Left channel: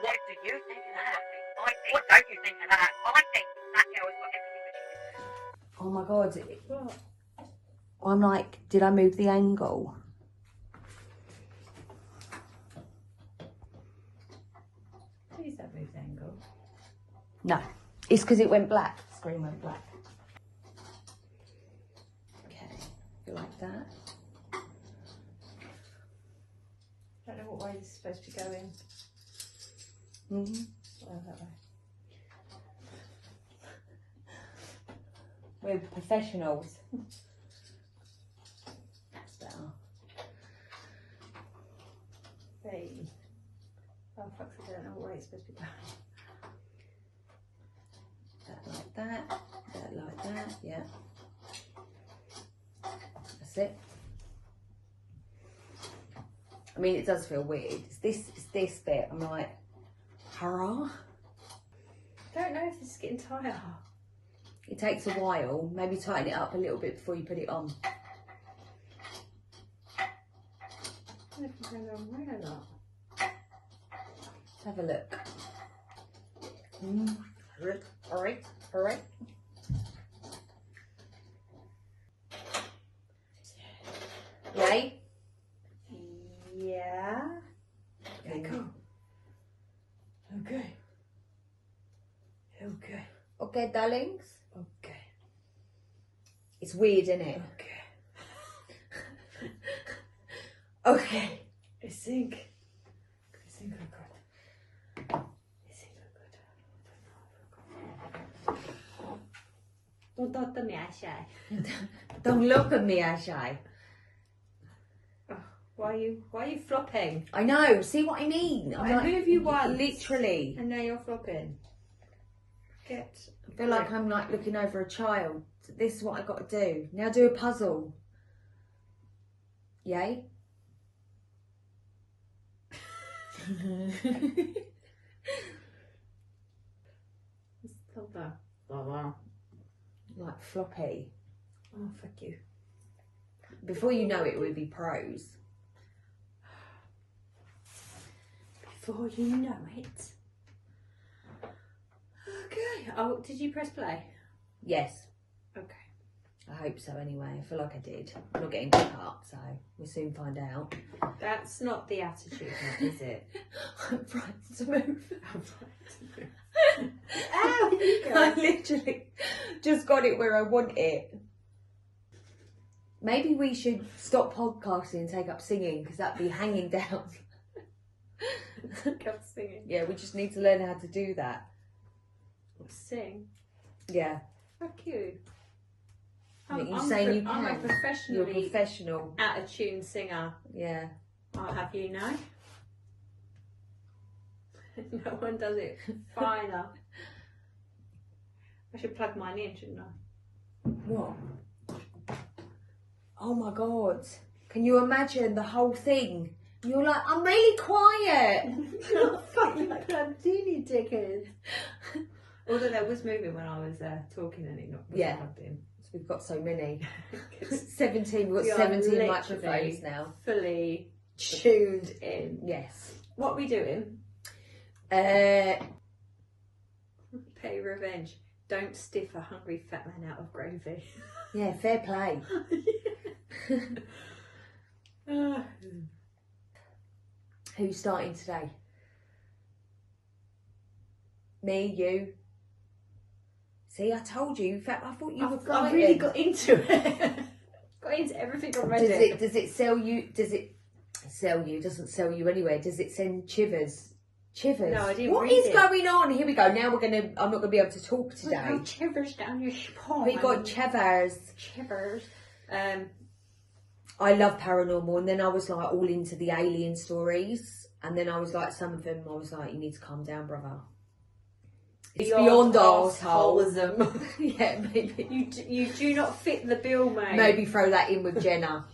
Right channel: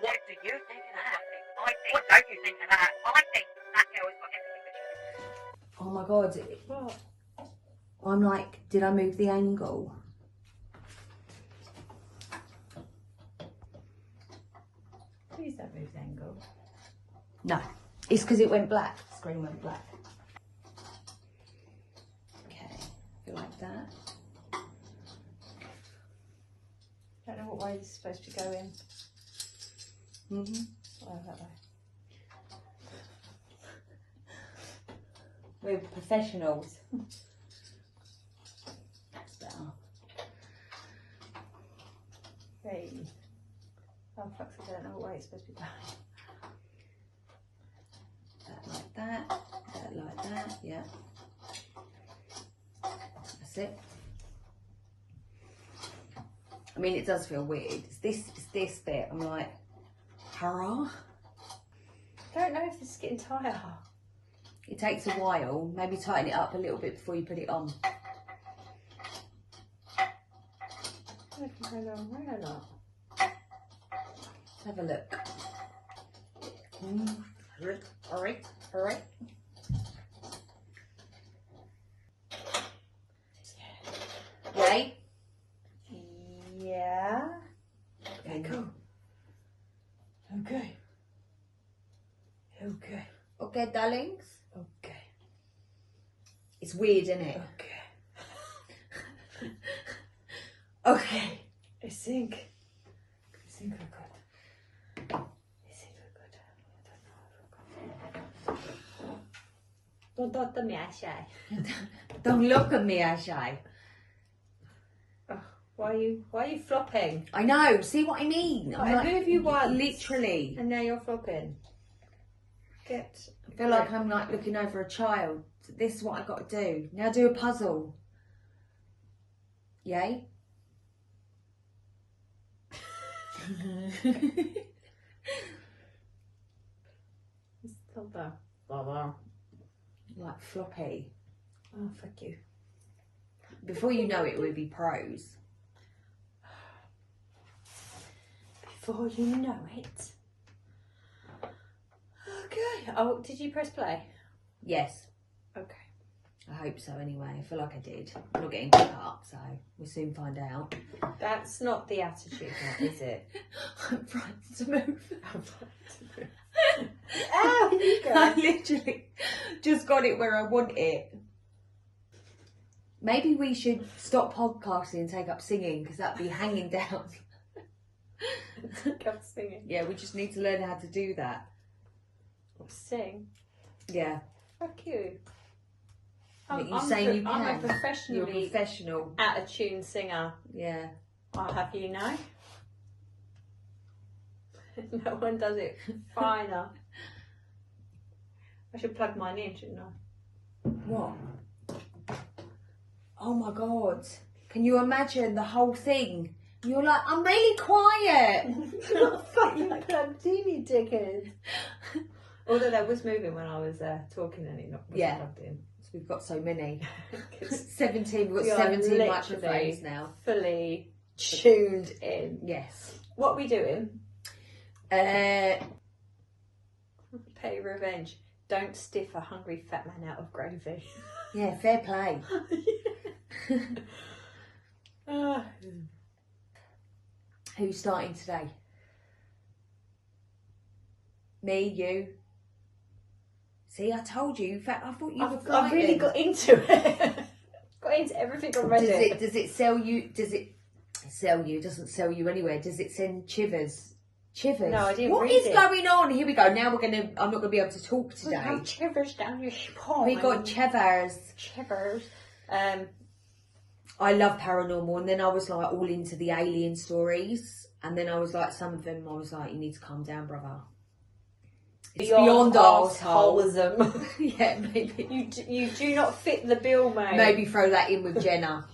What do you think of that? What don't you think of that? I think that girl has got everything that she Oh my god. What? I'm like, did I move the angle? Please don't move the angle. No. It's because it went black. The screen went black. Okay. You like that? Don't know what way it's supposed to go in. Mm-hmm. Oh, that way. We're professionals. That's better. Hey. Oh fuck, I don't know what way it's supposed to go. That like that. That like that. Yeah. That's it. I mean, it does feel weird. It's this bit. I'm like, hurrah. I don't know if this is getting tighter. It takes a while. Maybe tighten it up a little bit before you put it on. I don't know if I'm going the wrong way or not. Let's have a look. Alright. Yay? Yeah. Okay, cool. Okay. Okay. Okay, darlings. Okay. It's weird, isn't it? Okay. Okay. I think we're good. Don't touch me, I shy. Don't look at me, Ashay. Why are you flopping? I know. See what I mean? I move you once. Literally. And now you're flopping. I feel like I'm like looking over a child. This is what I got to do. Now do a puzzle. Yay? Stop that. Like floppy. Oh, fuck you. Before you know it, it would be pros. Before you know it. Okay. Oh, did you press play? Yes. Okay. I hope so anyway. I feel like I did. I'm not getting cut up, so we'll soon find out. That's not the attitude, is it? I'm frightened to move. Oh, you go. I literally just got it where I want it. Maybe we should stop podcasting and take up singing, because that'd be hanging down. Come singing. Yeah, we just need to learn how to do that. Sing. Yeah. Fuck you. You're saying you I'm a can. professionally You're a professional. out of tune singer. Yeah. I'll have you know. No one does it finer. I should plug mine in, shouldn't I? What? Oh my god. Can you imagine the whole thing? You're like, I'm really quiet. You're not fucking like that teeny dickhead. Although that was moving when I was talking and it wasn't plugged in. So we've got so many. 17, we've We got are 17 literally microphones now. Fully tuned in. Yes. What are we doing? Uh, Pay revenge. Don't stiff a hungry fat man out of gravy. yeah, fair play. Who's starting today? Me, you. See, I told you. In fact, I thought you were frightened. I really got into it. Got into everything already. Does it sell you? Does it sell you? It doesn't sell you anywhere. Does it send shivers? Shivers. No, I didn't What read is it. going on? Here we go. Now I'm not gonna be able to talk today. Got shivers down your spine. We got shivers. Shivers. I love paranormal, and then I was like all into the alien stories, and then I was like, some of them, I was like, you need to calm down, brother. It's beyond arsehole. Yeah, maybe. You do not fit the bill, mate. Maybe throw that in with Jenna.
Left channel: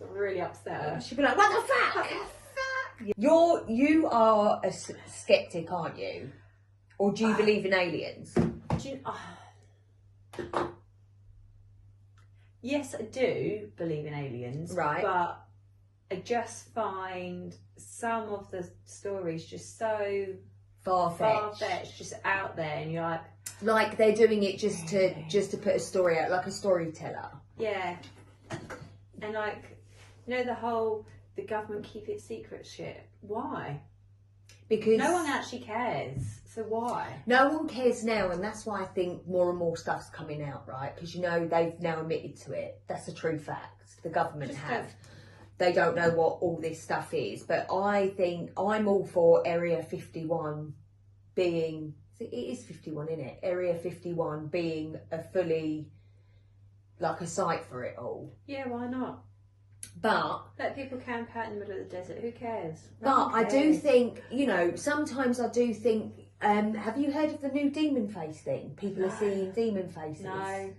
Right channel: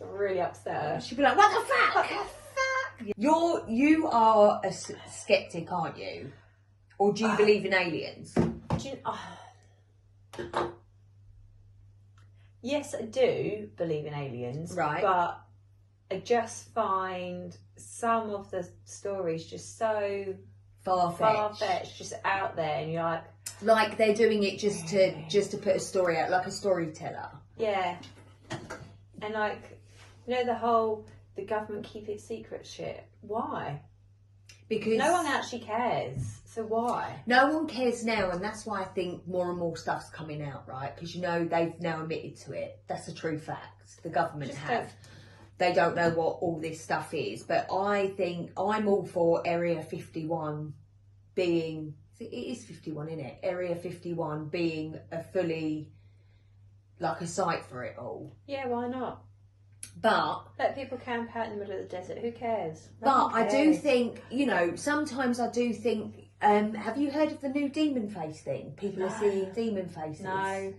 Really upset her. She'd be like, what the fuck? You are a skeptic, aren't you? Or do you believe in aliens? Yes, I do believe in aliens. Right. But I just find some of the stories just so far-fetched, just out there, and you're like they're doing it just to put a story out, like a storyteller. Yeah. And like, the government keep it secret shit. Why? Because no one actually cares. So why? No one cares now, and that's why I think more and more stuff's coming out, right? Because they've now admitted to it. That's a true fact. The government They don't know what all this stuff is, but I think I'm all for Area 51 being. It is 51, isn't it? Area 51 being a fully, like a site for it all. Yeah, why not? But let people camp out in the middle of the desert. Who cares? But I do think, sometimes I do think. Have you heard of the new demon face thing? People are seeing demon faces. No.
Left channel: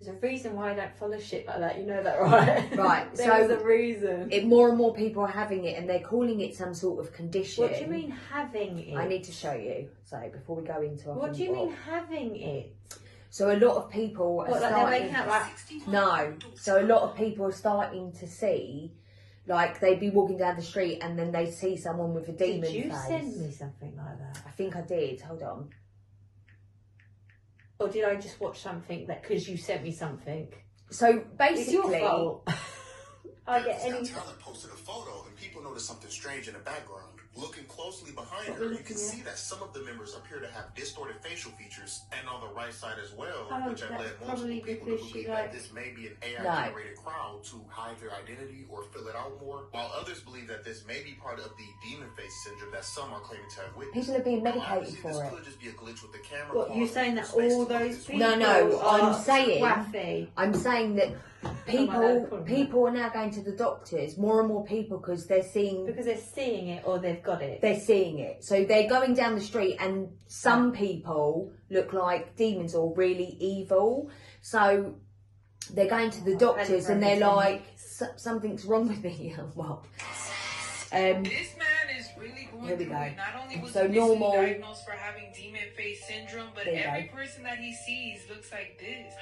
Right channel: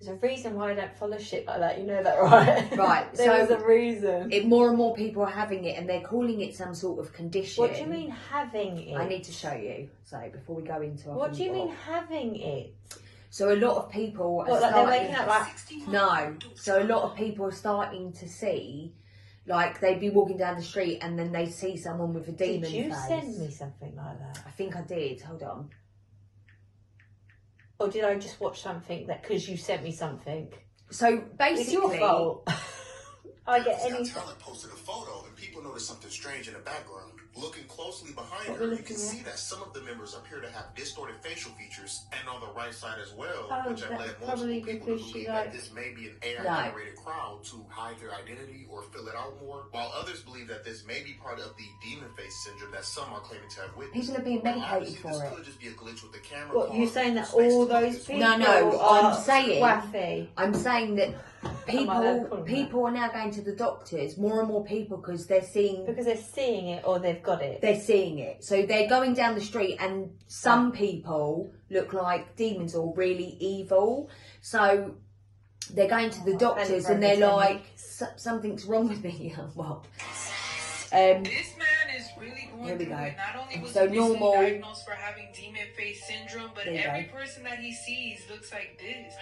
There's a reason why I don't follow shit like that. You know that, right? Right. There's a reason. More and more people are having it, and they're calling it some sort of condition. What do you mean having it? I need to show you. So before we go into what do you mean having it? So a lot of people are starting. They're waking up no. So a lot of people are starting to see, like they'd be walking down the street and then they see someone with a demon face. Did you send me something like that? I think I did. Hold on. Or did I just watch something because you sent me something? So basically, it's your fault. I get any. Talent posted a photo and people noticed something strange in the background. Looking closely behind her, you can see that some of the members appear to have distorted facial features, and on the right side as well, which have led multiple people to believe that this may be an AI-generated crowd to hide their identity or fill it out more, while others believe that this may be part of the demon face syndrome that some are claiming to have witnessed. People are being medicated for this it. could just be a glitch with the camera. What, you're saying that all those people No, are I'm saying wacky. I'm saying that people are now going to the doctors, more and more people, because they're seeing it or they've got it. They're seeing it. So they're going down the street and some people look like demons or really evil. So they're going to the doctors and they're like, something's wrong with me. Well, this man is really going here we through go. it. Not only was So he normal. diagnosed for having demon face syndrome, but every go. person that he sees looks like this.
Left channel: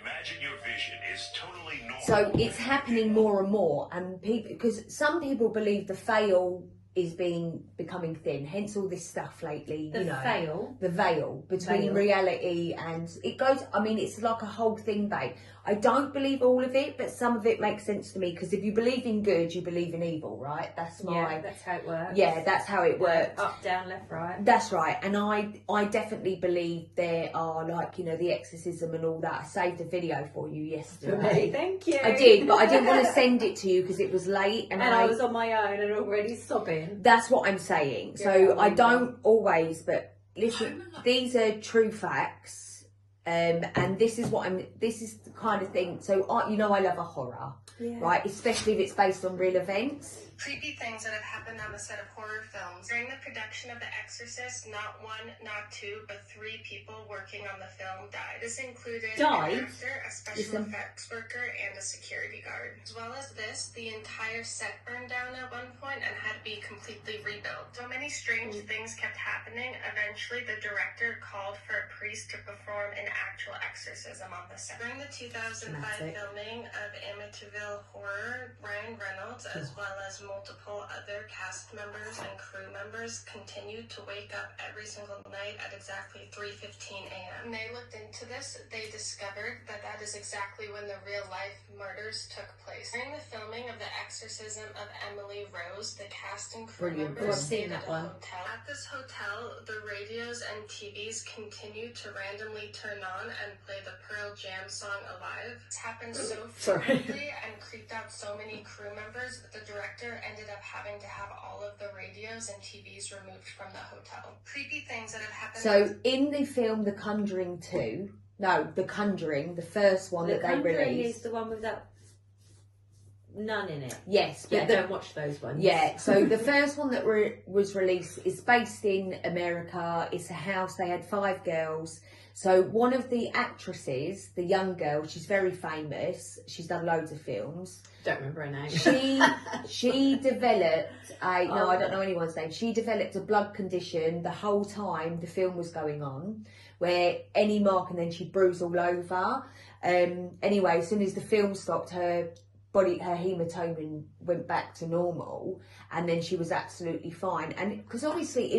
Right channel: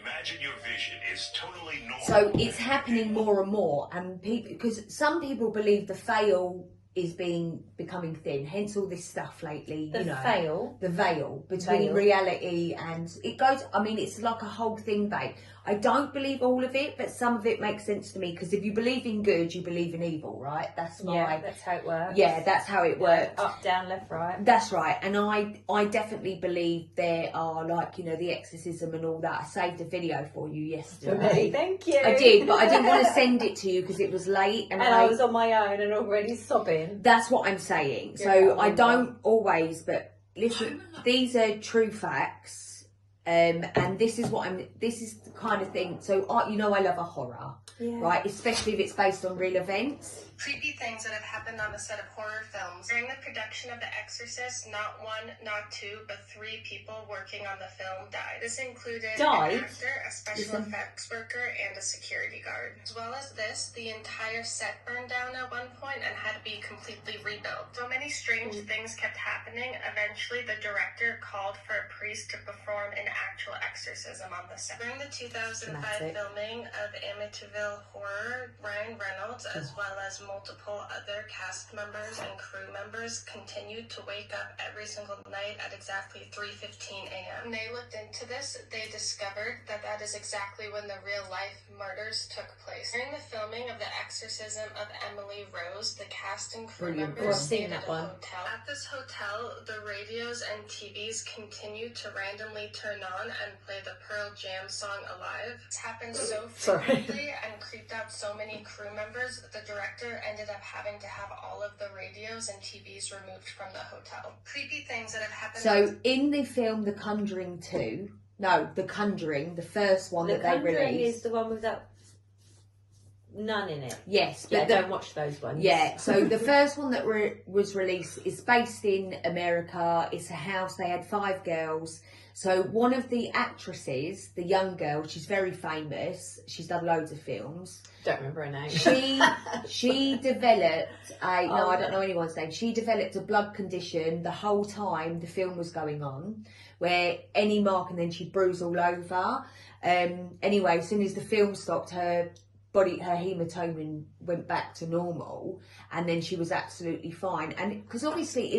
Imagine your vision is totally normal. So it's happening more and more, and people, because some people believe the veil is becoming thin, hence all this stuff lately. The veil between reality and it goes. I mean, it's like a whole thing, babe. I don't believe all of it, but some of it makes sense to me, because if you believe in good, you believe in evil, right? That's how it works. Yeah, that's how it works. Up, down, left, right. That's right. And I definitely believe there are, like, the exorcism and all that. I saved a video for you yesterday. Thank you. I did, but I didn't want to send it to you because it was late and I was on my own and already sobbing. That's what I'm saying. So I don't always, but listen, these are true facts. And this is the kind of thing. So I love a horror, right? Especially if it's based on real events. Creepy things that have happened on the set of horror films. During the production of The Exorcist, not one, not two, but 3 people working on the film died. This included an actor, a special effects worker, and a security guard. As well as this, the entire set burned down at one point and had to be completely rebuilt. So many strange things kept happening. Eventually, the director called for a priest to perform an actual exorcism on the set. During the 2005 filming of Amityville Horror, Ryan Reynolds, as well as multiple other cast members and crew members continued to wake up every single night at exactly 3:15 a.m. When they looked into this, they discovered that is exactly when the real-life murders took place. During the filming of The Exorcism of Emily Rose, the cast and crew members stayed at a hotel. At this hotel, the radios and TVs continued to randomly turn on and play the Pearl Jam song Alive. This happened so frequently and creeped out so many crew members that the director ended up having to have all of the radios and TVs removed from the hotel. Creepy things that have happened. So in the film The Conjuring 2, The Conjuring, the first one that they released. The Conjuring is the one with that nun in it. Yes, but I don't watch those ones. Yeah, so the first one that was released is based in America. It's a house. They had 5 girls. So one of the actresses, the young girl, she's very famous. She's done loads of films. Don't remember her name. She developed I don't know anyone's name. She developed a blood condition the whole time the film was going on, where any mark and then she'd bruise all over. Anyway, as soon as the film stopped, her her hematoma went back to normal, and then she was absolutely fine. And because honestly,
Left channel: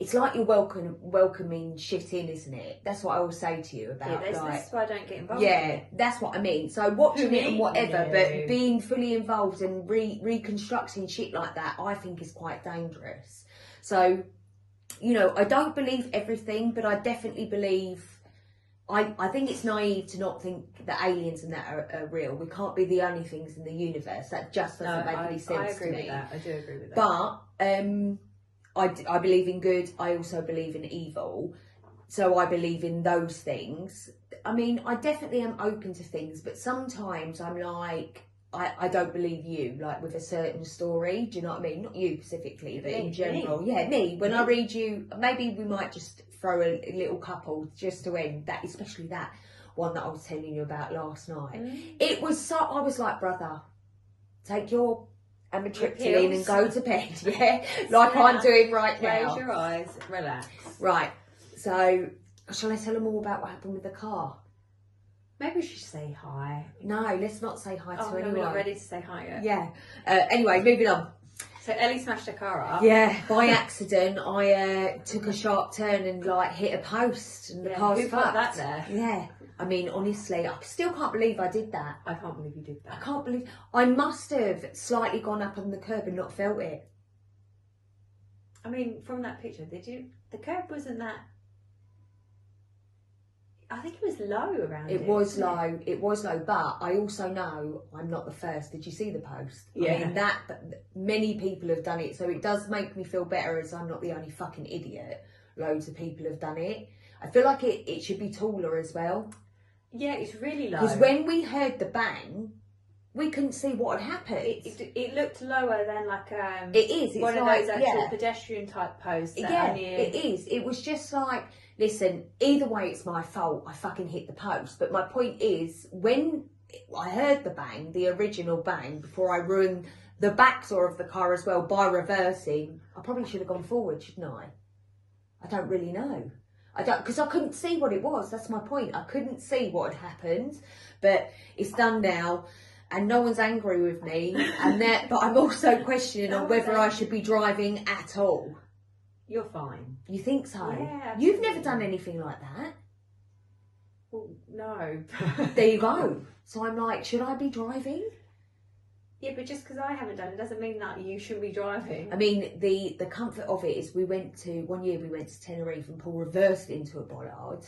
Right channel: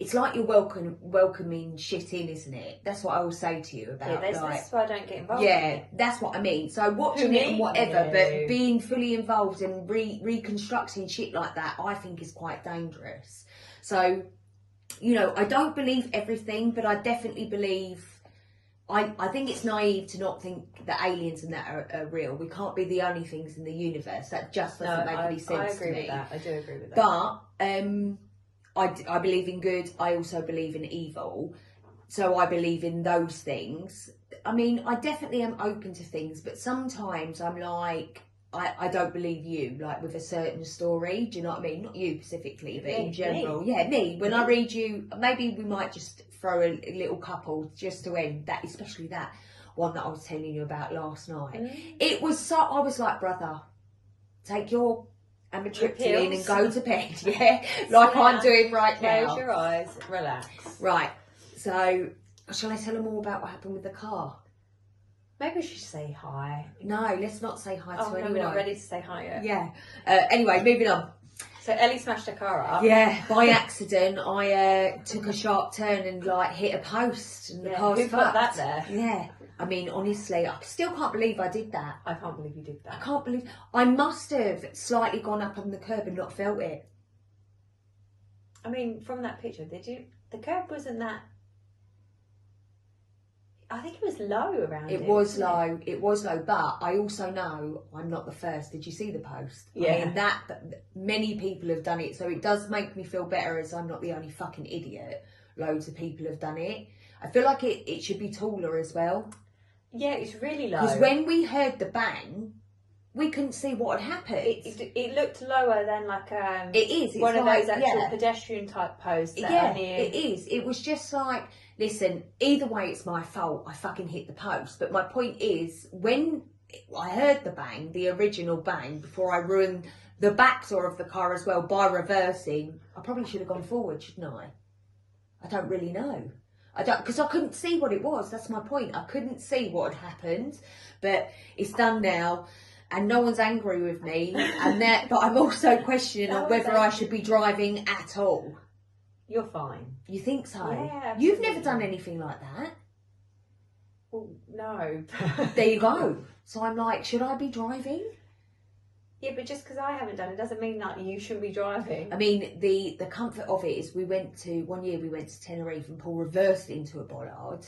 it's like you're welcoming shit in, isn't it? That's what I will say to you about that's why I don't get involved. Yeah, that's what I mean. So watching it and whatever, but being fully involved and reconstructing shit like that, I think is quite dangerous. So, you know, I don't believe everything, but I definitely believe. I think it's naive to not think that aliens and that are real. We can't be the only things in the universe. That just doesn't make any sense to me. I do agree with that. But I believe in good. I also believe in evil. So I believe in those things. I mean, I definitely am open to things, but sometimes I'm like, I don't believe you, like with a certain story. Do you know what I mean? Not you specifically, but in general. Yeah, me. When I read you, maybe we might just throw a little couple just to end that, especially that one that I was telling you about last night. It was so, I was like, brother, take your amitriptyline and go to bed, yeah? Like I'm doing right now. Close your eyes, relax. Right, so shall I tell them all about what happened with the car? Maybe we should say hi. No, let's not say hi to anyone. We're not ready to say hi yet. Yeah. Anyway, moving on. So Ellie smashed her car up. Yeah, by accident, I took a sharp turn and like hit a post, and the car's who fucked. put that there? Yeah. I mean, honestly, I still can't believe I did that. I can't believe you did that. I can't believe. I must have slightly gone up on the curb and not felt it. I mean, from that picture, did you? The curb wasn't that. I think it was low around it. Was low. It was low, but I also know I'm not the first. Did you see the post? Yeah. I mean, that many people have done it, so it does make me feel better as I'm not the only fucking idiot. Loads of people have done it. I feel like it should be taller as well. Yeah, it's really low. Because when we heard the bang, we couldn't see what had happened. It looked lower than like it is. It's one like, of those actual pedestrian type posts. Yeah, it is. It was just like, listen, either way, it's my fault. I fucking hit the post. But my point is, when I heard the bang, the original bang, before I ruined the back door of the car as well by reversing, I probably should have gone forward, shouldn't I? I don't really know. I don't, because I couldn't see what it was. That's my point. I couldn't see what had happened, but it's done now, and no one's angry with me. And that, but I'm also questioning on whether I should be driving at all. You're fine. You think so? Yeah. You've never done anything like that. Well, no. There you go. So I'm like, should I be driving? Yeah, but just because I haven't done it doesn't mean that you should be driving. I mean, the comfort of it is one year we went to Tenerife and Paul reversed into a bollard.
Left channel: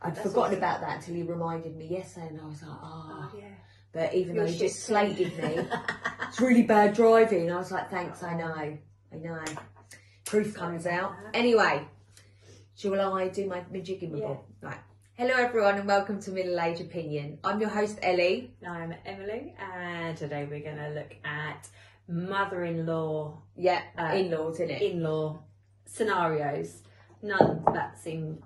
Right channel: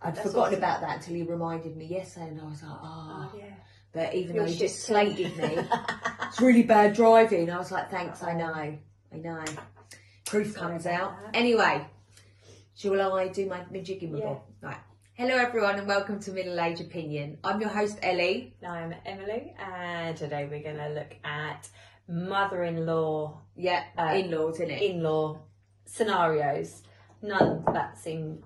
I'd forgotten about that until he reminded me yesterday, and I was like, yeah. But even though he just slated me, it's really bad driving. I was like, thanks, I know. Truth comes out. Anyway, shall I do my jigging bob? Right. Hello everyone and welcome to Middle Age Opinion. I'm your host Ellie. I'm Emily, and today we're going to look at mother-in-law. Yeah, in-laws, innit? In-law scenarios. None that seem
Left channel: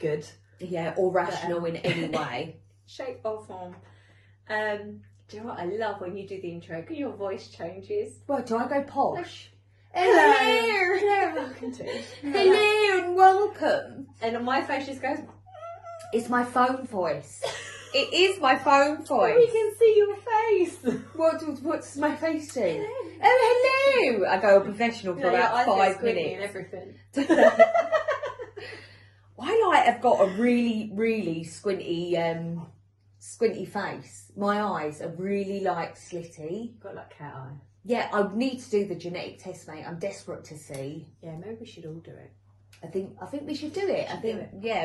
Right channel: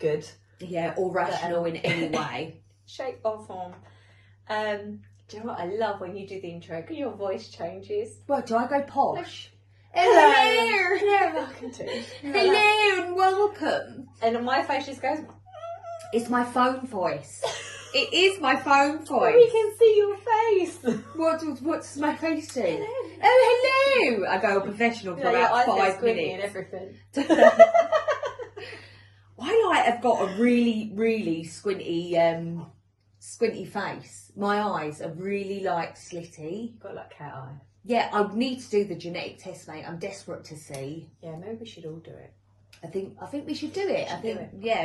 good. Yeah, or rational in any way. Shape or form. Do you know what I love when you do the intro? Because your voice changes. Well, do I go posh? Hello. Hello, welcome to. Hello and welcome. And my face just goes. It's my phone voice. It is my phone voice. We can see your face. What's my face do? Hello. Oh, hello. I go professional for about 5 minutes. And everything. I have got a really, really squinty face. My eyes are really slitty. Got like cat eye. Yeah, I need to do the genetic test, mate. I'm desperate to see. Yeah, maybe we should all do it. I think we should do it.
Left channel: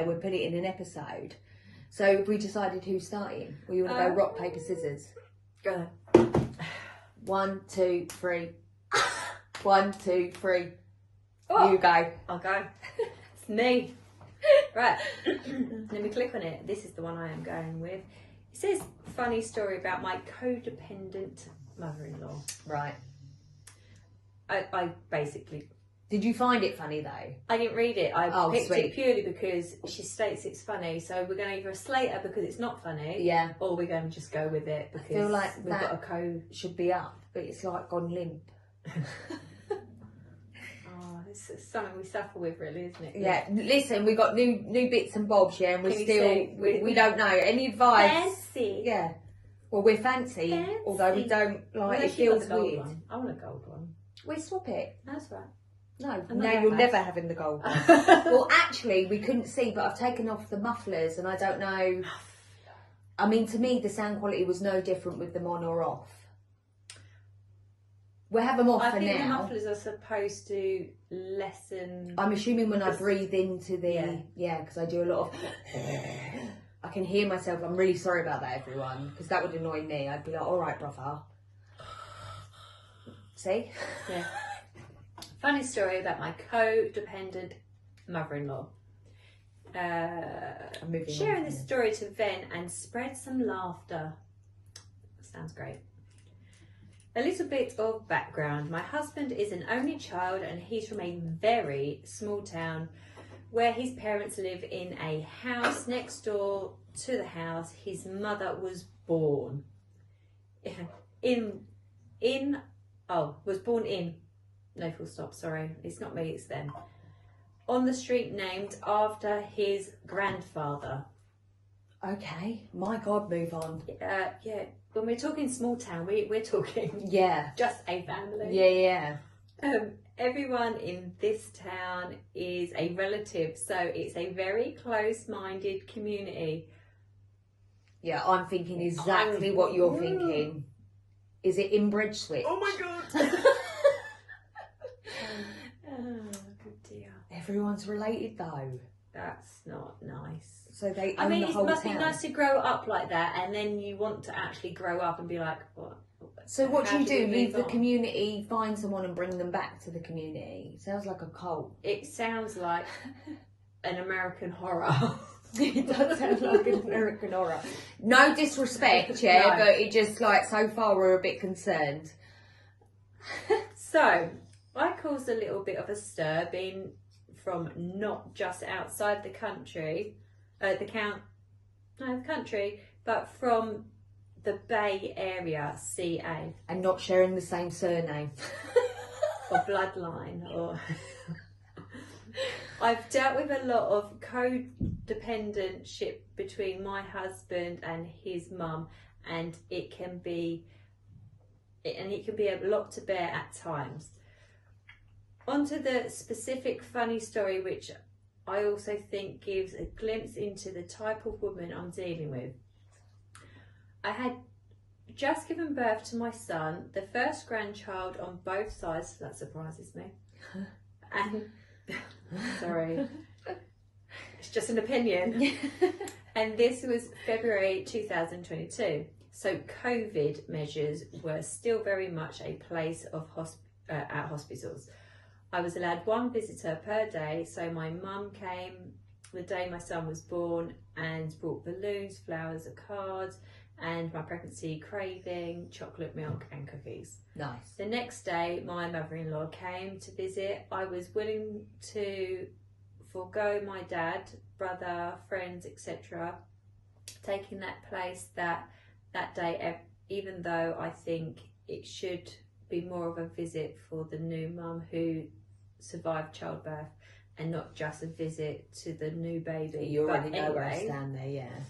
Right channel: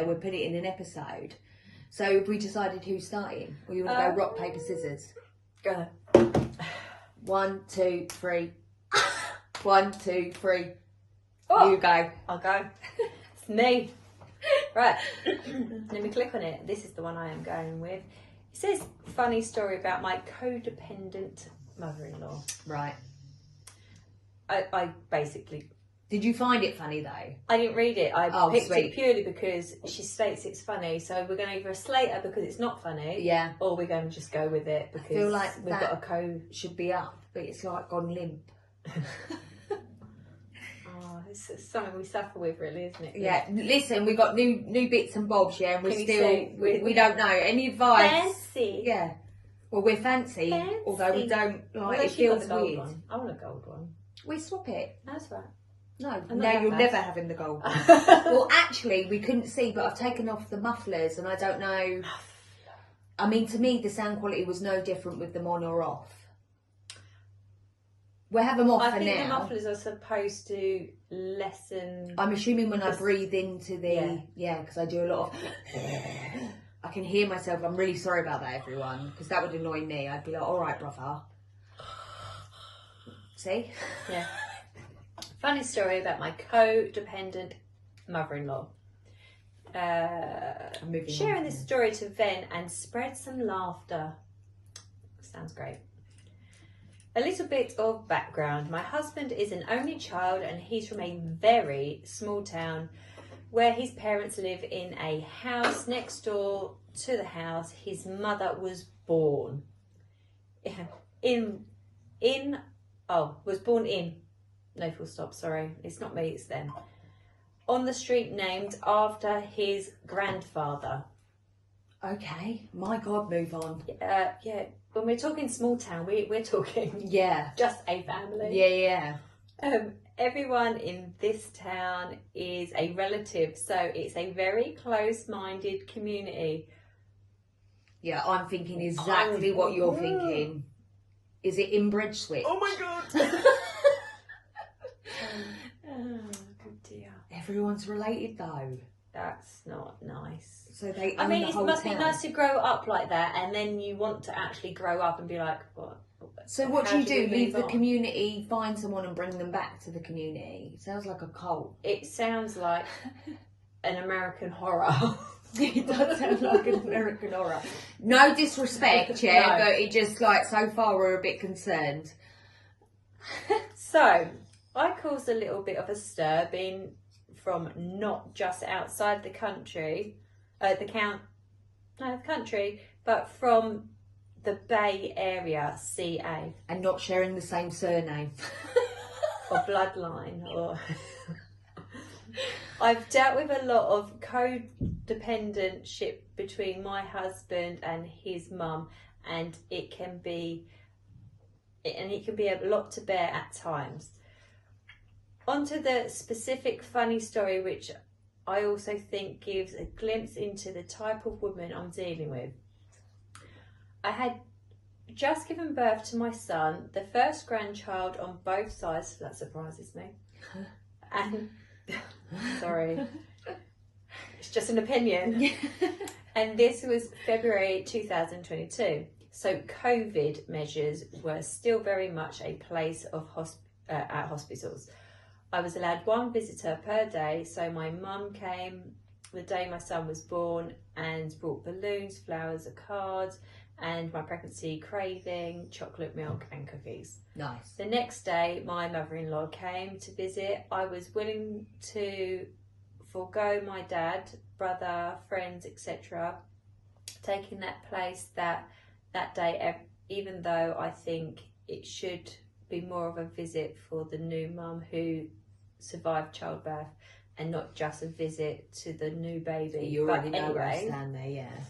We'll put it in an episode. So have we decided who's starting? Or you want to go rock, paper, scissors? Go ahead. 1, 2, 3. 1, 2, 3. Oh, you go. I'll go. It's me. Right. Let me click on it. This is the one I am going with. It says, funny story about my codependent mother-in-law. Right. I basically... Did you find it funny though? I didn't read it. I picked sweet. it purely because she states it's funny. So we're going to either slate her because it's not funny, yeah, or we're going to just go with it because I feel like we've got a code. Should be up, but it's like gone limp. It's something we suffer with, really, isn't it? Yeah. Listen, we got new bits and bobs, yeah, and we don't know. Any advice? Fancy. Yeah. Well, we're fancy, although we don't like. It feels weird. One. I want a gold one. We swap it. That's right. No, I'm no, not you're that never bad. having the gold one. Well, actually, we couldn't see, but I've taken off the mufflers, and I don't know. I mean, to me, the sound quality was no different with them on or off. We'll have them off for I think the now. mufflers are supposed to lessen. I'm assuming when I breathe into the because I do a lot of. I can hear myself. I'm really sorry about that, everyone, because that would annoy me. I'd be like, all right, brother. See? Yeah. Funny story about my codependent mother-in-law. Sharing this story to vent and spread some laughter. Sounds great. A little bit of background. My husband is an only child and he's from a very small town where his parents live in a house next door to the house his mother was born. Was born in. No full stop, sorry. It's not me, it's them. On the street named after his grandfather. Okay. My God, move on. Yeah. When we're talking small town, we're talking just a family. Yeah. Everyone in this town is a relative, so it's a very close-minded community. Yeah, I'm thinking exactly what you're thinking. Is it inbred switch? Oh my God! Good dear. Everyone's related though. That's not nice. So they I own mean, the it whole must town. be nice to grow up like that, and then you want to actually grow up and be like, what? So what do you do? we Leave move the on? community, find someone and bring them back to the community? Sounds like a cult. It sounds like an American horror. It does sound like an American horror. No disrespect, No. but it just like so far we're a bit concerned. So, I caused a little bit of a stir being from not just outside the country, but from the Bay Area, CA. And not sharing the same surname. Or bloodline, or... I've dealt with a lot of codependentship between my husband and his mum, and it can be a lot to bear at times. Onto the specific funny story, which I also think gives a glimpse into the type of woman I'm dealing with. I had just given birth to my son, the first grandchild on both sides, so that surprises me. And sorry, it's just an opinion. And this was February 2022. So COVID measures were still very much a place of at hospitals. I was allowed one visitor per day, so my mum came the day my son was born and brought balloons, flowers, a card, and my pregnancy craving, chocolate milk and cookies. Nice. The next day, my mother-in-law came to visit. I was willing to forego my dad, brother, friends, etc., taking that place that day, even though I think it should be more of a visit for the new mum who survived childbirth and not just a visit to the new baby. You already But know where I anyway, stand there, yeah.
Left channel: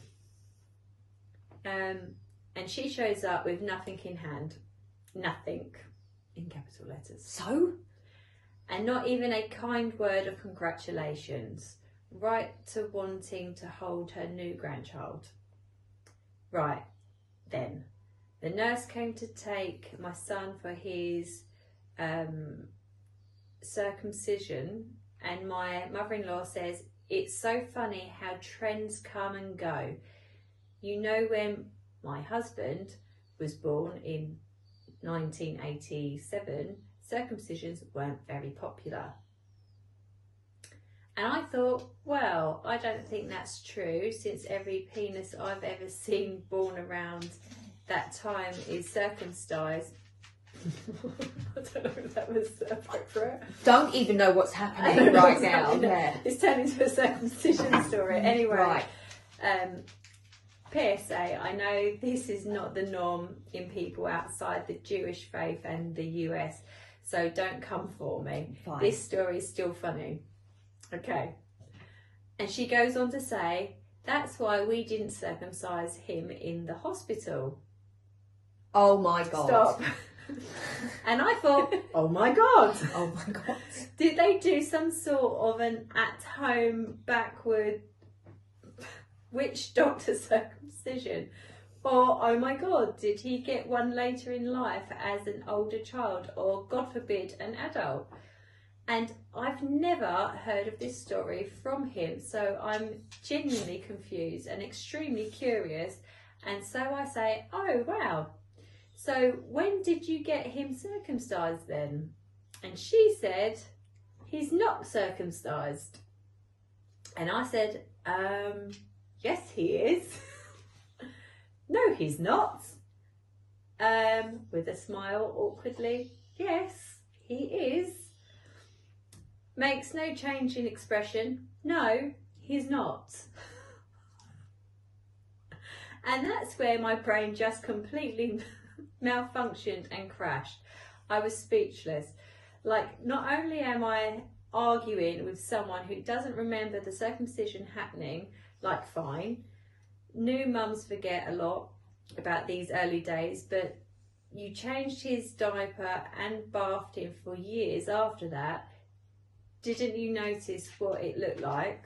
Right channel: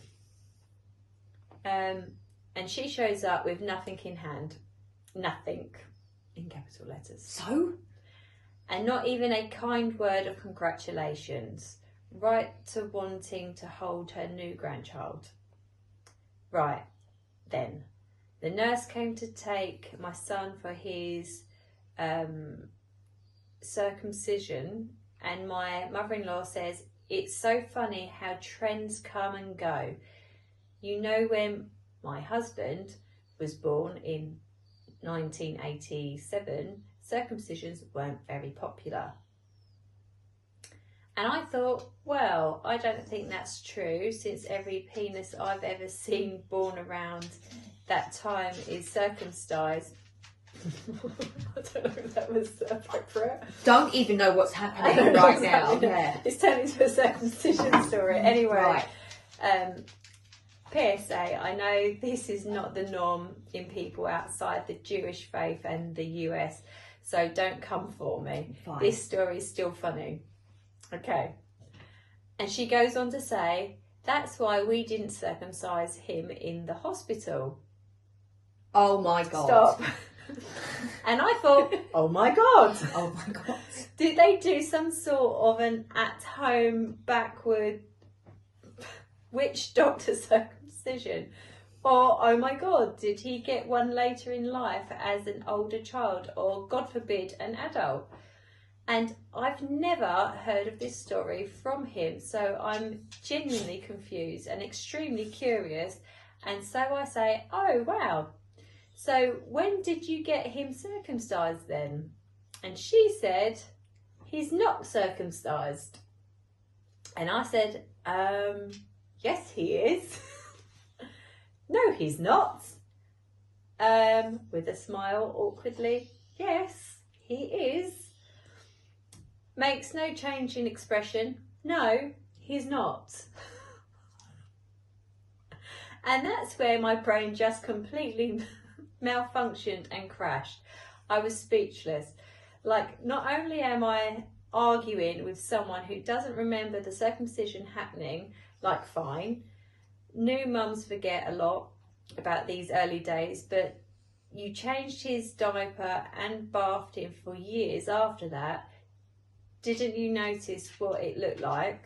and she shows up with nothing in hand. Nothing, in capital letters. So? And not even a kind word of congratulations. Right to wanting to hold her new grandchild. Right, then. The nurse came to take my son for his circumcision, and my mother-in-law says, it's so funny how trends come and go. You know, when my husband was born in 1987, circumcisions weren't very popular. And I thought, well, I don't think that's true, since every penis I've ever seen born around that time is circumcised. I don't know if that was appropriate. Don't even know what's happening right now. Yeah. It's turned into a circumcision story. Anyway, Right. PSA, I know this is not the norm in people outside the Jewish faith and the US, so don't come for me. Fine. This story is still funny. Okay. And she goes on to say, that's why we didn't circumcise him in the hospital. Oh my God. Stop. And I thought, oh my God. Oh my God. Did they do some sort of an at-home backward witch doctor circumcision? Or, oh my God, did he get one later in life as an older child, or God forbid, an adult? And I've never heard of this story from him, so I'm genuinely confused and extremely curious. And so I say, oh wow, so when did you get him circumcised then? And she said, he's not circumcised. And I said, yes he is. No, he's not. With a smile, awkwardly, yes, he is. Makes no change in expression. No, he's not. And that's where my brain just completely malfunctioned and crashed. I was speechless. Like, not only am I arguing with someone who doesn't remember the circumcision happening, like fine, new mums forget a lot about these early days, but you changed his diaper and bathed him for years after that. Didn't you notice what it looked like?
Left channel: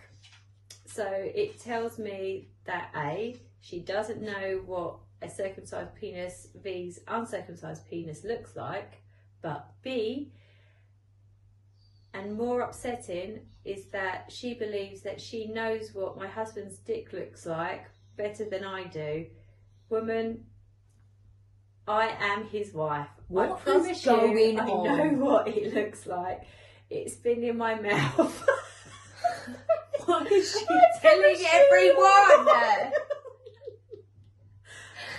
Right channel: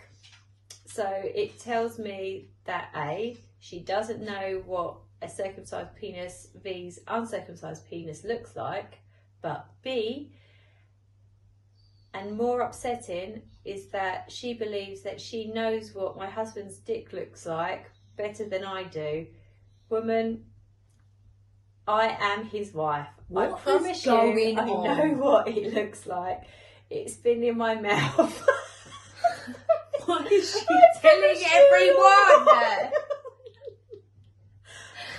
So it tells me that A, she doesn't know what a circumcised penis vs uncircumcised penis looks like, but B, and more upsetting, is that she believes that she knows what my husband's dick looks like better than I do. Woman, I am his wife. What I promise is going you, on? I know what it looks like. It's been in my mouth. What is she telling everyone?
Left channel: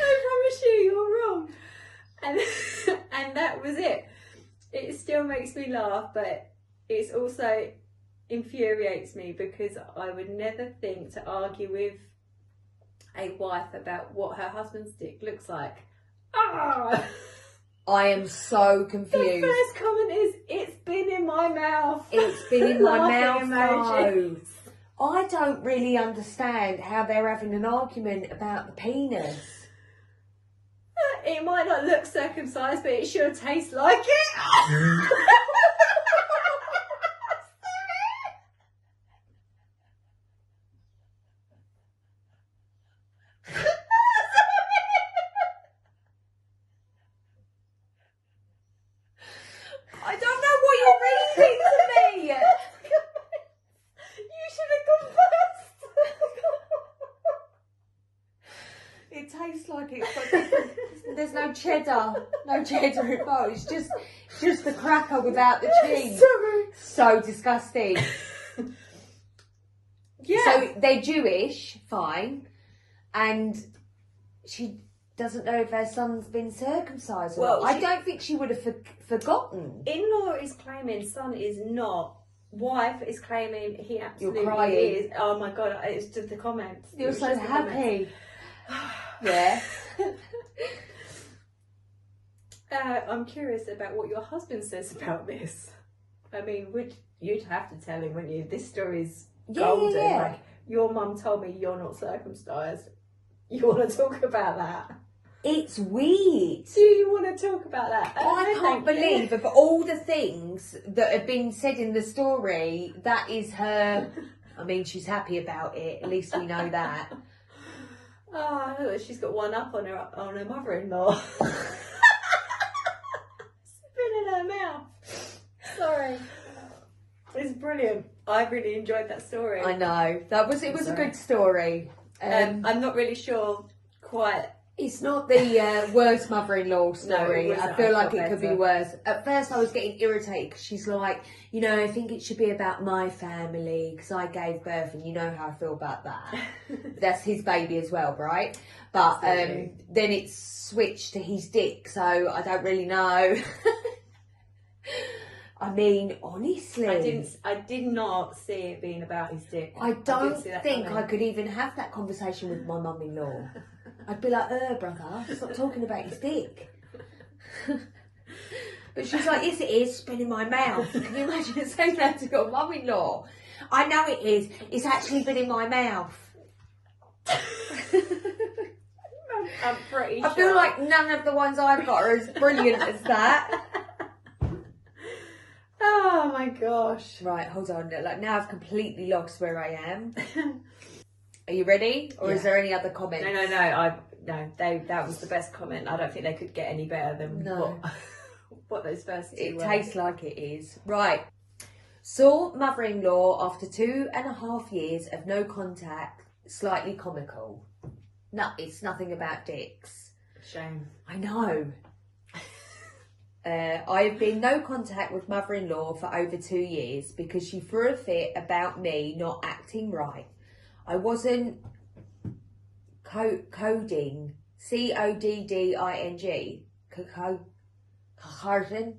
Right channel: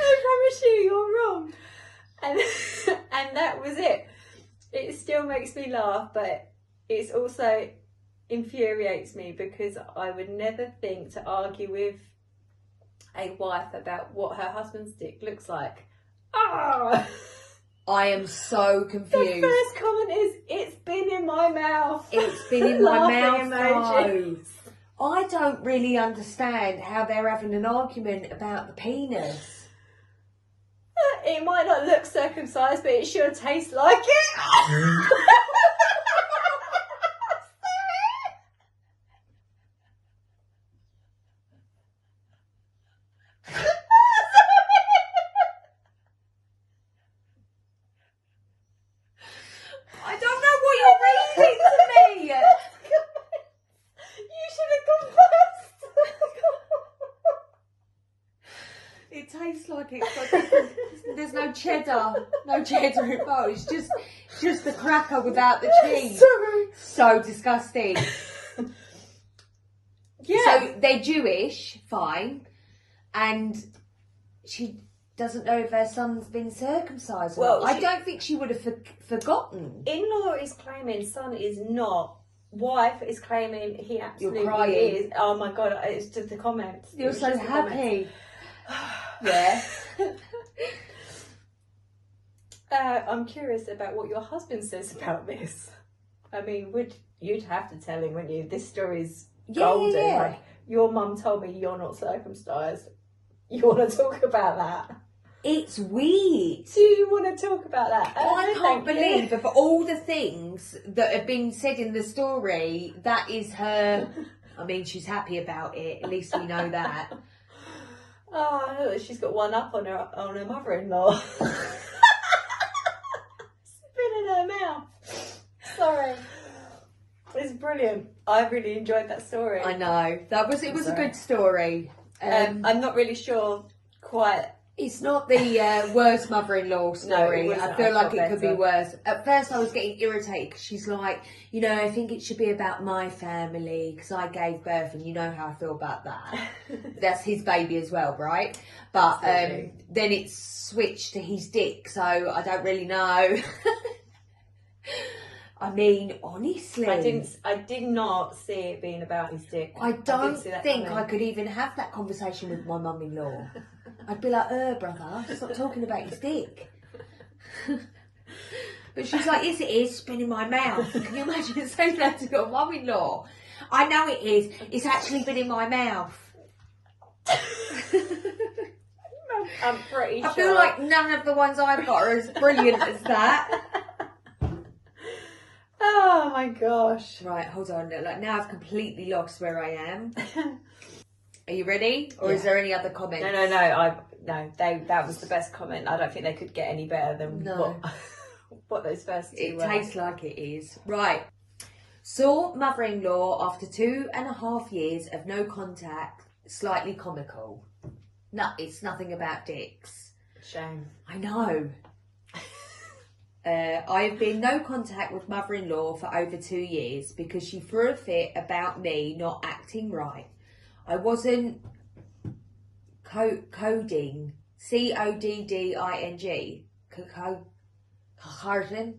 I promise you, you're wrong. And that was it. It still makes me laugh, but it also infuriates me because I would never think to argue with a wife about what her husband's dick looks like. Ah! I am so confused. The first comment is, it's been in my mouth. It's been in my Laughing mouth. emoji. No. I don't really understand how they're having an argument about the penis. It might not look circumcised, but it sure tastes like it. I don't know what you're reading to me. You should have gone first. It tastes like it's got there's no cheddar involved. It's just the cracker without the cheese. Sorry. So disgusting. Yeah. So they're Jewish, fine, and she doesn't know if her son's been circumcised or Well, not. I she- don't think she would have forgotten. In-law is claiming son is not. Wife is claiming he absolutely You're crying. is. Oh my God, it's just the comments. You're It's so just the comments. happy. Yeah. I'm curious about what your husband says about this. I mean, you'd have to tell him, wouldn't you? This story's golden. Yeah. Like, your mum told me you're not circumcised. You want to talk about that? It's weird. Do you want to talk about that? I No, can't thank you. believe of all the things that have been said in the story, that is her. I mean, she's happy about it. At least we know that. Oh, she's got one up on her mother-in-law. Spit in her mouth. Sorry. It's brilliant. I really enjoyed that story. I know. It was a good story. I'm not really sure quite. It's not the worst mother-in-law story. wasn't. I feel I like thought it could be better. worse. At first I was getting irritated because she's like, you know, I think it should be about my family because I gave birth and you know how I feel about that. That's his baby as well, right? But Absolutely. then it's switched to his dick, so I don't really know. I mean, honestly, I did not see it being about his dick. I don't didn't see that think coming. I could even have that conversation with my mum-in-law. I'd be like, brother, stop talking about his dick. But she's like, yes, it is, spin in my mouth. Can you imagine saying that to your mum-in-law? I know it is. It's actually been in my mouth. I'm pretty I feel like none of the ones I've got are as brilliant as that. Oh my gosh. Right, hold on. Like now I've completely lost where I am. Are you ready? Or is there any other comments? No. That was the best comment. I don't think they could get any better than what those first two were. It tastes like it is. Right. Saw mother-in-law after 2.5 years of no contact. Slightly comical. No, it's nothing about dicks. Shame. I know. I've been no contact with mother-in-law for over 2 years because she threw a fit about me not acting right. I wasn't coding, CODDING, coding.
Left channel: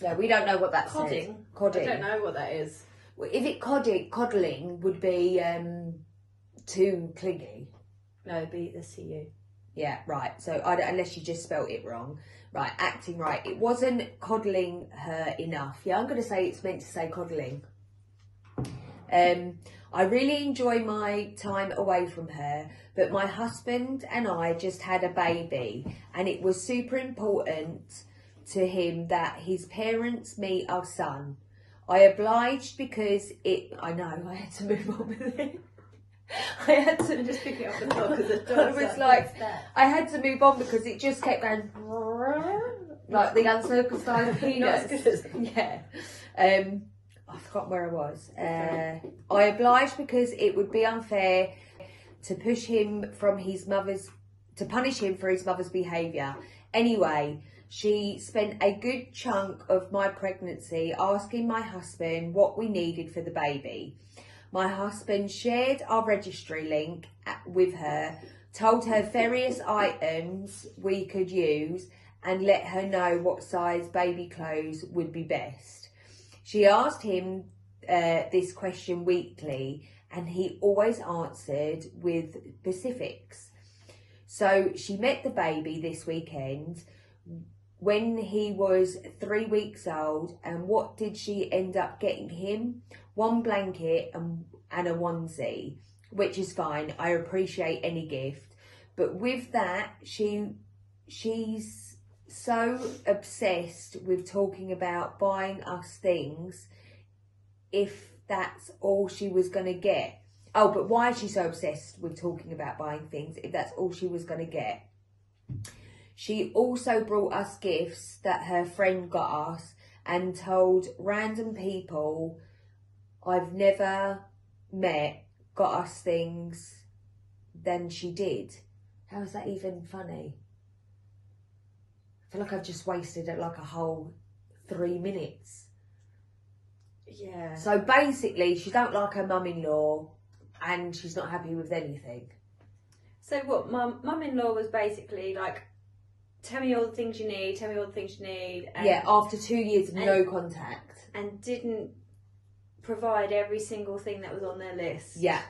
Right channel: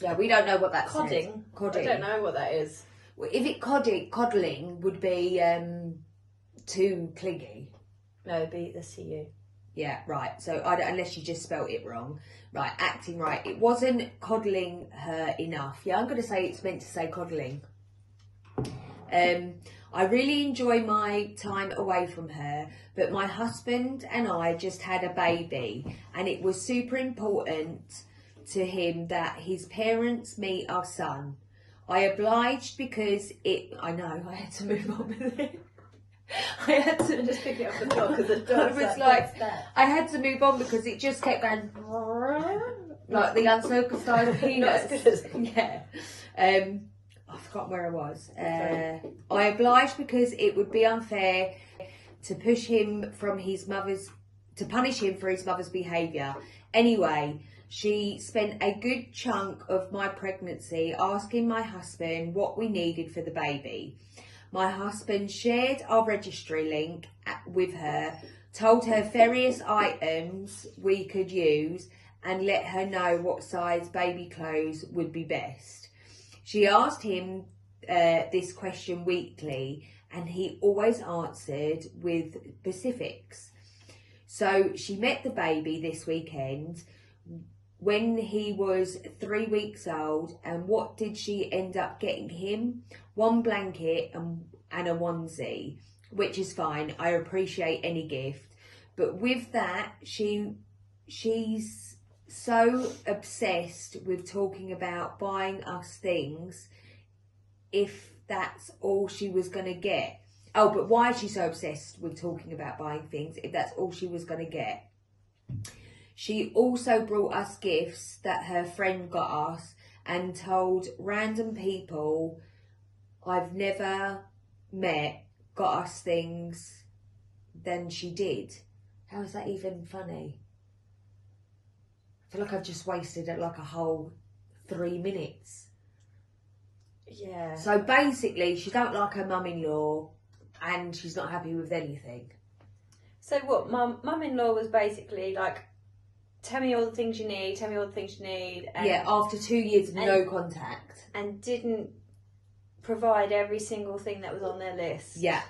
Yeah, we don't know what that's Codding? Codding. I don't know what that is. Well, if it coddling would be too clingy. No, it'd be the CU. Yeah, right. So unless you just spelt it wrong. Right, acting right. It wasn't coddling her enough. Yeah, I'm going to say it's meant to say coddling. I really enjoy my time away from her, but my husband and I just had a baby, and it was super important to him that his parents meet our son. I obliged because I know, I had to move on with it. I had to just pick it up the dog because the I dog was like, I had to move on because it just kept going like the uncircumcised peanuts. Yeah. I forgot where I was. I obliged because it would be unfair to punish him for his mother's behaviour. Anyway, she spent a good chunk of my pregnancy asking my husband what we needed for the baby. My husband shared our registry link with her, told her various items we could use, and let her know what size baby clothes would be best. She asked him this question weekly, and he always answered with specifics. So she met the baby this weekend when he was 3 weeks old, and what did she end up getting him? One blanket and a onesie, which is fine. I appreciate any gift, but with that, she's so obsessed with talking about buying us things. If that's all she was going to get. Oh, but why is she so obsessed with talking about buying things if that's all she was going to get? She also brought us gifts that her friend got us and told random people I've never met got us things than she did. How is that even funny? I feel like I've just wasted like a whole 3 minutes. Yeah. So basically, she don't like her mum-in-law and she's not happy with anything. So what, mum-in-law was basically like, tell me all the things you need, and yeah, after 2 years of no contact. And didn't provide every single thing that was on their list. Yeah.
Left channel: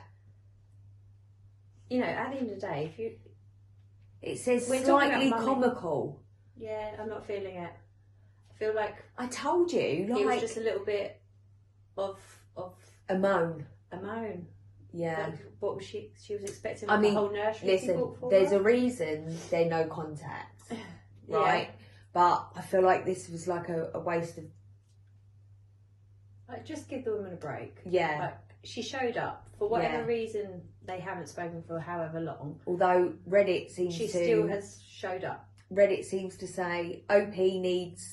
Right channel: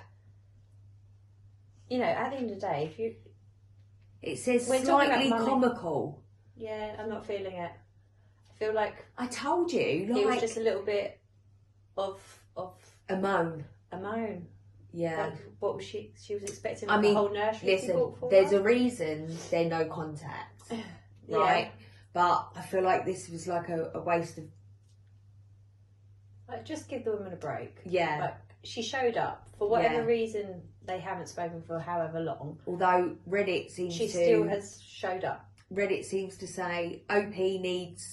You know, at the end of the day, if you... It says slightly comical. Yeah, I'm not feeling it. I feel like... I told you, like... It was just a little bit of... A moan. A moan. Yeah. Like, what was she was expecting? I mean, the whole nursery listen, there's a reason they're no contact. Right? Yeah. But I feel like this was like a waste of... Like, just give the woman a break. Yeah. Like, she showed up. For whatever reason, they haven't spoken for however long. Although Reddit seems she still has showed up. Reddit seems to say OP needs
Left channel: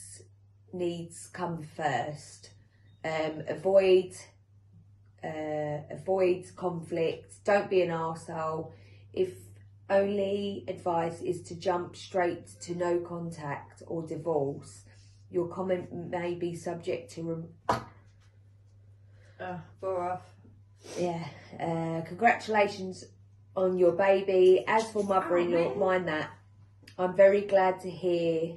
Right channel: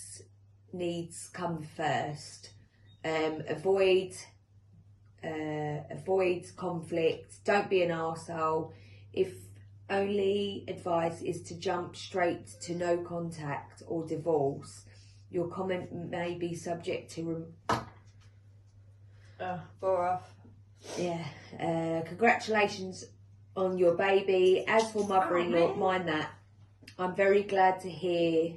come first. Avoid conflict. Don't be an arsehole. If only advice is to jump straight to no contact or divorce, your comment may be subject to bore off. Yeah. Congratulations on your baby. As for mother-in-law, mind that. I'm very glad to hear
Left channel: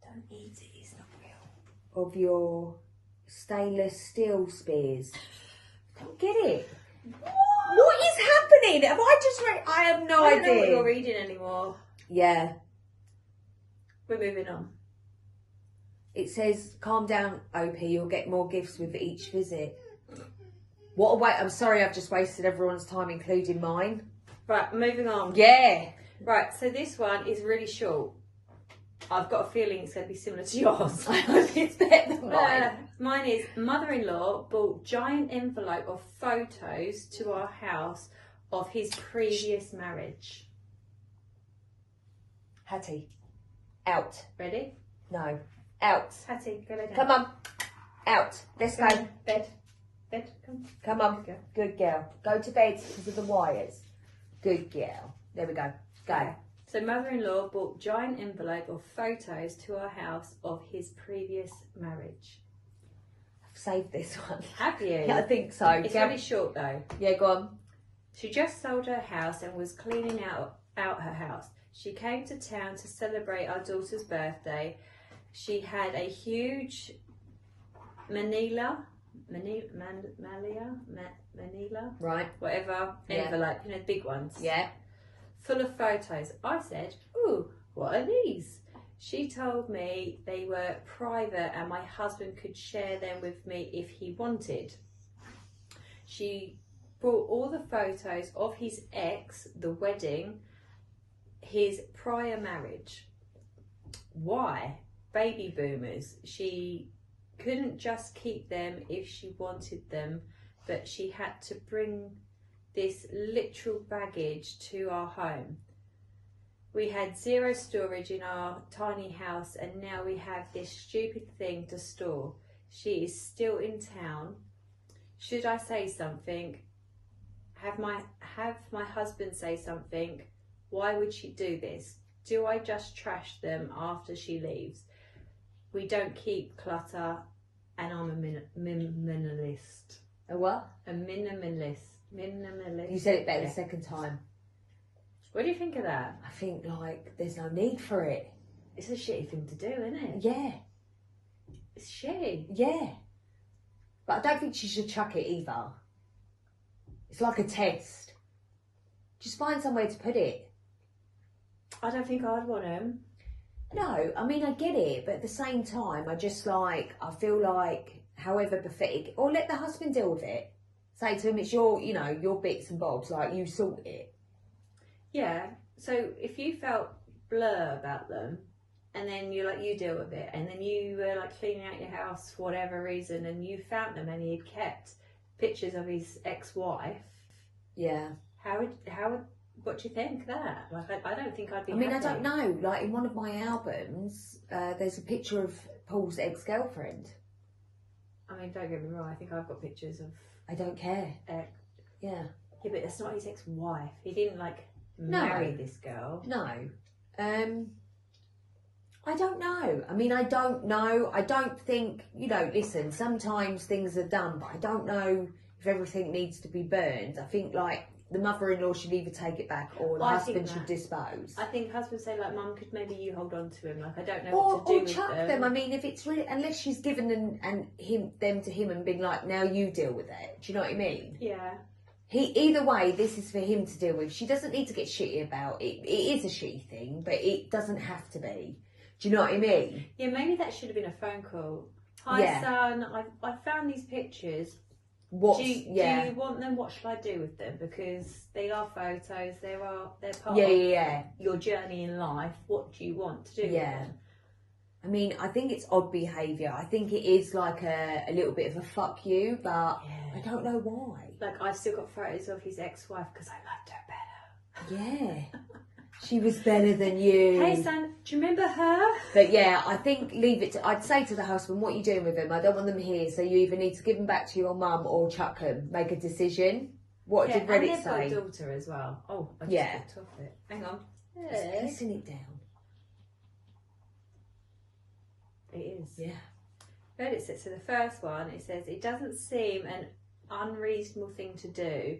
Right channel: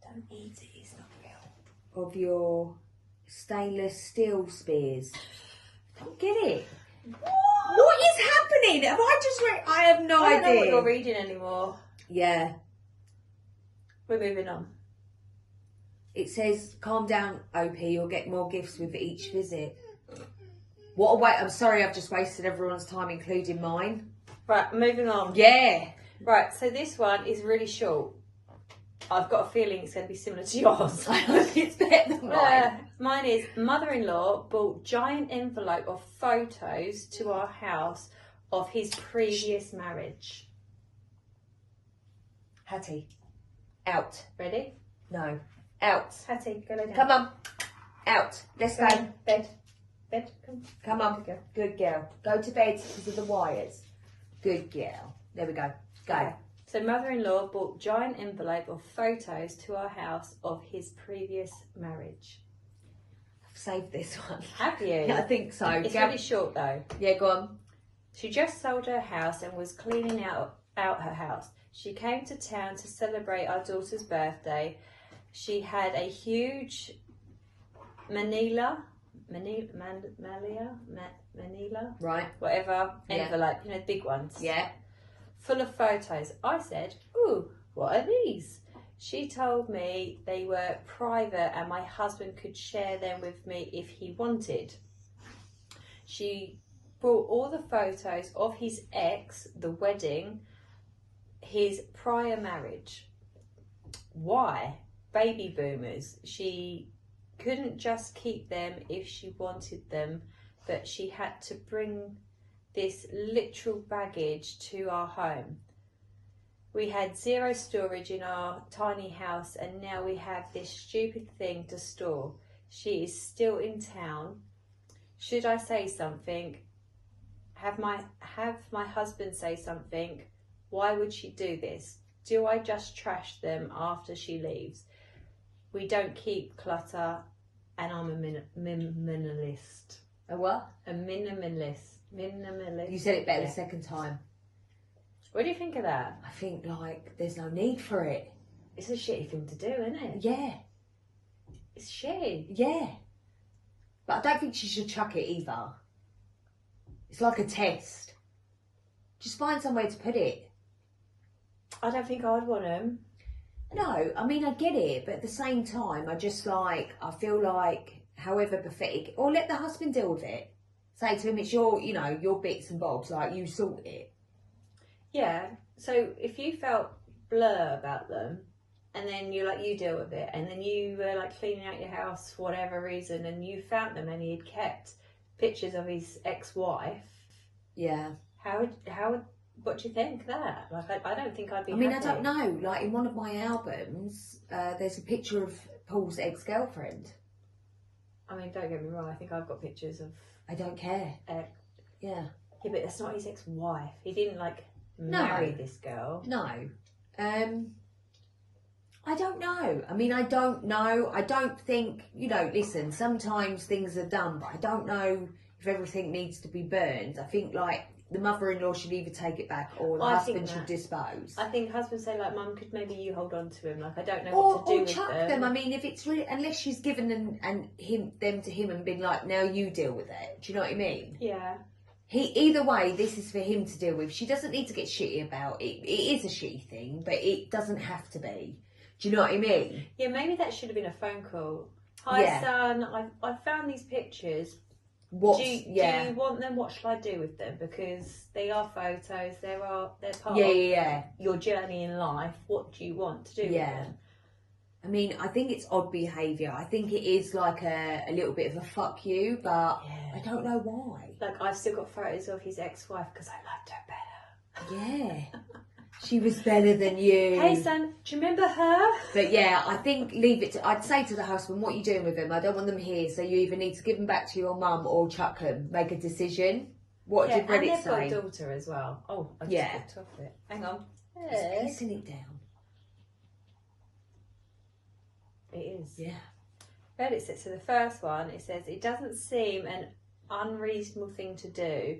Don't eat it, it's not real. of your stainless steel spears. I don't get it. What is happening? Have I just read? I have no idea. I don't know what you're reading anymore. Yeah. We're moving on. It says, calm down, OP, you'll get more gifts with each visit. What a wait! I'm sorry, I've just wasted everyone's time, including mine. Right, moving on. Yeah. Right, so this one is really short. I've got a feeling it's going to be similar to yours. I hope it's better than mine. Mine is mother-in-law brought giant envelope of photos to our house of his previous marriage. Hattie, out. Ready? No, out. Hattie, go lay down. Come on, out. Let's go. Bed. Bed, come. Come on, good girl. Go to bed because of the wires. Good girl. There we go. Go. Okay. So mother-in-law brought giant envelope of photos to our house of his previous marriage. I've saved this one. Have you? Yeah, I think so. It's really short though. Yeah, go on. She just sold her house and was cleaning out her house. She came to town to celebrate our daughter's birthday. She had a huge Manila, Right. whatever, Yeah. envelope, you know, big ones. Yeah. Full of photos. I said, ooh, what are these? She told me they were private and my husband could share them with me if he wanted. She brought all the photos of his ex, the wedding, his prior marriage. Why? Baby boomers. She couldn't just keep them if she wanted them, but she had to bring this literal baggage to our home. We had zero storage in our tiny house and now we have this stupid thing to store. She is still in town. Should I say something? Have my husband say something? Why would she do this? Do I just trash them after she leaves? We don't keep clutter and I'm a minimalist. A what? A minimalist. Minimalist. You said it better Yeah. the second time. What do you think of that? I think, like, there's no need for it. It's a shitty thing to do, isn't it? Yeah. It's shitty. Yeah. But I don't think she should chuck it either. It's like a test. Just find somewhere to put it. I don't think I would want them. No, I mean, I get it, but at the same time, I feel like, however pathetic, or let the husband deal with it. Say to him, it's your, you know, your bits and bobs, like, you sort it. Yeah. So if you felt blur about them, and then you deal with it, and then you were like cleaning out your house for whatever reason, and you found them, and he'd kept pictures of his ex-wife. Yeah. What do you think of that? Like, I don't think I'd be. I mean, happy. I don't know. Like, in one of my albums, there's a picture of Paul's ex-girlfriend. I mean, don't get me wrong. I think I've got pictures of. I don't care. Yeah. Yeah, but that's not his ex-wife. He didn't marry this girl. No. I don't know. I mean, I don't know. I don't think, you know, listen, sometimes things are done, but I don't know if everything needs to be burned. I think, like, the mother-in-law should either take it back or the husband should dispose. I think husband say, like, Mum, could maybe you hold on to him? Like, I don't know Or what to do with chuck them. I mean, if it's really, unless she's given them to him and been like, now you deal with it. Do you know what I mean? Yeah. Either way, this is for him to deal with. She doesn't need to get shitty about it. It is a shitty thing, but it doesn't have to be. Do you know what I mean? Yeah, maybe that should have been a phone call. Hi, son, I found these pictures. Do you want them? What shall I do with them? Because they are photos. They're part of your journey in life. What do you want to do with them? I mean, I think it's odd behaviour. I think it is like a little bit of a fuck you, but I don't know why. Like, I've still got photos of his ex-wife because I loved her better. Yeah. She was better than you. Hey, son, do you remember her? But yeah, I think leave it to, I'd say to the husband, what are you doing with them? I don't want them here, so you either need to give them back to your mum or chuck them. Make a decision. What did Reddit and they've say? got a daughter as well. Oh, I just clicked off it. Hang on. It's pissing it down. It is. Yeah. Reddit says, so the first one, it says, it doesn't seem an unreasonable thing to do,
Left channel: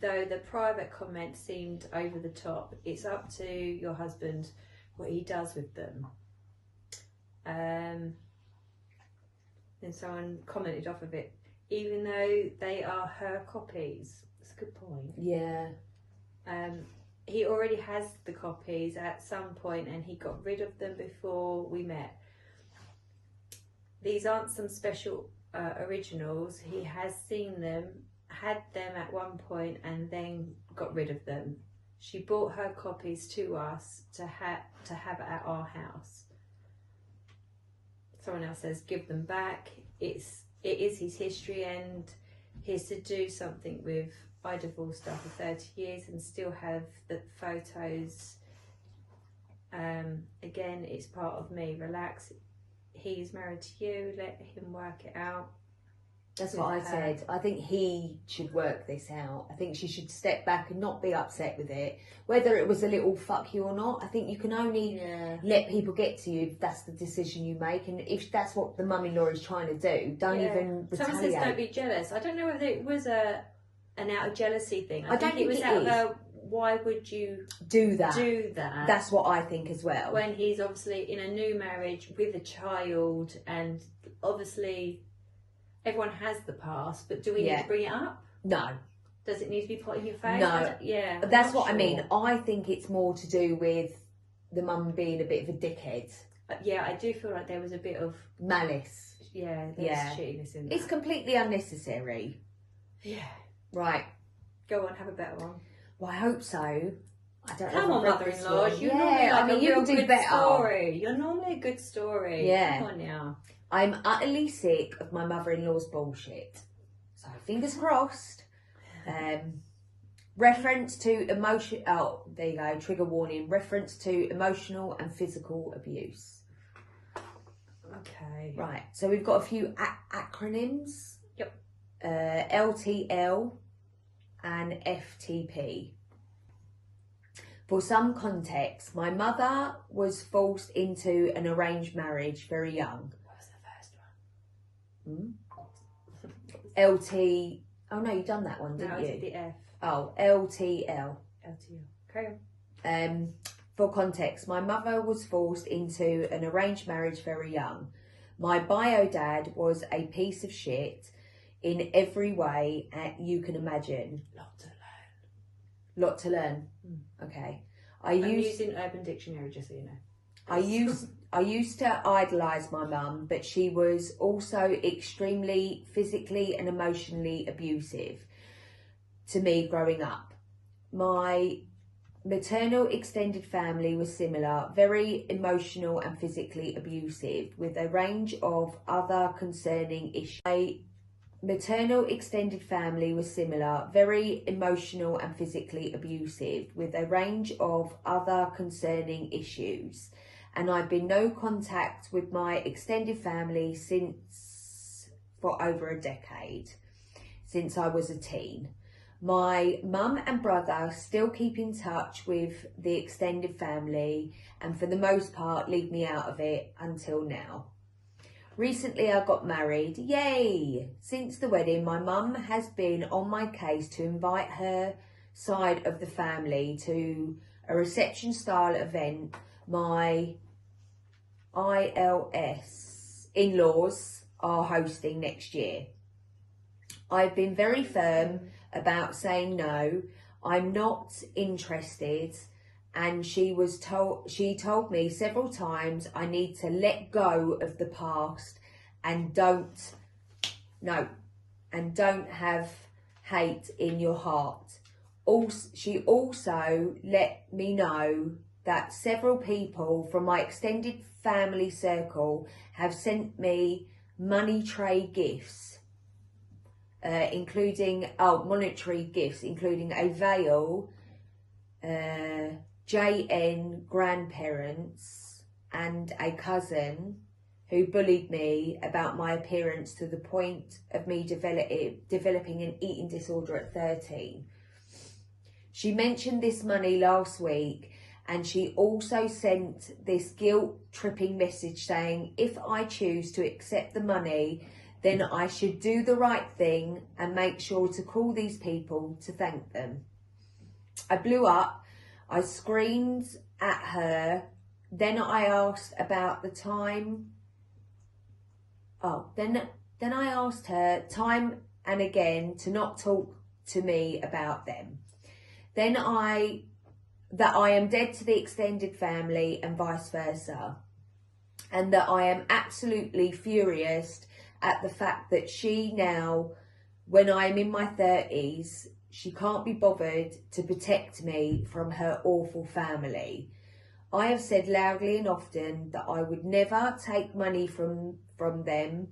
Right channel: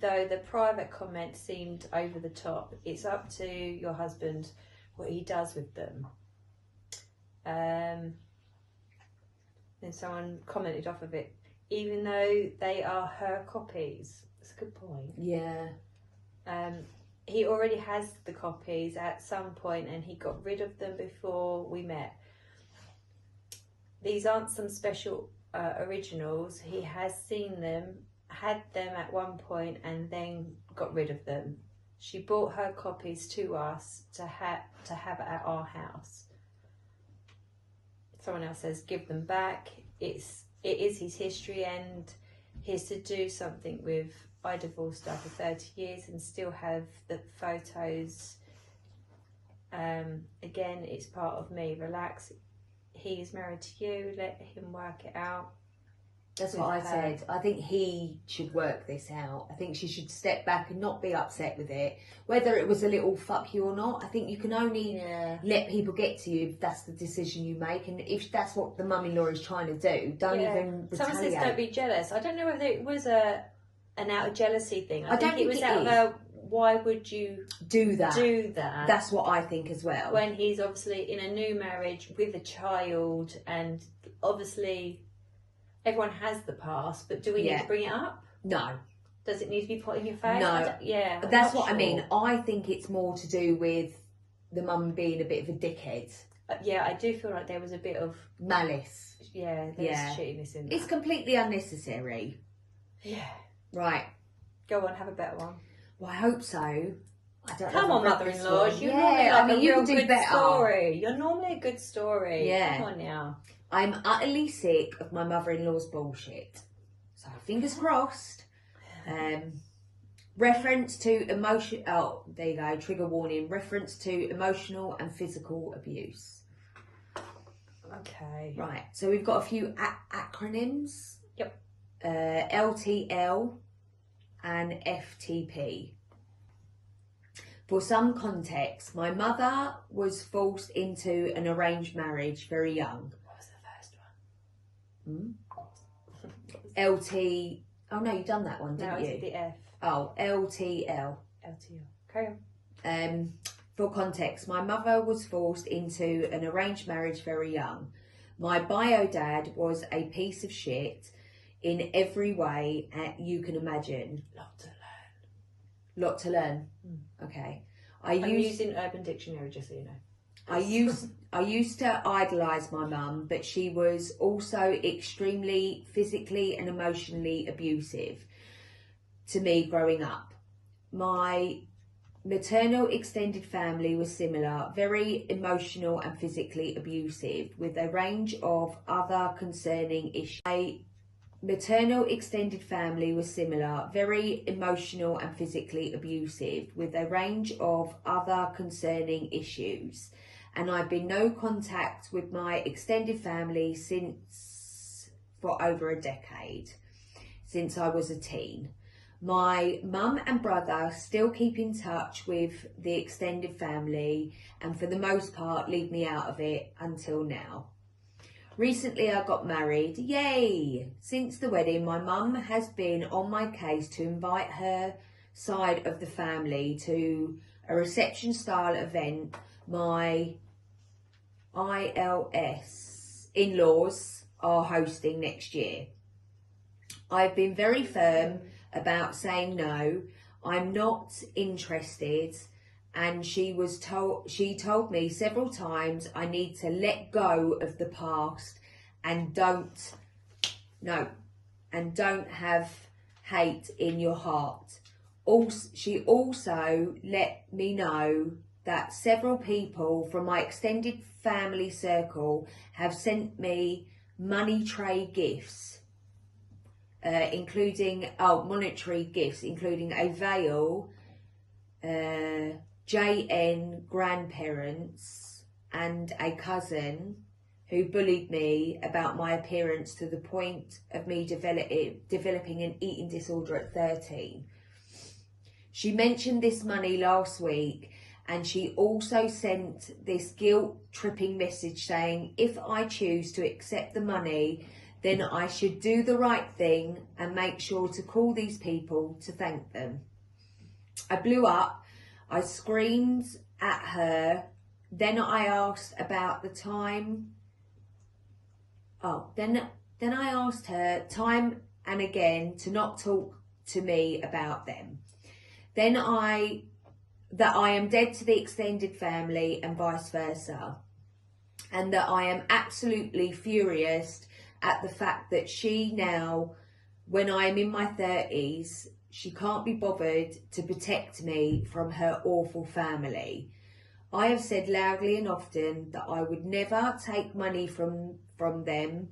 though the private comment seemed over the top. It's up to your husband what he does with them. Then someone commented off of it, even though they are her copies. That's a good point. Yeah. He already has the copies at some point and he got rid of them before we met. These aren't some special originals, he has seen them, had them at one point, and then got rid of them. She brought her copies to us to have at our house. Someone else says give them back. It is his history, and he's to do something with. I divorced after 30 years and still have the photos. Again, it's part of me. Relax. He's married to you. Let him work it out. That's what I said. I think he should work this out. I think she should step back and not be upset with it. Whether it was a little fuck you or not, I think you can only let people get to you if that's the decision you make. And if that's what the mum-in-law is trying to do, don't even retaliate. Someone says don't be jealous. I don't know whether it was an out of jealousy thing. I don't think it was out of why would you do that? That's what I think as well. When he's obviously in a new marriage with a child, and obviously everyone has the past, but do we need to bring it up? No. Does it need to be put in your face? No. Yeah. That's what I mean. I think it's more to do with the mum being a bit of a dickhead. Yeah, I do feel like there was a bit of malice. Yeah, there's shittiness in that. It's completely unnecessary. Yeah. Right. Go on, have a better one. Well, I hope so. I don't Come know. on, mother-in-law. I mean, you can do better. Story. You're normally a good story. Yeah. Come on now. I'm utterly sick of my mother-in-law's bullshit. So fingers crossed. Reference to emotion. Oh, there you go. Trigger warning. Reference to emotional and physical abuse. Okay. Right. So we've got a few acronyms. Yep. LTL and FTP. For some context, my mother was forced into an arranged marriage very young. What was the first one? LT. Oh no, you've done that one, didn't no, you? it's the F. Oh, LTL. LTL. Carry on. For context, my mother was forced into an arranged marriage very young. My bio dad was a piece of shit in every way you can imagine. Lot to learn. Okay. I'm using Urban Dictionary, just so you know. I used to idolise my mum, but she was also extremely physically and emotionally abusive to me growing up. My maternal extended family was similar, very emotional and physically abusive, with a range of other concerning issues. My maternal extended family was similar, very emotional and physically abusive, with a range of other concerning issues. And I've been no contact with my extended family for over a decade, since I was a teen. My mum and brother still keep in touch with the extended family and for the most part leave me out of it until now. Recently I got married, yay! Since the wedding my mum has been on my case to invite her side of the family to a reception style event my in-laws are hosting next year. I've been very firm about saying no, I'm not interested, and she told me several times I need to let go of the past and don't have hate in your heart. She also let me know that several people from my extended family circle have sent me money tray gifts, including monetary gifts, including a veil, JN grandparents, and a cousin who bullied me about my appearance to the point of me developing an eating disorder at 13. She mentioned this money last week, and she also sent this guilt-tripping message saying if I choose to accept the money, then I should do the right thing and make sure to call these people to thank them. I blew up. I screamed at her. Then I asked about the time. Then I asked her time and again to not talk to me about them. Then that I am dead to the extended family and vice versa. And that I am absolutely furious at the fact that she now, when I'm in my 30s, she can't be bothered to protect me from her awful family. I have said loudly and often that I would never take money from them,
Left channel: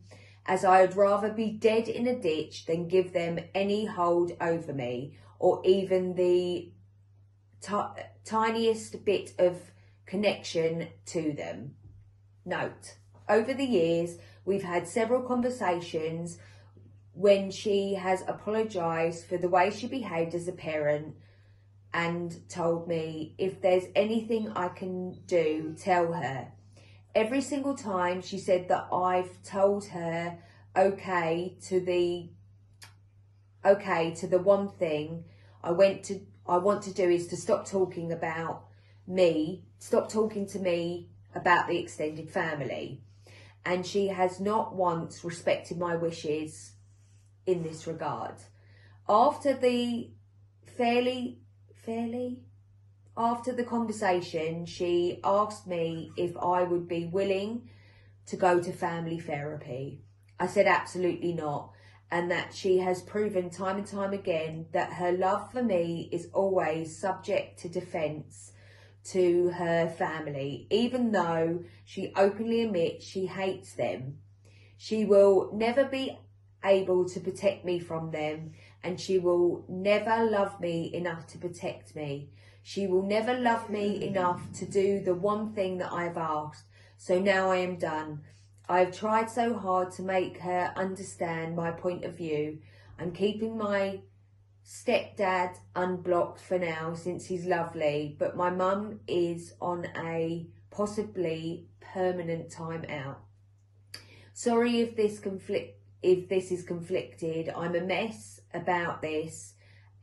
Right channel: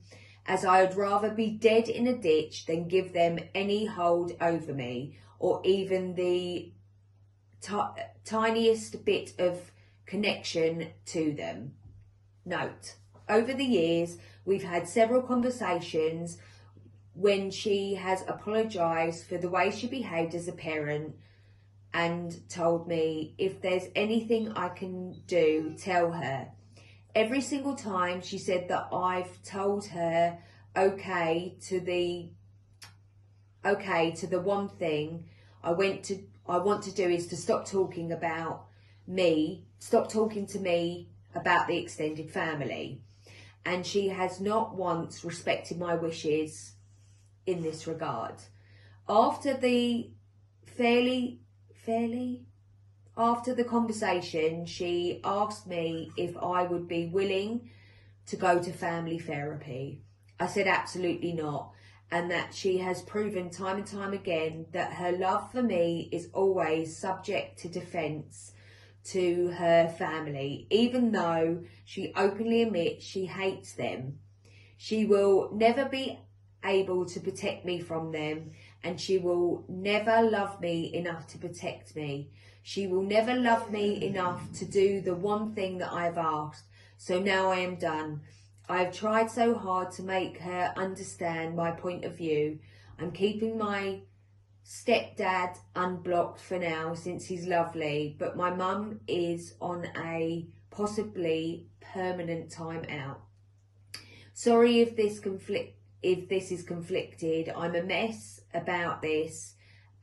as I would rather be dead in a ditch than give them any hold over me, or even the tiniest bit of connection to them. Note, over the years, we've had several conversations when she has apologised for the way she behaved as a parent and told me if there's anything I can do, tell her. Every single time she said that I've told her okay to the one thing I want to do is to stop talking to me about the extended family. And she has not once respected my wishes in this regard. After the after the conversation, she asked me if I would be willing to go to family therapy. I said absolutely not, and that she has proven time and time again that her love for me is always subject to defence to her family, even though she openly admits she hates them. She will never be able to protect me from them, and she will never love me enough to protect me. She will never love me enough to do the one thing that I have asked. So now I am done. I have tried so hard to make her understand my point of view. I'm keeping my stepdad unblocked for now since he's lovely, but my mum is on a possibly permanent time out. Sorry if this is conflicted. I'm a mess about this,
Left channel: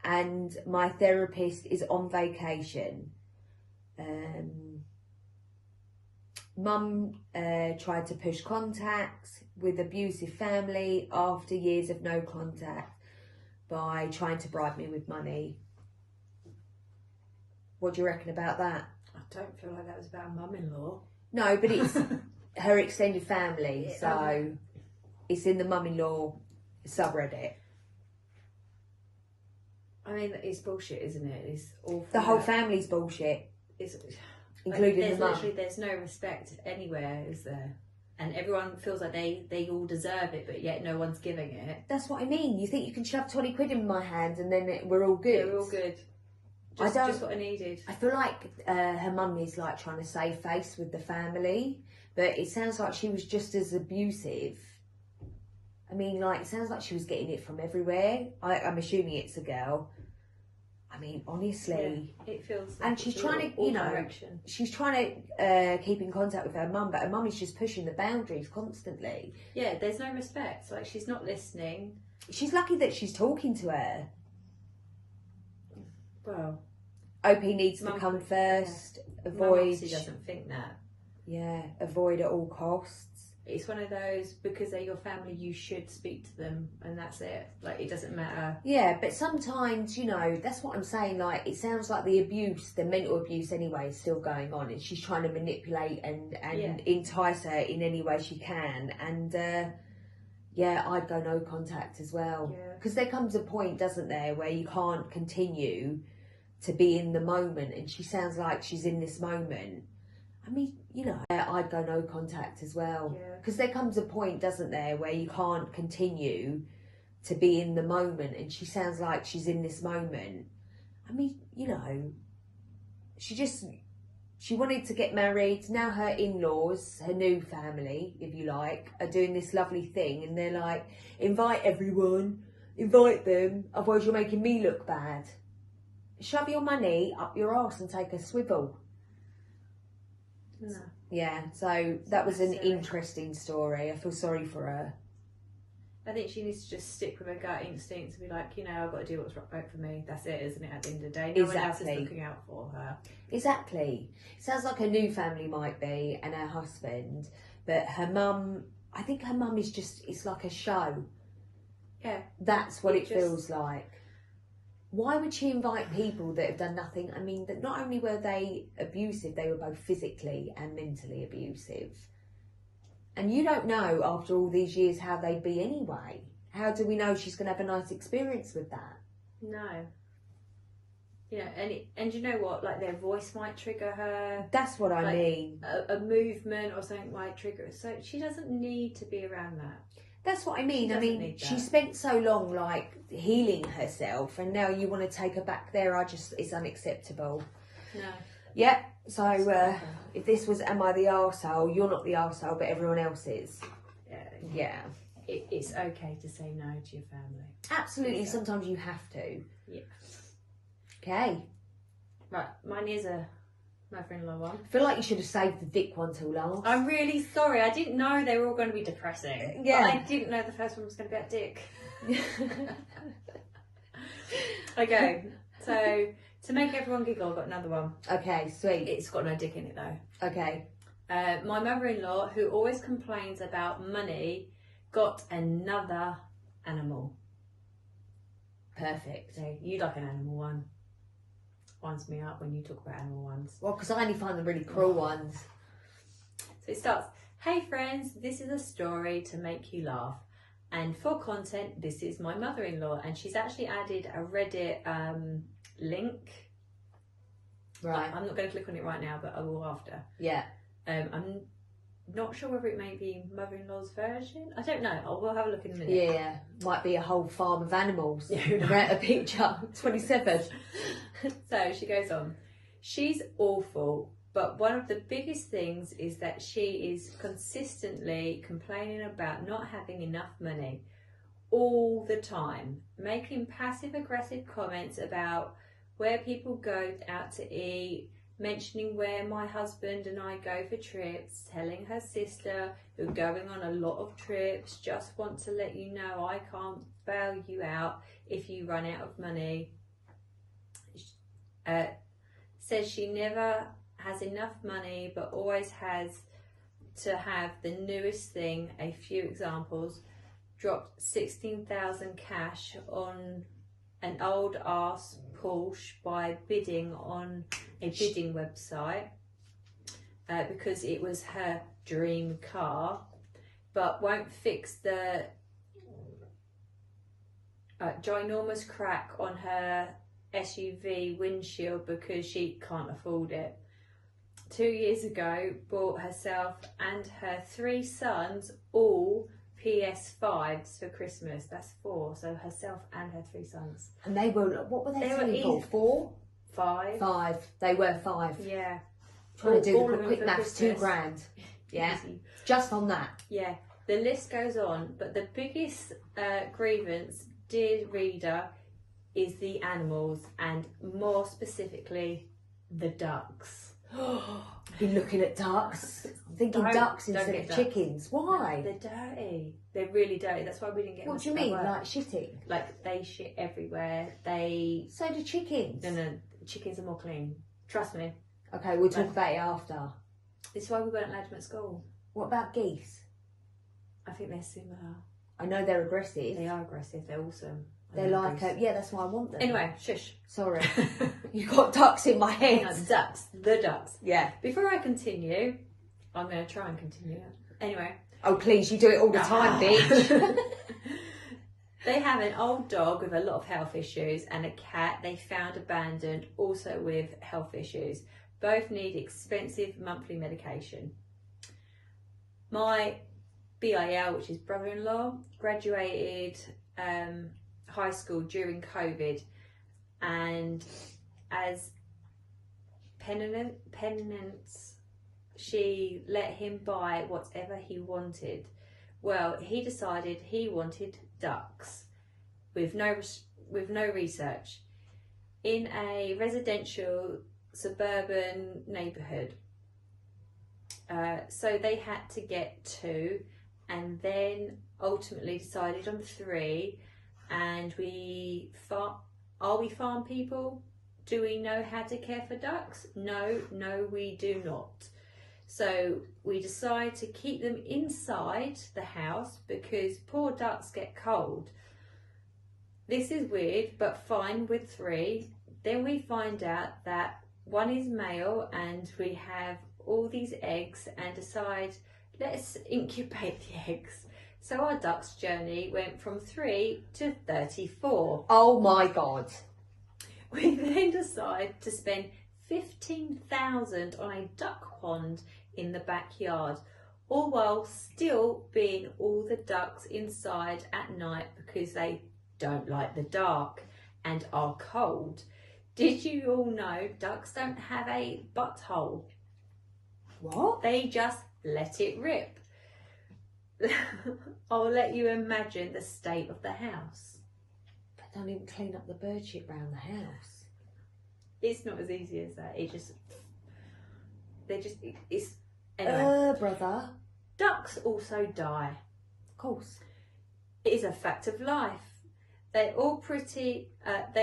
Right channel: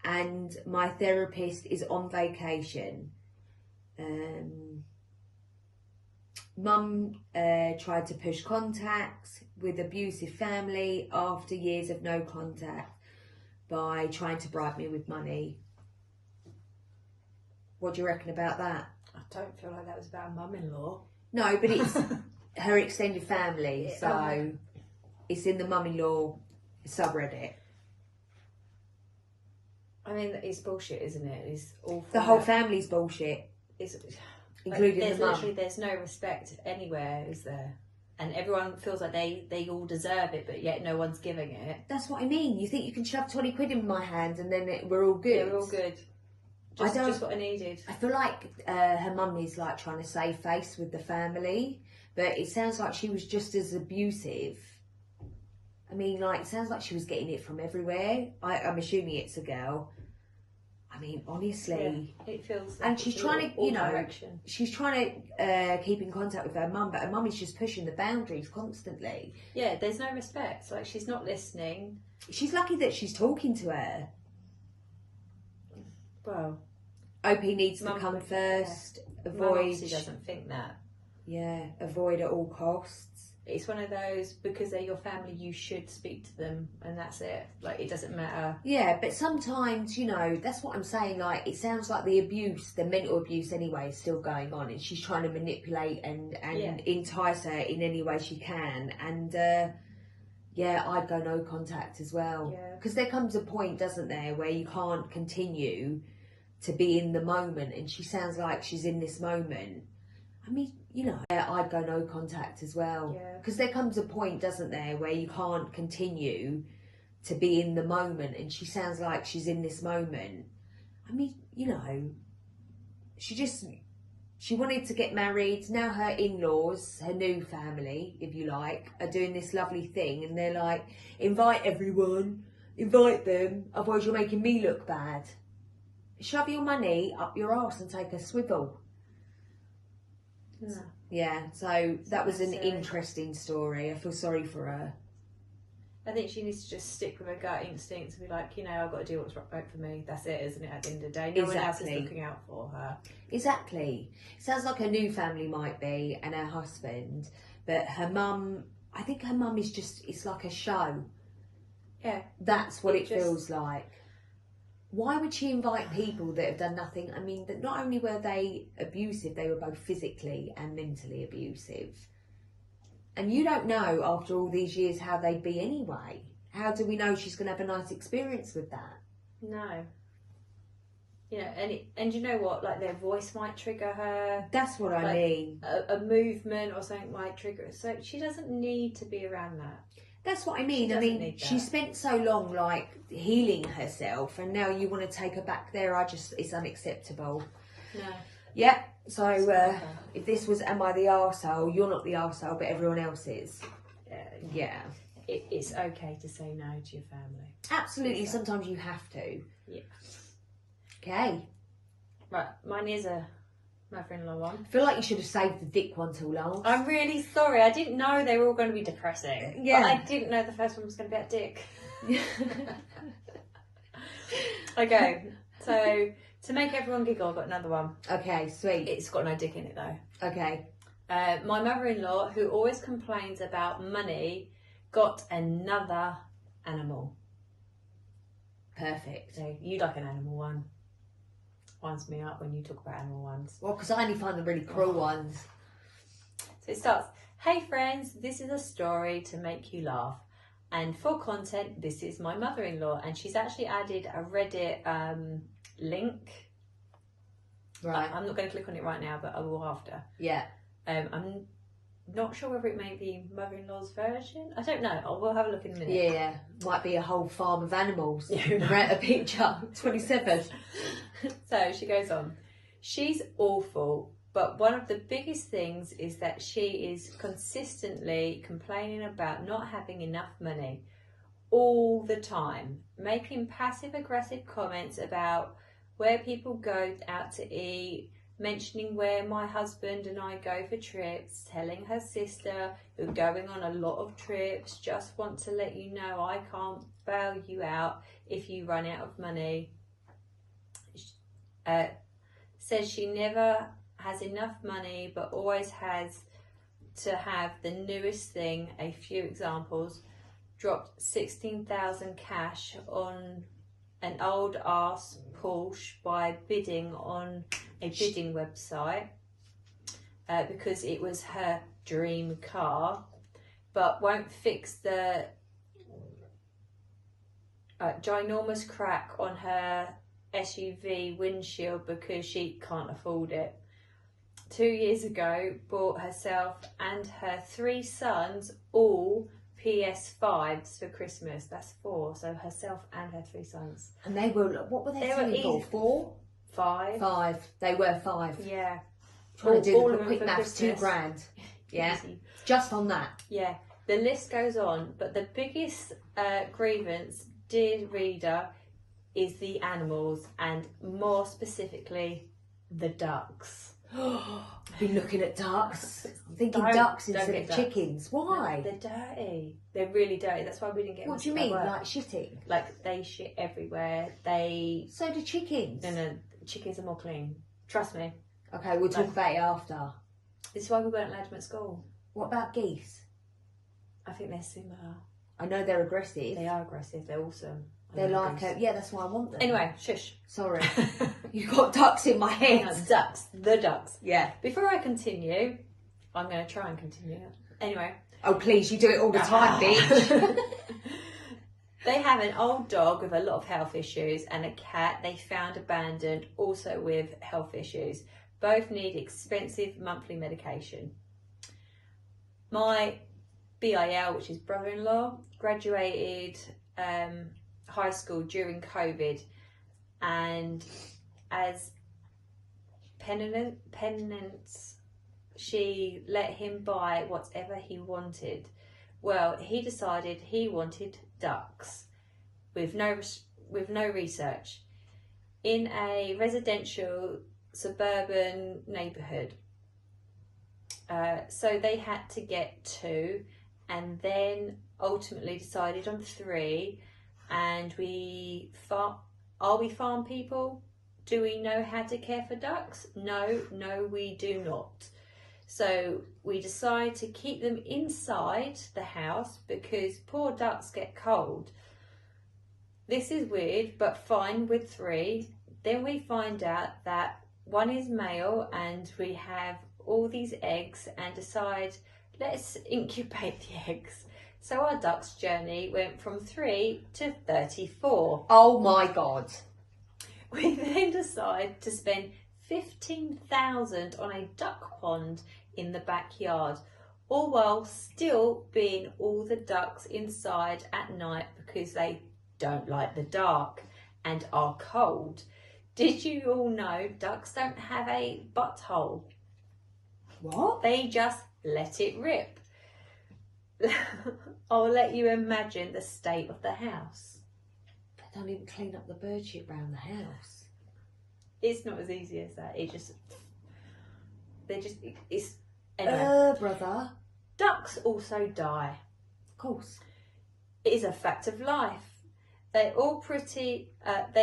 and my therapist is on vacation. Mum tried to push contact with abusive family after years of no contact by trying to bribe me with money. What do you reckon about that? I don't feel like that was about mum-in-law. No, but it's her extended family, Yeah, so okay. It's in the mum-in-law subreddit. I mean, it's bullshit, isn't it? It's awful. The whole family's bullshit, It's, including the mum. Literally, there's no respect anywhere, is there? And everyone feels like they all deserve it, but yet no one's giving it. That's what I mean. You think you can shove 20 quid in my hand and then we're all good? Yeah, we're all good. Just what I needed. I feel like her mum is like trying to save face with the family, but it sounds like she was just as abusive. I mean, like, it sounds like she was getting it from everywhere. I'm assuming it's a girl. I mean, honestly. Yeah, it feels like and she's trying to, direction. She's trying to keep in contact with her mum, but her mum is just pushing the boundaries constantly. Yeah, there's no respect. Like, she's not listening. She's lucky that she's talking to her. Well, OP needs to come first. Yeah. Avoid. She doesn't think that. Yeah, avoid at all costs. It's one of those, because they're your family, you should speak to them, and that's it. Like, it doesn't matter. Yeah, but sometimes, that's what I'm saying. Like, it sounds like the abuse, the mental abuse anyway, is still going on, and she's trying to manipulate and entice her in any way she can. And I'd go no contact as well. Because there comes a point, doesn't there, where you can't continue to be in the moment, and she sounds like she's in this moment. I mean, I'd go no contact as well. Because there comes a point, doesn't there, where you can't continue to be in the moment, and she sounds like she's in this moment. I mean, she wanted to get married. Now her in-laws, her new family, if you like, are doing this lovely thing, and they're like, invite everyone, invite them, otherwise you're making me look bad. Shove your money up your arse and take a swivel. No. Yeah, so that was an interesting story. I feel sorry for her. I think she needs to just stick with her gut instinct to be like, I've got to do what's right for me. That's it, isn't it, at the end of the day? No one else is looking out for her. Exactly. Sounds like her new family might be, and her husband. But her mum, I think her mum is just, it's like a show. Yeah. That's what it feels like. Why would she invite people that have done nothing? I mean, that not only were they abusive, they were both physically and mentally abusive. And you don't know after all these years how they'd be anyway. How do we know she's going to have a nice experience with that? No. Yeah, and you know what? Like, their voice might trigger her. That's what I mean. A movement or something might trigger her. So she doesn't need to be around that. That's what I mean. I mean, she spent so long like healing herself, and now you want to take her back there. It's unacceptable. No. Yeah. So if this was Am I the Arsehole, you're not the arsehole, but everyone else is. Yeah. It's okay to say no to your family. Absolutely. Sometimes you have to. Yeah. Okay. Right. Mine is a mother-in-law one. I feel like you should have saved the dick one till last. I'm really sorry. I didn't know they were all going to be depressing. Yeah. But I didn't know the first one was going to be about dick. Okay. So, to make everyone giggle, I've got another one. Okay, sweet. It's got no dick in it though. Okay. My mother-in-law, who always complains about money, got another animal. Perfect. So you like an animal one. Winds me up when you talk about animal ones. Well, because I only find the really cruel ones. So it starts, hey friends, this is a story to make you laugh. And for content, this is my mother-in-law. And she's actually added a Reddit link. Right. I'm not going to click on it right now, but I will after. Yeah. I'm not sure whether it may be mother-in-law's version. I don't know. We'll have a look in a minute. Yeah. Might be a whole farm of animals. Right, a picture. 27. So she goes on. She's awful, but one of the biggest things is that she is consistently complaining about not having enough money all the time, making passive-aggressive comments about where people go out to eat, mentioning where my husband and I go for trips, telling her sister, who's going on a lot of trips, just want to let you know I can't bail you out if you run out of money. Says she never has enough money but always has to have the newest thing. A few examples: dropped 16,000 cash on an old ass Porsche by bidding on a bidding website because it was her dream car, but won't fix the ginormous crack on her SUV windshield because she can't afford it. 2 years ago, bought herself and her 3 sons all PS5s for Christmas. That's 4, so herself and her 3 sons. And they were, what were they selling for? 4? 5. 5. They were 5. Yeah. Trying to do all the of them quick for maths, Christmas. £2,000. Yeah. Just on that. Yeah. The list goes on, but the biggest grievance, dear reader, is the animals, and more specifically, the ducks. Been looking at ducks. I'm thinking ducks instead of chickens. Why? No, they're dirty. They're really dirty. That's why we didn't get. What do you mean, like shitting? Like they shit everywhere. So do chickens. No, chickens are more clean. Trust me. Okay, we'll talk about it after. This is why we weren't allowed them at school. What about geese? I think they're similar. I know they're aggressive. They are aggressive. They're awesome. They're like, yeah, that's why I want them. Anyway, shush. Sorry. You've got ducks in my head. No, ducks. The ducks. Yeah. Before I continue, I'm going to try and continue. Anyway. Oh, please, you do it all the time, bitch. They have an old dog with a lot of health issues and a cat they found abandoned, also with health issues. Both need expensive monthly medication. My BIL, which is brother-in-law, graduated high school during COVID, and as penance, she let him buy whatever he wanted. Well, he decided he wanted ducks with no research in a residential suburban neighbourhood. So they had to get 2, and then ultimately decided on 3. And are we farm people? Do we know how to care for ducks? No, we do not. So we decide to keep them inside the house because poor ducks get cold. This is weird, but fine with 3. Then we find out that 1 is male and we have all these eggs, and decide let's incubate the eggs. So our duck's journey went from 3 to 34. Oh my God. We then decided to spend $15,000 on a duck pond in the backyard, all while still being all the ducks inside at night because they don't like the dark and are cold. Did you all know ducks don't have a butthole? What? They just let it rip. I'll let you imagine the state of the house. They don't even clean up the bird shit round the house. It's not as easy as that. Anyway. Brother. Ducks also die. Of course. It is a fact of life. They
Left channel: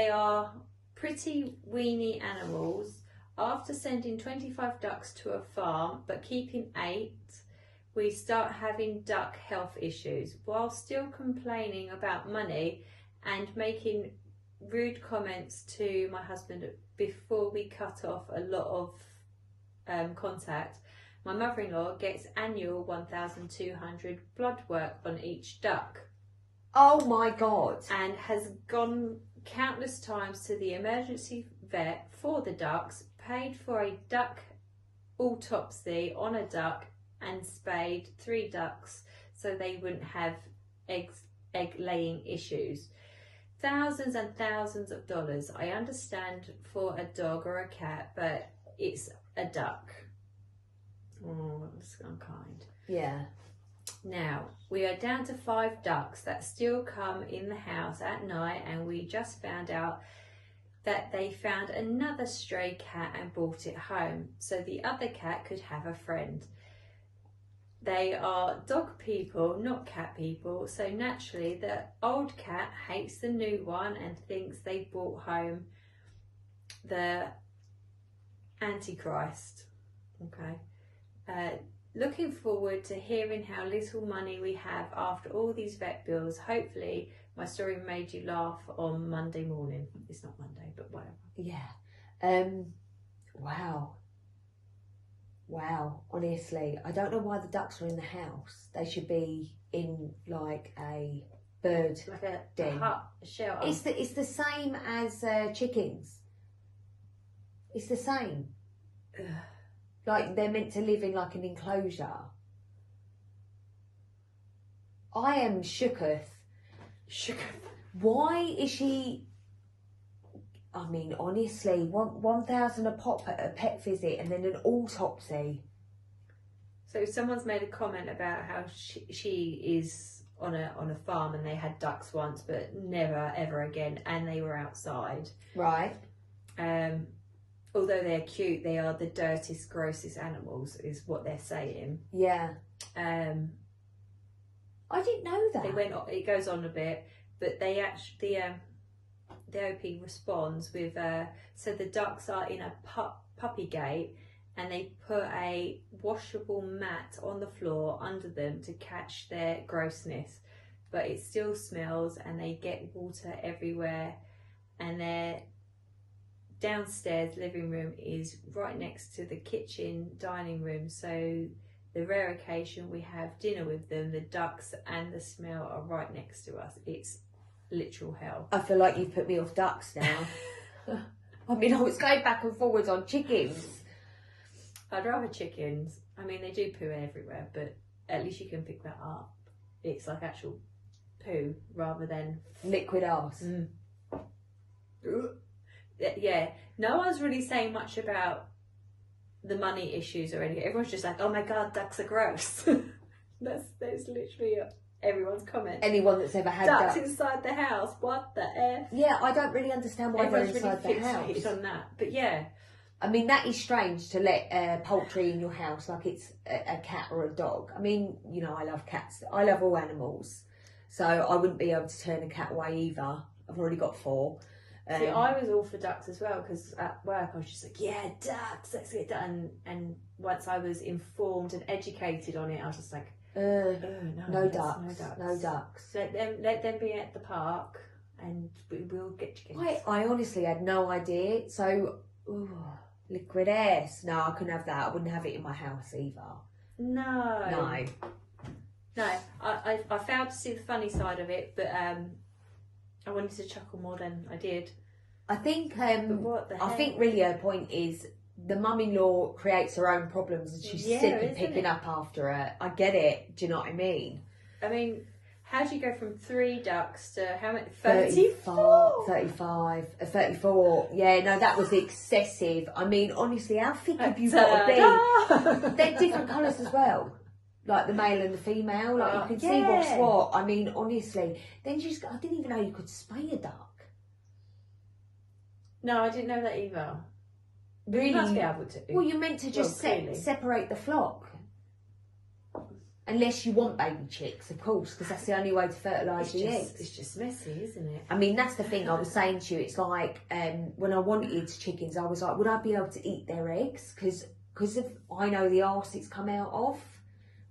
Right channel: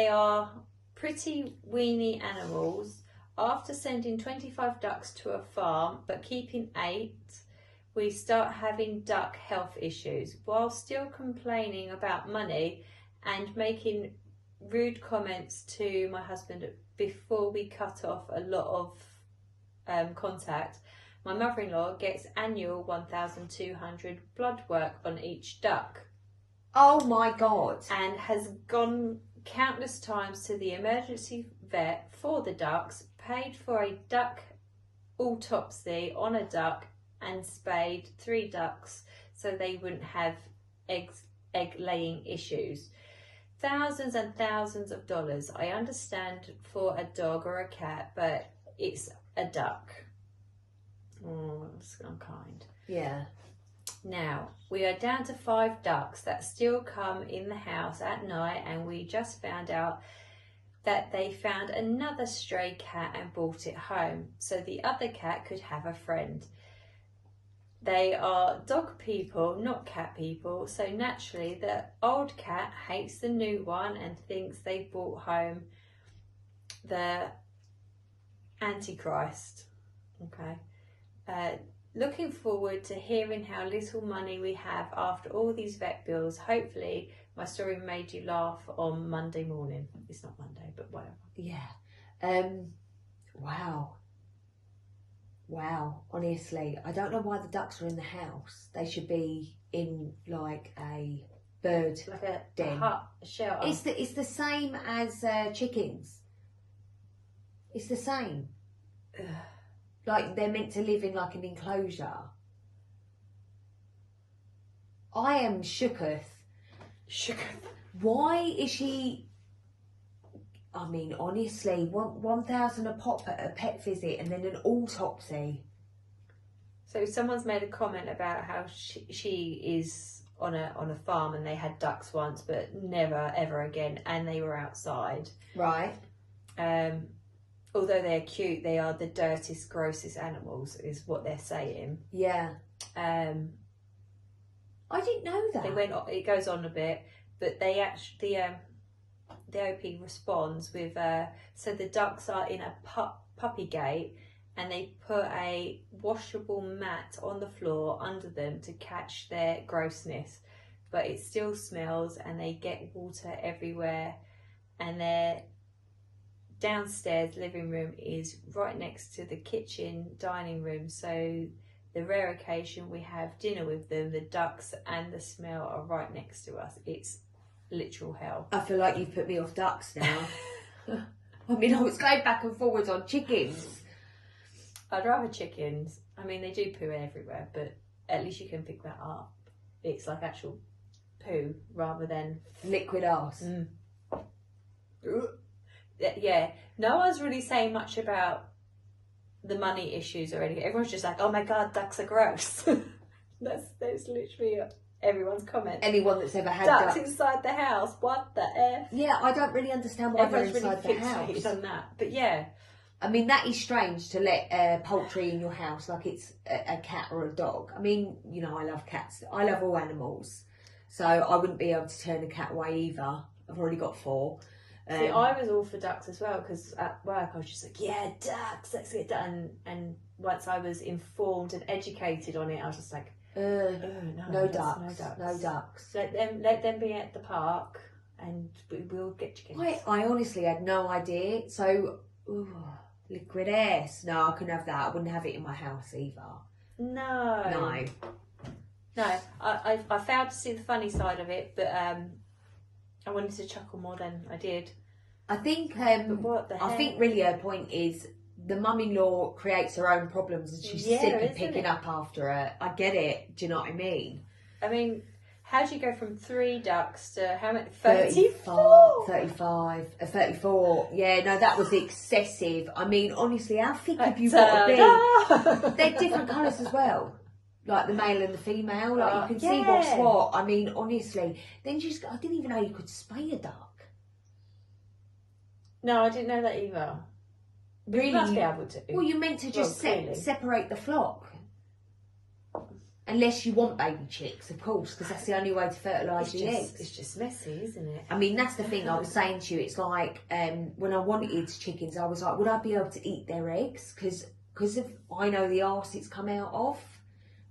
are pretty weeny animals. After sending 25 ducks to a farm, but keeping 8, we start having duck health issues while still complaining about money and making rude comments to my husband before we cut off a lot of contact. My mother-in-law gets annual 1,200 blood work on each duck. Oh my God. And has gone countless times to the emergency vet for the ducks, paid for a duck autopsy on a duck and spayed 3 ducks so they wouldn't have egg laying issues. Thousands and thousands of dollars. I understand for a dog or a cat, but it's a duck. Oh, that's unkind. Yeah. Now, we are down to 5 ducks that still come in the house at night, and we just found out that they found another stray cat and brought it home so the other cat could have a friend. They are dog people, not cat people, so naturally the old cat hates the new one and thinks they brought home the Antichrist. Okay. Looking forward to hearing how little money we have after all these vet bills. Hopefully my story made you laugh on Monday morning. It's not Monday, but whatever. Yeah. Wow. Wow. Honestly, I don't know why the ducks are in the house. They should be in like a bird Like a den. hut, a shelter. It's the same as chickens. It's the same. Ugh. Like they're meant to live in like an enclosure. I am shooketh. Why is she? I mean, honestly, 1,000 a pop at a pet visit and then an autopsy. So someone's made a comment about how she is on a farm and they had ducks once, but never ever again, and they were outside. Right. Although they're cute, they are the dirtiest, grossest animals, is what they're saying. Yeah. I didn't know that. It goes on a bit, but they actually the OP responds with so the ducks are in a puppy gate, and they put a washable mat on the floor under them to catch their grossness, but it still smells and they get water everywhere, and their downstairs living room is right next to the kitchen dining room, so the rare occasion we have dinner with them, the ducks and the smell are right next to us. It's literal hell. I feel like you've put me off ducks now. I mean, I was going back and forwards on chickens. I'd rather chickens. I mean, they do poo everywhere, but at least you can pick that up. It's like actual poo rather than liquid arse. Yeah, no one's really saying much about the money issues or anything. Everyone's just like, oh my god, ducks are gross. that's literally everyone's comment. Anyone that's ever had ducks inside the house, what the F? Yeah, I don't really understand why they're inside really the house. on that, but yeah. I mean, that is strange to let poultry in your house like it's a cat or a dog. I mean, you know, I love cats. I love all animals. So I wouldn't be able to turn a cat away either. I've already got 4. See, I was all for ducks as well, because at work I was just like, yeah, ducks, let's get done. And once I was informed and educated on it, I was just like, no ducks. Let them be at the park, and we'll get chickens. I honestly had no idea. So, liquid ass. No, I couldn't have that. I wouldn't have it in my house either. No. I failed to see the funny side of it, but I wanted to chuckle more than I did. I think But what the I heck? think really her point is the mum-in-law creates her own problems and she's sick of picking up after her. I get it. Do you know what I mean? I mean, how do you go from 3 ducks to how many? 34. 34. Yeah, no, that was excessive. I mean, honestly, how thick have you got to be? They're different colours as well. Like the male and the female. Like you can see what's what. I mean, honestly. Then I didn't even know you could spay a duck. No, I didn't know that either. Really? You must be able to. Well, you're meant to just separate the flock. Unless you want baby chicks, of course, because that's the only way to fertilise the eggs. It's just messy, isn't it? I mean, that's the thing I was saying to you. It's like when I wanted chickens, I was like, would I be able to eat their eggs? Because I know the arse it's come out of.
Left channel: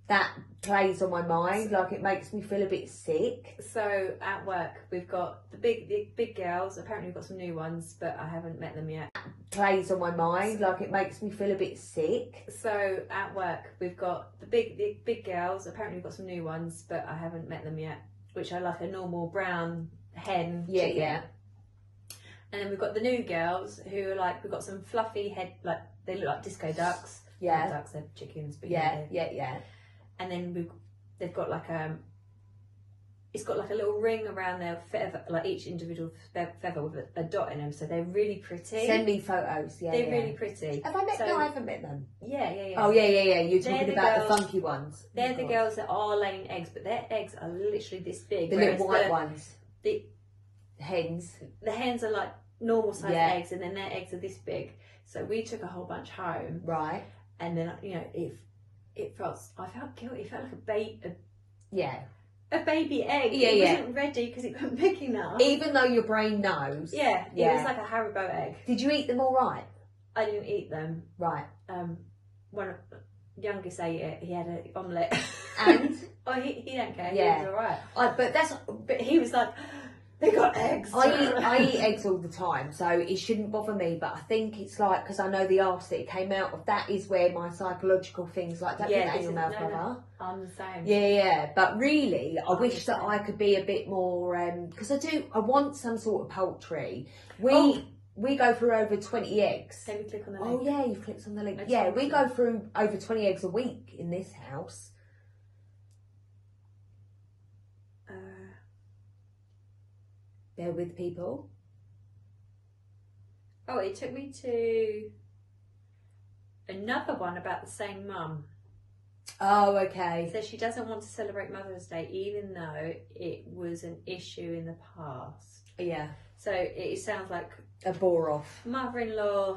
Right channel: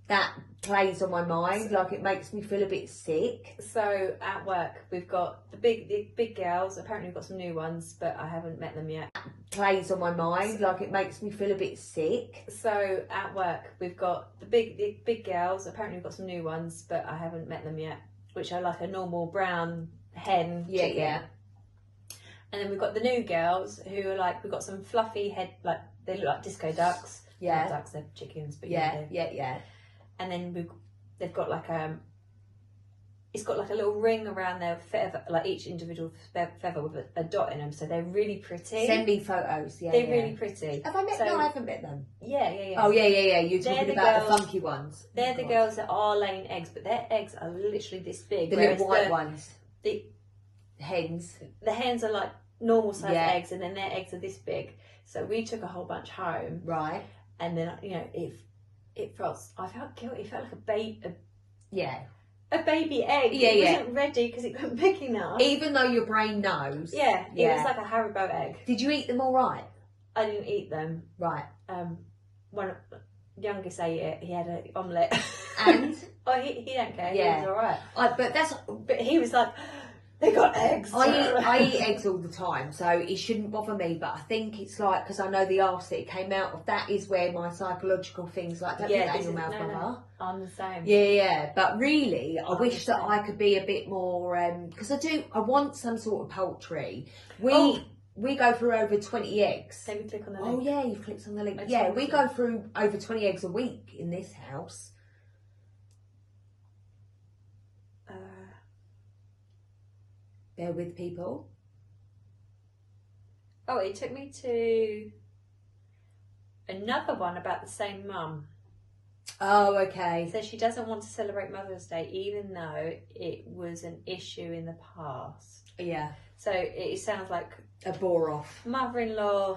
That plays on my mind. Like, it makes me feel a bit sick. So at work, we've got the big girls. Apparently, we've got some new ones, but I haven't met them yet. Plays on my mind. Like, it makes me feel a bit sick. So at work, we've got the big girls. Apparently, we've got some new ones, but I haven't met them yet. Which are like a normal brown hen. Yeah, chicken. yeah. And then we've got the new girls who are like, we've got some fluffy head, like they look like disco ducks. Yeah. Not ducks, they're chickens, but Yeah. And then they've got like it's got like a little ring around their feather, like each individual feather with a dot in them, so they're really pretty. Send me photos. Yeah, they're really pretty. Have I met them? No, I haven't met them. Yeah. Oh yeah. You're talking about the funky ones. They're the girls that are laying eggs, but their eggs are literally this big. The little white ones. The hens. The hens are like normal size eggs, and then their eggs are this big. So we took a whole bunch home. Right. And then I felt guilty. It felt like a baby egg. Yeah, it wasn't ready because it wasn't big enough. Even though your brain knows. Yeah, it was like a Haribo egg. Did you eat them all right? I didn't eat them. Right. One of the youngest ate it. He had an omelette. And? He don't care. Yeah. He was alright. But he was like, they got eggs. I eat eggs all the time, so it shouldn't bother me. But I think it's like, because I know the arse that it came out of, that is where my psychological things like, don't put that in your mouth, brother. No, I'm the same. Yeah. But really, I wish that I could be a bit more, because I want some sort of poultry. We go through over 20 eggs. Let me click on the link. Oh yeah, you clicked on the link. Yeah, we go through over 20 eggs a week in this house. Bear with people. Oh, it took me to another one about the same mum. Oh, okay. It says she doesn't want to celebrate Mother's Day even though it was an issue in the past. Yeah. So it sounds like a bore off. Mother-in-law.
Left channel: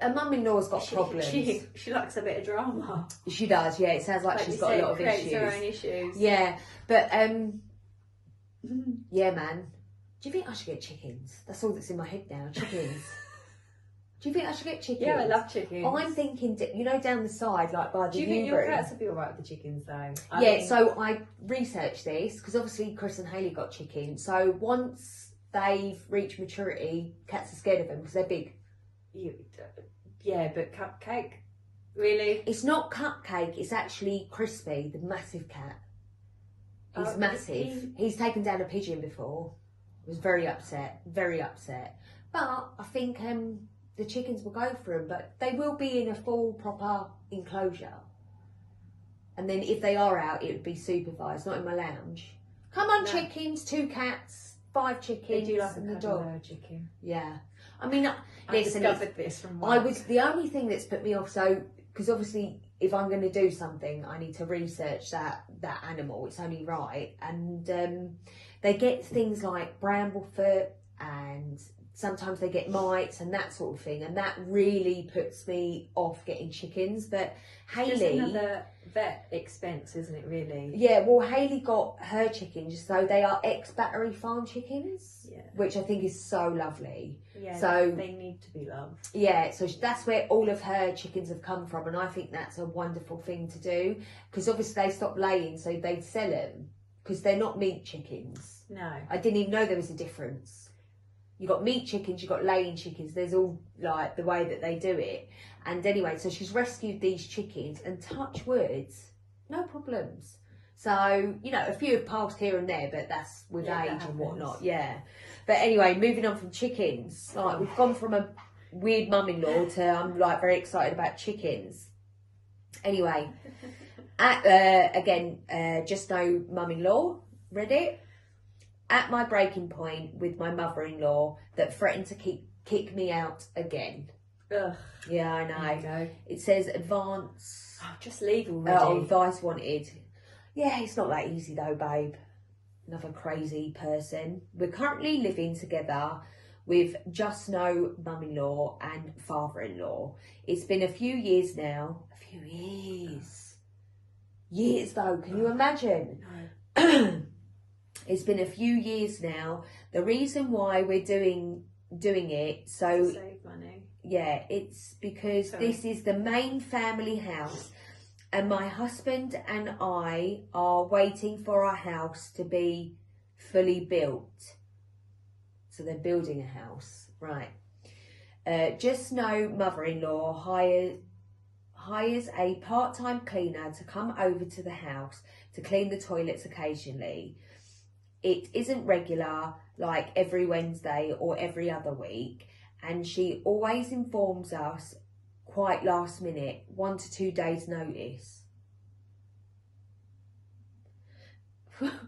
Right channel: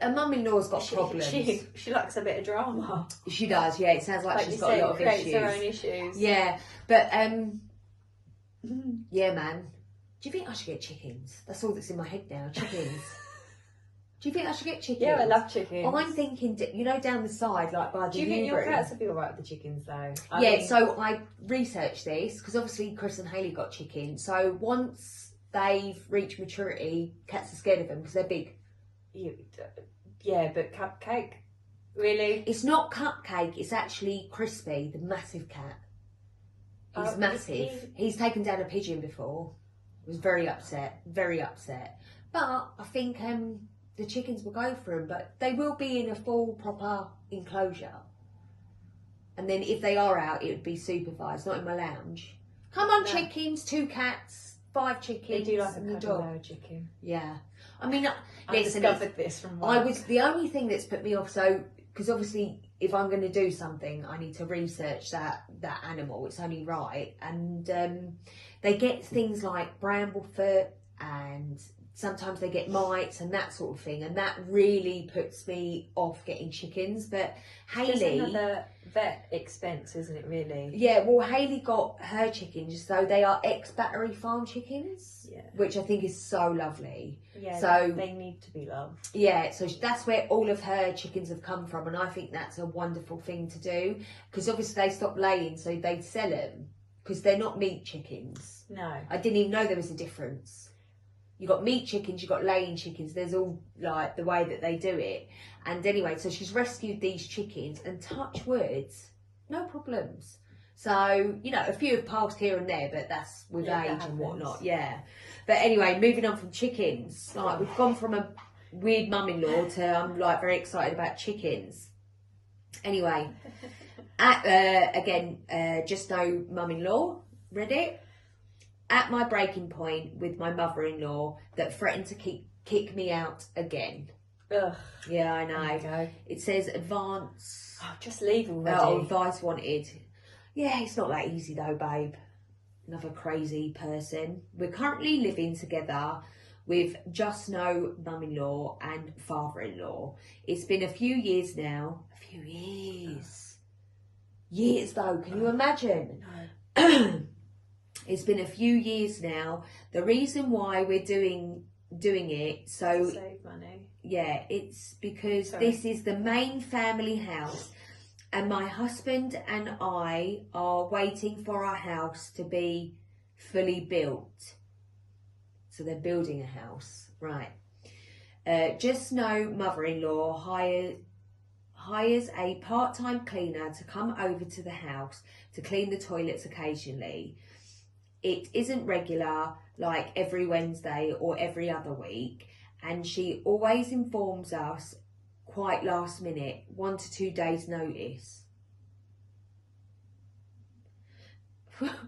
A mum-in-law's got problems. She likes a bit of drama. She does. Yeah. It sounds like she's got a lot of issues. Her own issues. Yeah, but yeah, man. Do you think I should get chickens? That's all that's in my head now. Chickens. Do you think I should get chickens? Yeah, I love chickens. I'm thinking, down the side, like by the Do you think your cats would be alright with the chickens though? So I researched this because obviously Chris and Hayley got chickens. So once they've reached maturity, cats are scared of them because they're big. Yeah, but Cupcake, really? It's not Cupcake. It's actually Crispy, the massive cat. He's massive. He's taken down a pigeon before. Was very upset. But I think the chickens will go for him, but they will be in a full proper enclosure. And then if they are out, it would be supervised, not in my lounge. Come on, chickens, 2 cats, 5 chickens, they do like and a the dog. Chicken. Yeah, I mean, I discovered this from work. I was the only thing that's put me off. So because obviously, if I'm going to do something, I need to research that animal. It's only right, and they get things like bramblefoot and sometimes they get mites and that sort of thing, and that really puts me off getting chickens. But Hayley, just another vet expense, isn't it? Really? Yeah. Well, Hayley got her chickens, so they are ex-Battery Farm chickens, which I think is so lovely. Yeah. So they need to be loved. Yeah. So that's where all of her chickens have come from, and I think that's a wonderful thing to do because obviously they stopped laying, so they sell them because they're not meat chickens. No. I didn't even know there was a difference. you got meat chickens, you got laying chickens. There's all like the way that they do it. And anyway, so she's rescued these chickens, and touch words, no problems. So, you know, a few have passed here and there, but that's with age and whatnot. Yeah. But anyway, moving on from chickens, like we've gone from a weird mum-in-law to I'm like very excited about chickens. Anyway, just no mum-in-law, read it. At my breaking point with my mother-in-law that threatened to kick me out again. Ugh. Yeah, I know. It says advance. Oh, just leave already. Advice wanted. Yeah, it's not that easy though, babe. Another crazy person. We're currently living together with just no mum-in-law and father-in-law. It's been a few years now. A few years. Years though, can you imagine? No. It's been a few years now. The reason why we're doing it, so save money. Yeah, it's because this is the main family house, and my husband and I are waiting for our house to be fully built. So they're building a house, right? Just no mother-in-law hires a part-time cleaner to come over to the house to clean the toilets occasionally. It isn't regular, like every Wednesday or every other week, and she always informs us quite last minute, 1 to 2 days notice.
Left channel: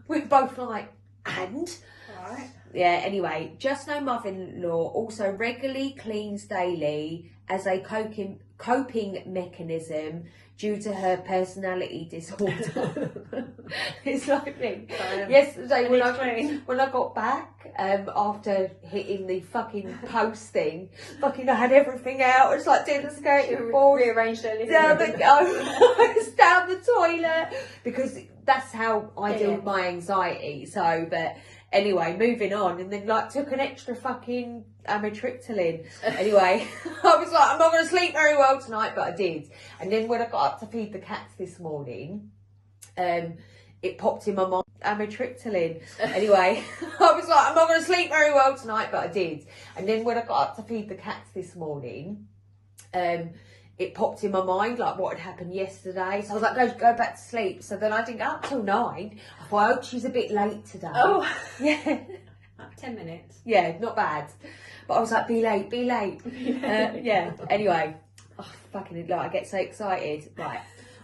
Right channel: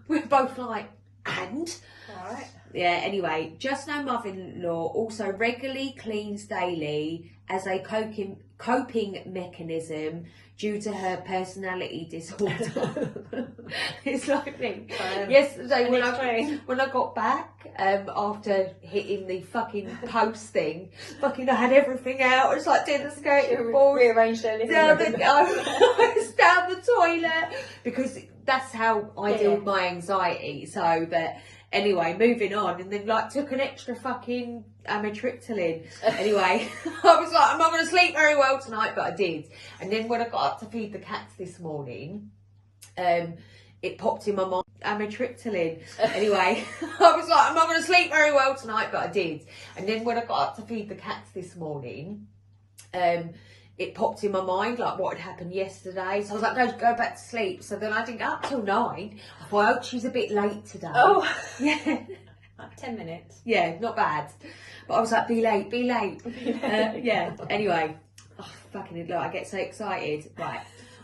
We're both like, and? Alright. Yeah, anyway, just no mother-in-law also regularly cleans daily as a coping mechanism due to her personality disorder. It's like me. Yesterday when I got back, after hitting the fucking post thing, I had everything out. It's like doing the skating board. Rearranged everything. Down the toilet, because that's how I deal with my anxiety. So, but anyway, moving on, and then like took an extra fucking amitriptyline. Anyway, I was like, I'm not going to sleep very well tonight, but I did. And then when I got up to feed the cats this morning, it popped in my mind, amitriptyline. Anyway, I was like, I'm not going to sleep very well tonight, but I did. And then when I got up to feed the cats this morning, it popped in my mind like what had happened yesterday. So I was like, go back to sleep. So then I didn't go up till 9. I thought, I hope she's a bit late today. Oh, yeah. like 10 minutes. Yeah, not bad. But I was like, be late. Yeah, anyway. Oh, fucking like, I get so excited. Right.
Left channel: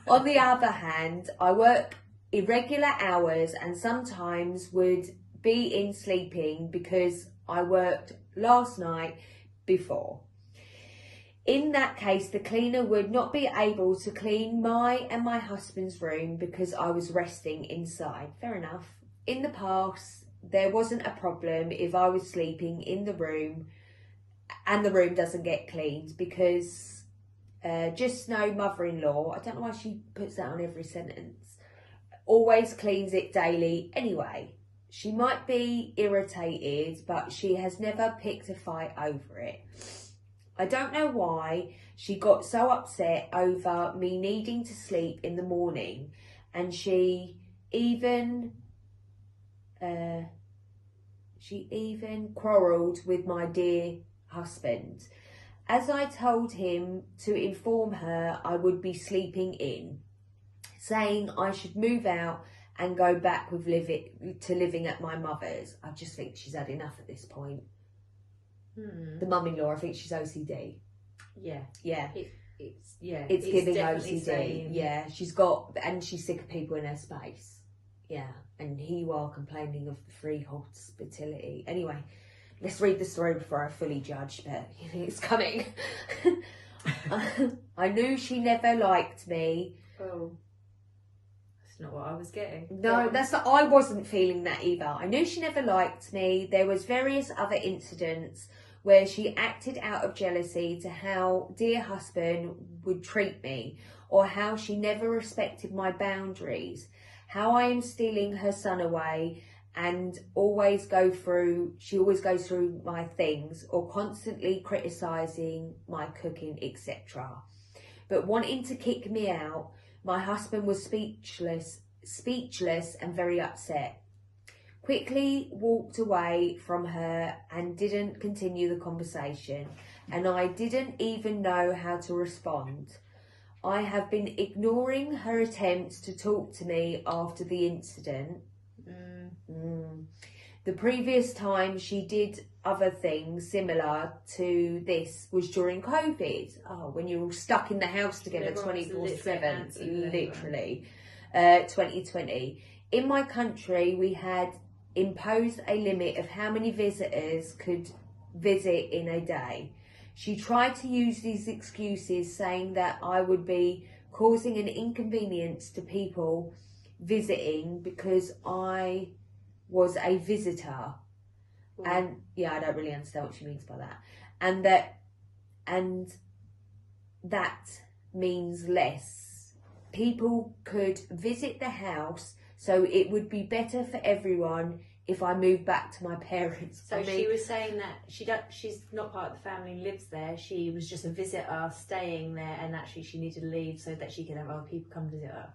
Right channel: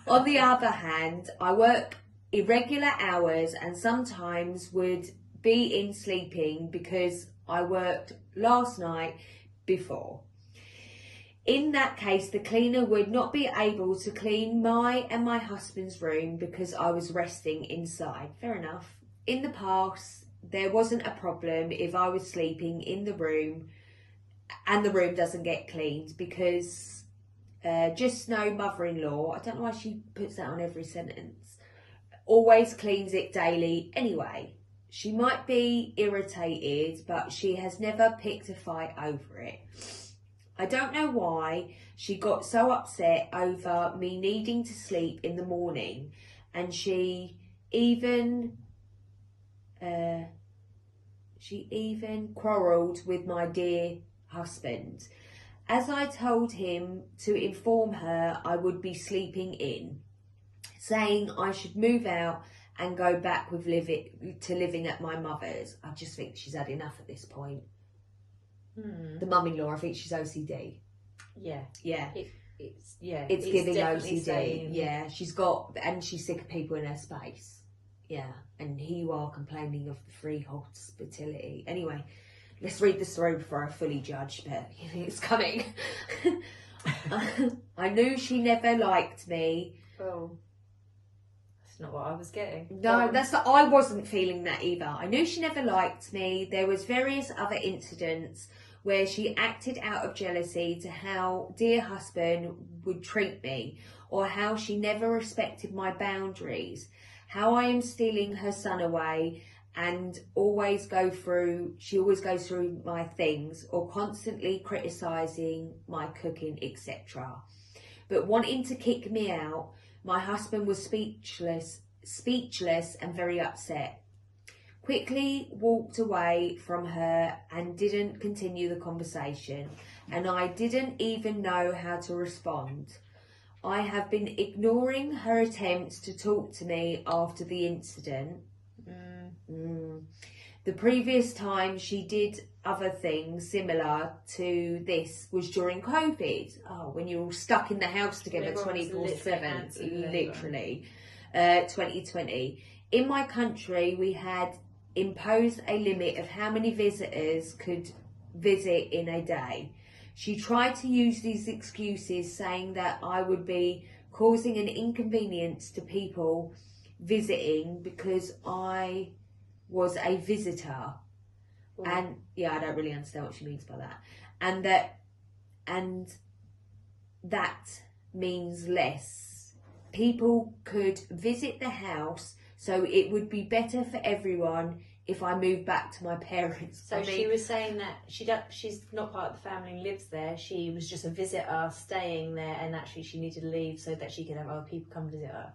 On the other hand, I work irregular hours and sometimes would be in sleeping because I worked last night before. In that case, the cleaner would not be able to clean my and my husband's room because I was resting inside. Fair enough. In the past, there wasn't a problem if I was sleeping in the room and the room doesn't get cleaned because just no mother-in-law, I don't know why she puts that on every sentence, always cleans it daily anyway. She might be irritated, but she has never picked a fight over it. I don't know why she got so upset over me needing to sleep in the morning, and she even quarrelled with my dear husband, as I told him to inform her I would be sleeping in, saying I should move out and go back with living at my mother's. I just think she's had enough at this point. The mum-in-law, I think she's OCD. Yeah. It's giving OCD. Saying... Yeah, she's sick of people in her space. Yeah, and here you are complaining of the free hospitality. Anyway, let's read the story before I fully judge, but it's coming. I knew she never liked me. Oh, that's not what I was getting. No, I wasn't feeling that either. I knew she never liked me. There was various other incidents where she acted out of jealousy to how dear husband would treat me, or how she never respected my boundaries, how I am stealing her son away and she always goes through my things, or constantly criticising my cooking, etc. But wanting to kick me out, my husband was speechless and very upset. quickly walked away from her and didn't continue the conversation, and I didn't even know how to respond. I have been ignoring her attempts to talk to me after the incident. The previous time she did other things similar to this was during COVID. Oh, when you're all stuck in the house together 24/7, literally. 2020. In my country, we had imposed a limit of how many visitors could visit in a day. She tried to use these excuses, saying that I would be causing an inconvenience to people visiting because I was a visitor. And yeah, I don't really understand what she means by that. And that means less people could visit the house, so it would be better for everyone if I moved back to my parents. So she was saying that she's not part of the family, lives there. She was just a visitor staying there, and actually she needed to leave so that she could have other people come visit her.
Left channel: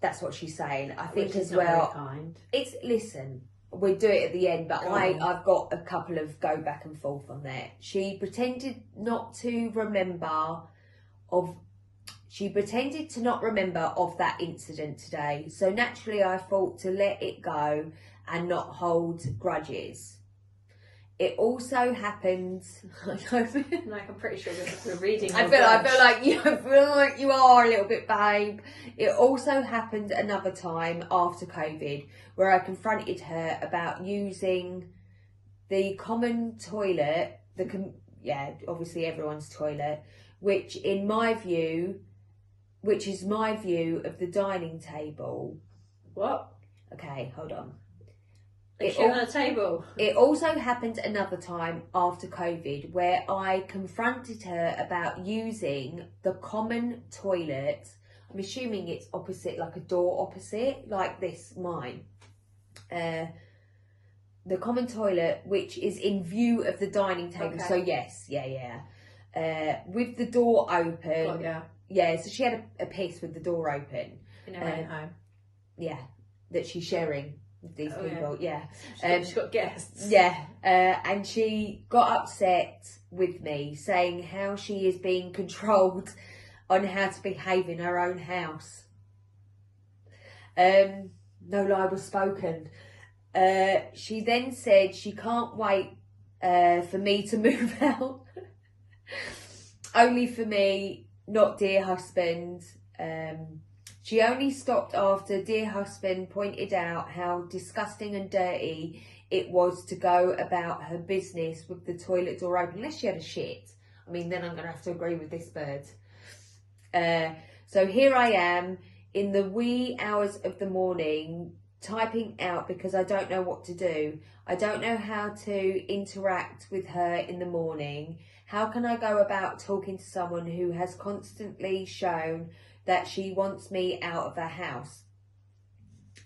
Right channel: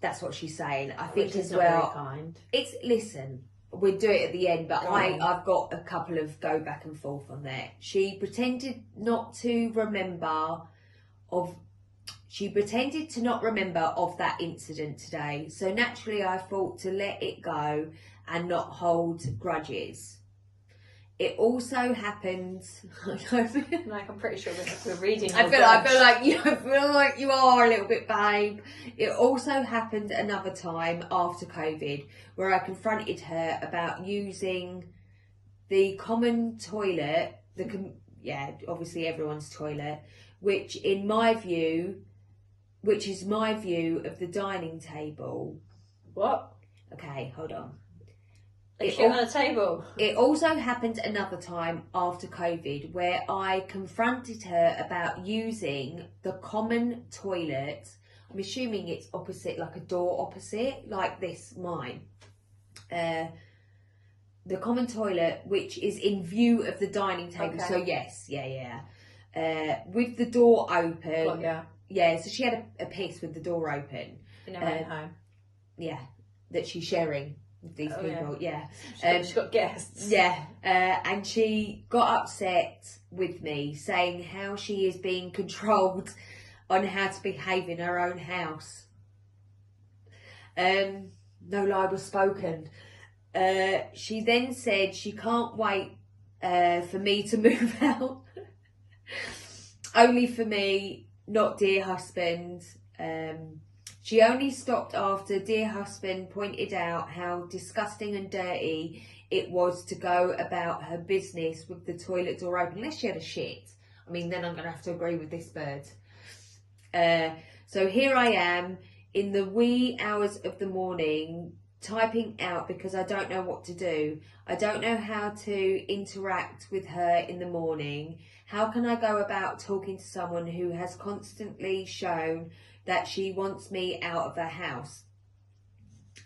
That's what she's saying. I think as not well. Very kind. It's listen. We'll do it at the end, but I've got a couple of go back and forth on that. She pretended not to remember of that incident today. So naturally I thought to let it go and not hold grudges. It also happened. Like I'm pretty sure we're reading. I feel like you are a little bit, babe. It also happened another time after COVID, where I confronted her about using the common toilet, obviously everyone's toilet, which is my view of the dining table. What? Okay, hold on. On a table. It also happened another time after COVID, where I confronted her about using the common toilet. I'm assuming it's opposite, like a door opposite, like this, mine. The common toilet, which is in view of the dining table. Okay. So yes, with the door open. Well, yeah. Yeah, so she had a piss with the door open. In her own home. Yeah, that she's sharing with these people. Yeah. She's got guests. Yeah, and she got upset with me, saying how she is being controlled on how to behave in her own house. No lie was spoken. She then said she can't wait for me to move out. Only for me, not dear husband. She only stopped after dear husband pointed out how disgusting and dirty it was to go about her business with the toilet door open, unless she had a shit. I mean, then I'm going to have to agree with this bird. So here I am in the wee hours of the morning, typing out because I don't know what to do. I don't know how to interact with her in the morning. How can I go about talking to someone who has constantly shown that she wants me out of her house?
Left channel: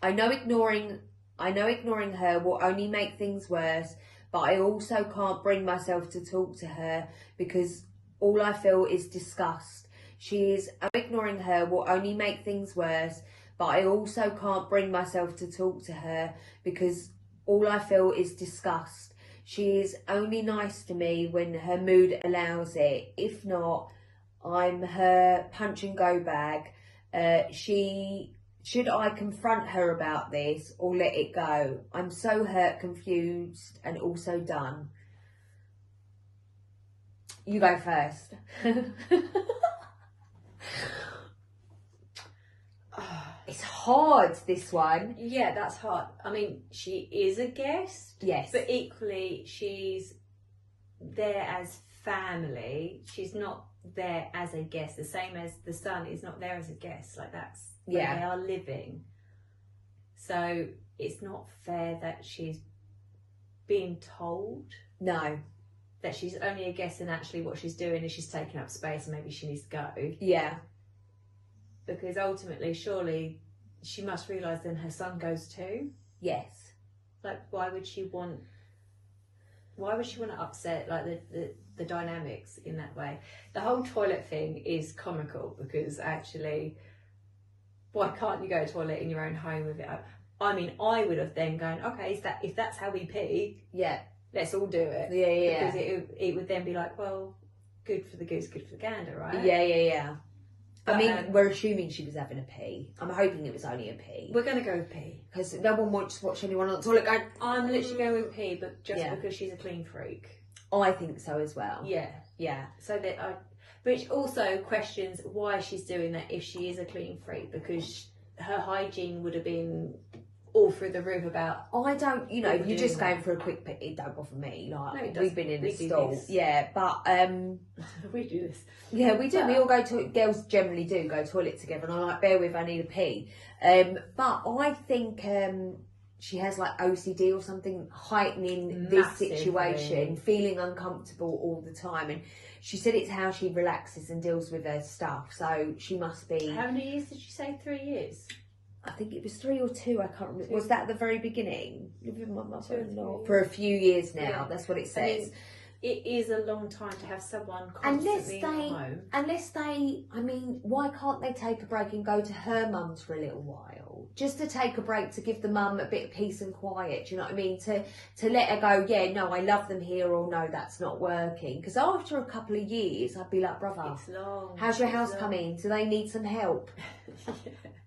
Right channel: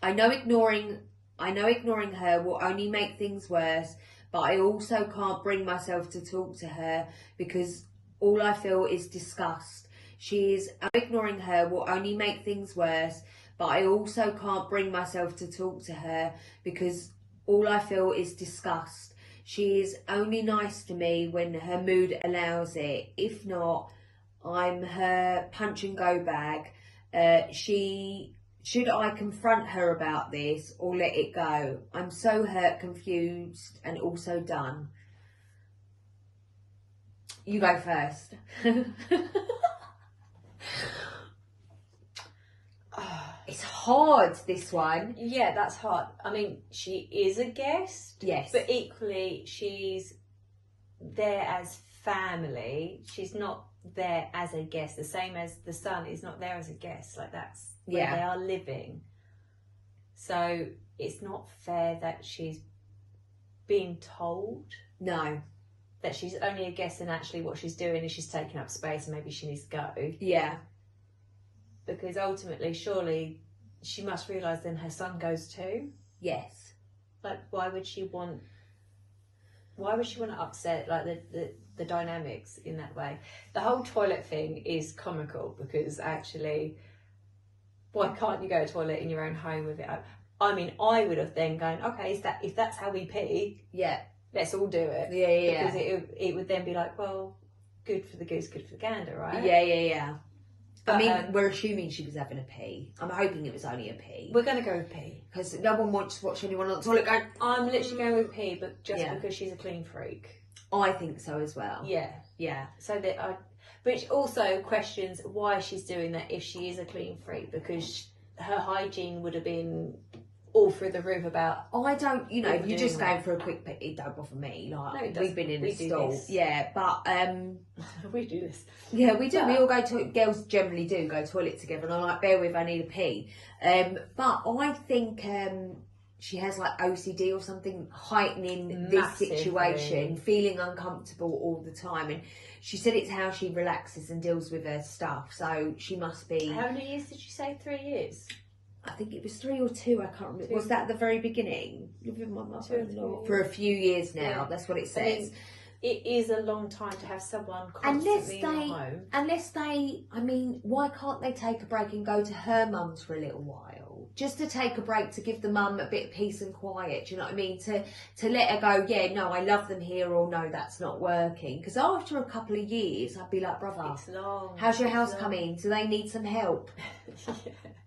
I know ignoring her will only make things worse, but I also can't bring myself to talk to her because all I feel is disgust. Ignoring her will only make things worse, but I also can't bring myself to talk to her because all I feel is disgust. She is only nice to me when her mood allows it. If not, I'm her punch and go bag. Should I confront her about this or let it go? I'm so hurt, confused, and also done. You go first. It's hard, this one. Yeah, that's hard. I mean, she is a guest. Yes. But equally, she's there as family. She's not there as a guest. The same as the son is not there as a guest. Like, that's where they are living. So it's not fair that she's being told. No. That she's only a guest and actually what she's doing is she's taking up space and maybe she needs to go. Yeah. Because ultimately, surely, she must realise then her son goes too. Yes. Like, why would she want to upset, like, the dynamics in that way? The whole toilet thing is comical because actually, why can't you go to a toilet in your own home with it? I mean, I would have then gone, okay, if that's how we pee, Yeah. let's all do it. Yeah. Because it would then be like, well, good for the goose, good for the gander, right? Yeah. But, I mean, we're assuming she was having a pee. I'm hoping it was only a pee. we're going to go with pee. Because no one wants to watch anyone on the toilet going, I'm literally going with pee, but just because she's a clean freak. I think so as well. Yeah. So that which also questions why she's doing that if she is a clean freak, because her hygiene would have been all through the roof about. I don't, you know, People you're just doing going for a quick pee. It don't bother me. Like, No, it we've been in we a do stall. this. Yeah, but We do this. yeah, we do. But- We all go to, girls generally do go toilet together, and I'm like, bear with, I need a pee. But I think she has like OCD or something, heightening this Massively. situation, feeling uncomfortable all the time. And she said it's how she relaxes and deals with her stuff. So she must be. How many years did you say? 3 years? I think it was 3 or 2. I can't remember. 2. Was that the very beginning? Living with my 2 or mother-in-law 3 for a few years now. Yeah. That's what it I says. mean, it is a long time to have someone Unless constantly in your home. I mean, why can't they take a break and go to her mum's for a little while? Just to take a break, to give the mum a bit of peace and quiet, do you know what I mean? To let her go, yeah, no, I love them here, or no, that's not working. Because after a couple of years, I'd be like, brother, It's long. how's your It's house long. coming? Do they need some help?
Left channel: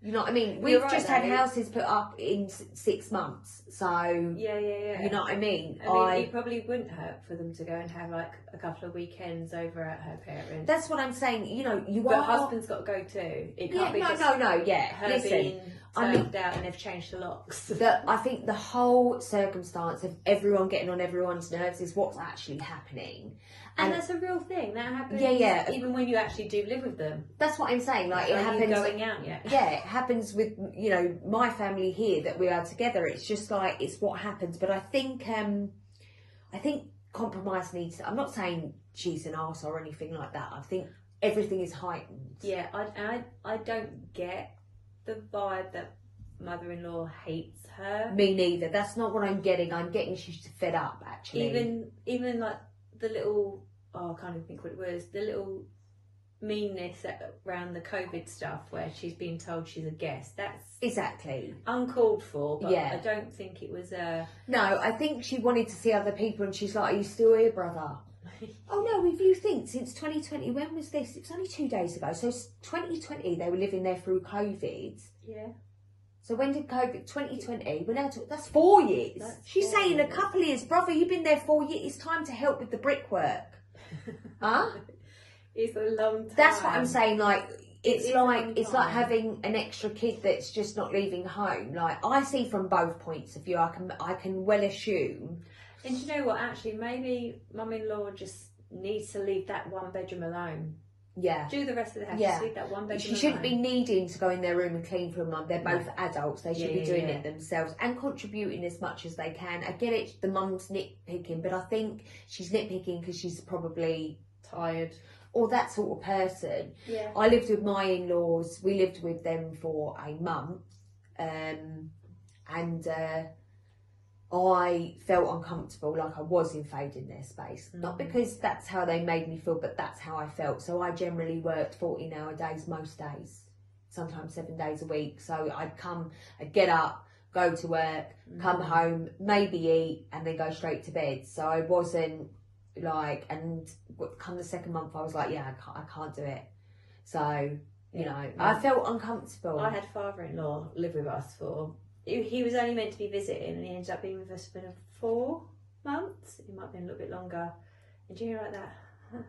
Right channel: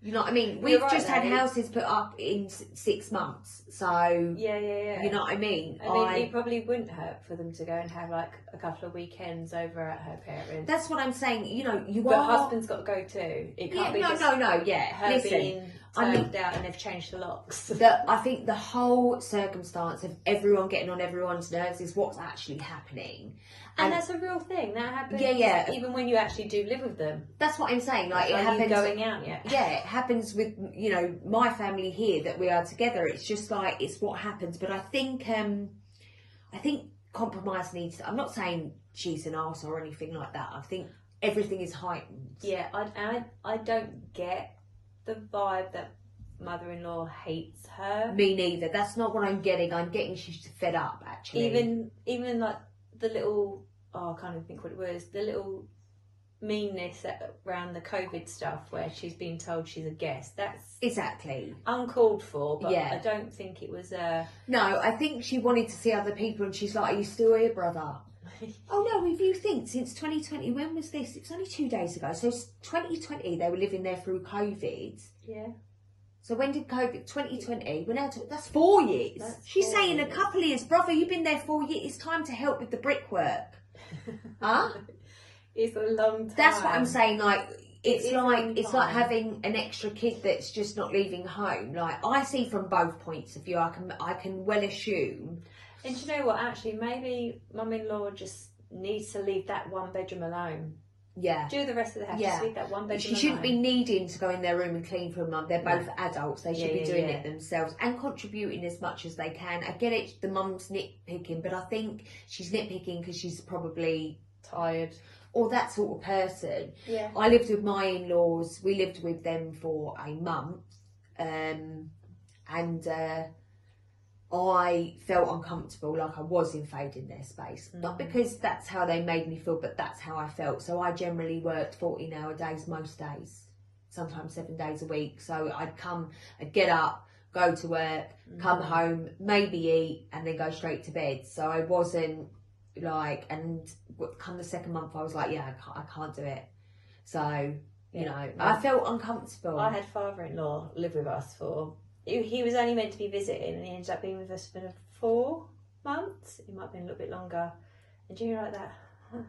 You know what I mean? You're We've right, just had though. houses put up in 6 months. So, Yeah. you know what I mean? I mean, it probably wouldn't hurt for them to go and have like a couple of weekends over at her parents. That's what I'm saying. You know, you But are. husband's got to go too. It can't be just no. Yeah, her listen. being I mean- turned out and they've changed the locks. I think the whole circumstance of everyone getting on everyone's nerves is what's actually happening. And that's a real thing. That happens. Yeah. Even when you actually do live with them. That's what I'm saying. Like, it Are you happens. going out yet? Yeah, it happens with, you know, my family here that we are together. It's just like, it's what happens. But I think compromise needs. I'm not saying she's an arse or anything like that. I think everything is heightened. Yeah, I don't get the vibe that mother-in-law hates her. Me neither. That's not what I'm getting. I'm getting she's fed up, actually. Even like the little, I can't even think what it was, the little meanness around the COVID stuff where she's being told she's a guest. That's exactly uncalled for, but Yeah. I don't think it was No, I think she wanted to see other people, and she's like, "Are you still here, brother?" Oh no, if you think since 2020, when was this? It was only 2 days ago. So 2020, they were living there through COVID. Yeah. So when did COVID? 2020. We're now that's 4 years. That's She's 4 saying years. a couple of years, brother. You've been there 4 years. It's time to help with the brickwork. Huh? It's a long time. That's what I'm saying. Like, it's is a like long it's like time. having an extra kid that's just not leaving home. Like, I see from both points of view. I can well assume. And you know what? Actually, maybe mum-in-law just needs to leave that one bedroom alone. Yeah. Do the rest of the house. Yeah. Just leave that one bedroom She shouldn't be alone. needing to go in their room and clean for a mum. They're both adults. They should Yeah, be doing yeah. it themselves and contributing as much as they can. I get it, the mum's nitpicking, but I think she's nitpicking because she's probably tired. or that sort of person. Yeah. I lived with my in-laws. We lived with them for a month, and I felt uncomfortable, like I was invading their space. Not because that's how they made me feel, but that's how I felt. So I generally worked 14-hour days most days, sometimes 7 days a week. So I'd get up, go to work, come home, maybe eat, and then go straight to bed. So I wasn't like, and come the second month, I was like, yeah, I can't do it. So, you know, I felt uncomfortable. I had father-in-law live with us for. He was only meant to be visiting, and he ended up being with us for 4 months. It might have been a little bit longer. And do you know like that?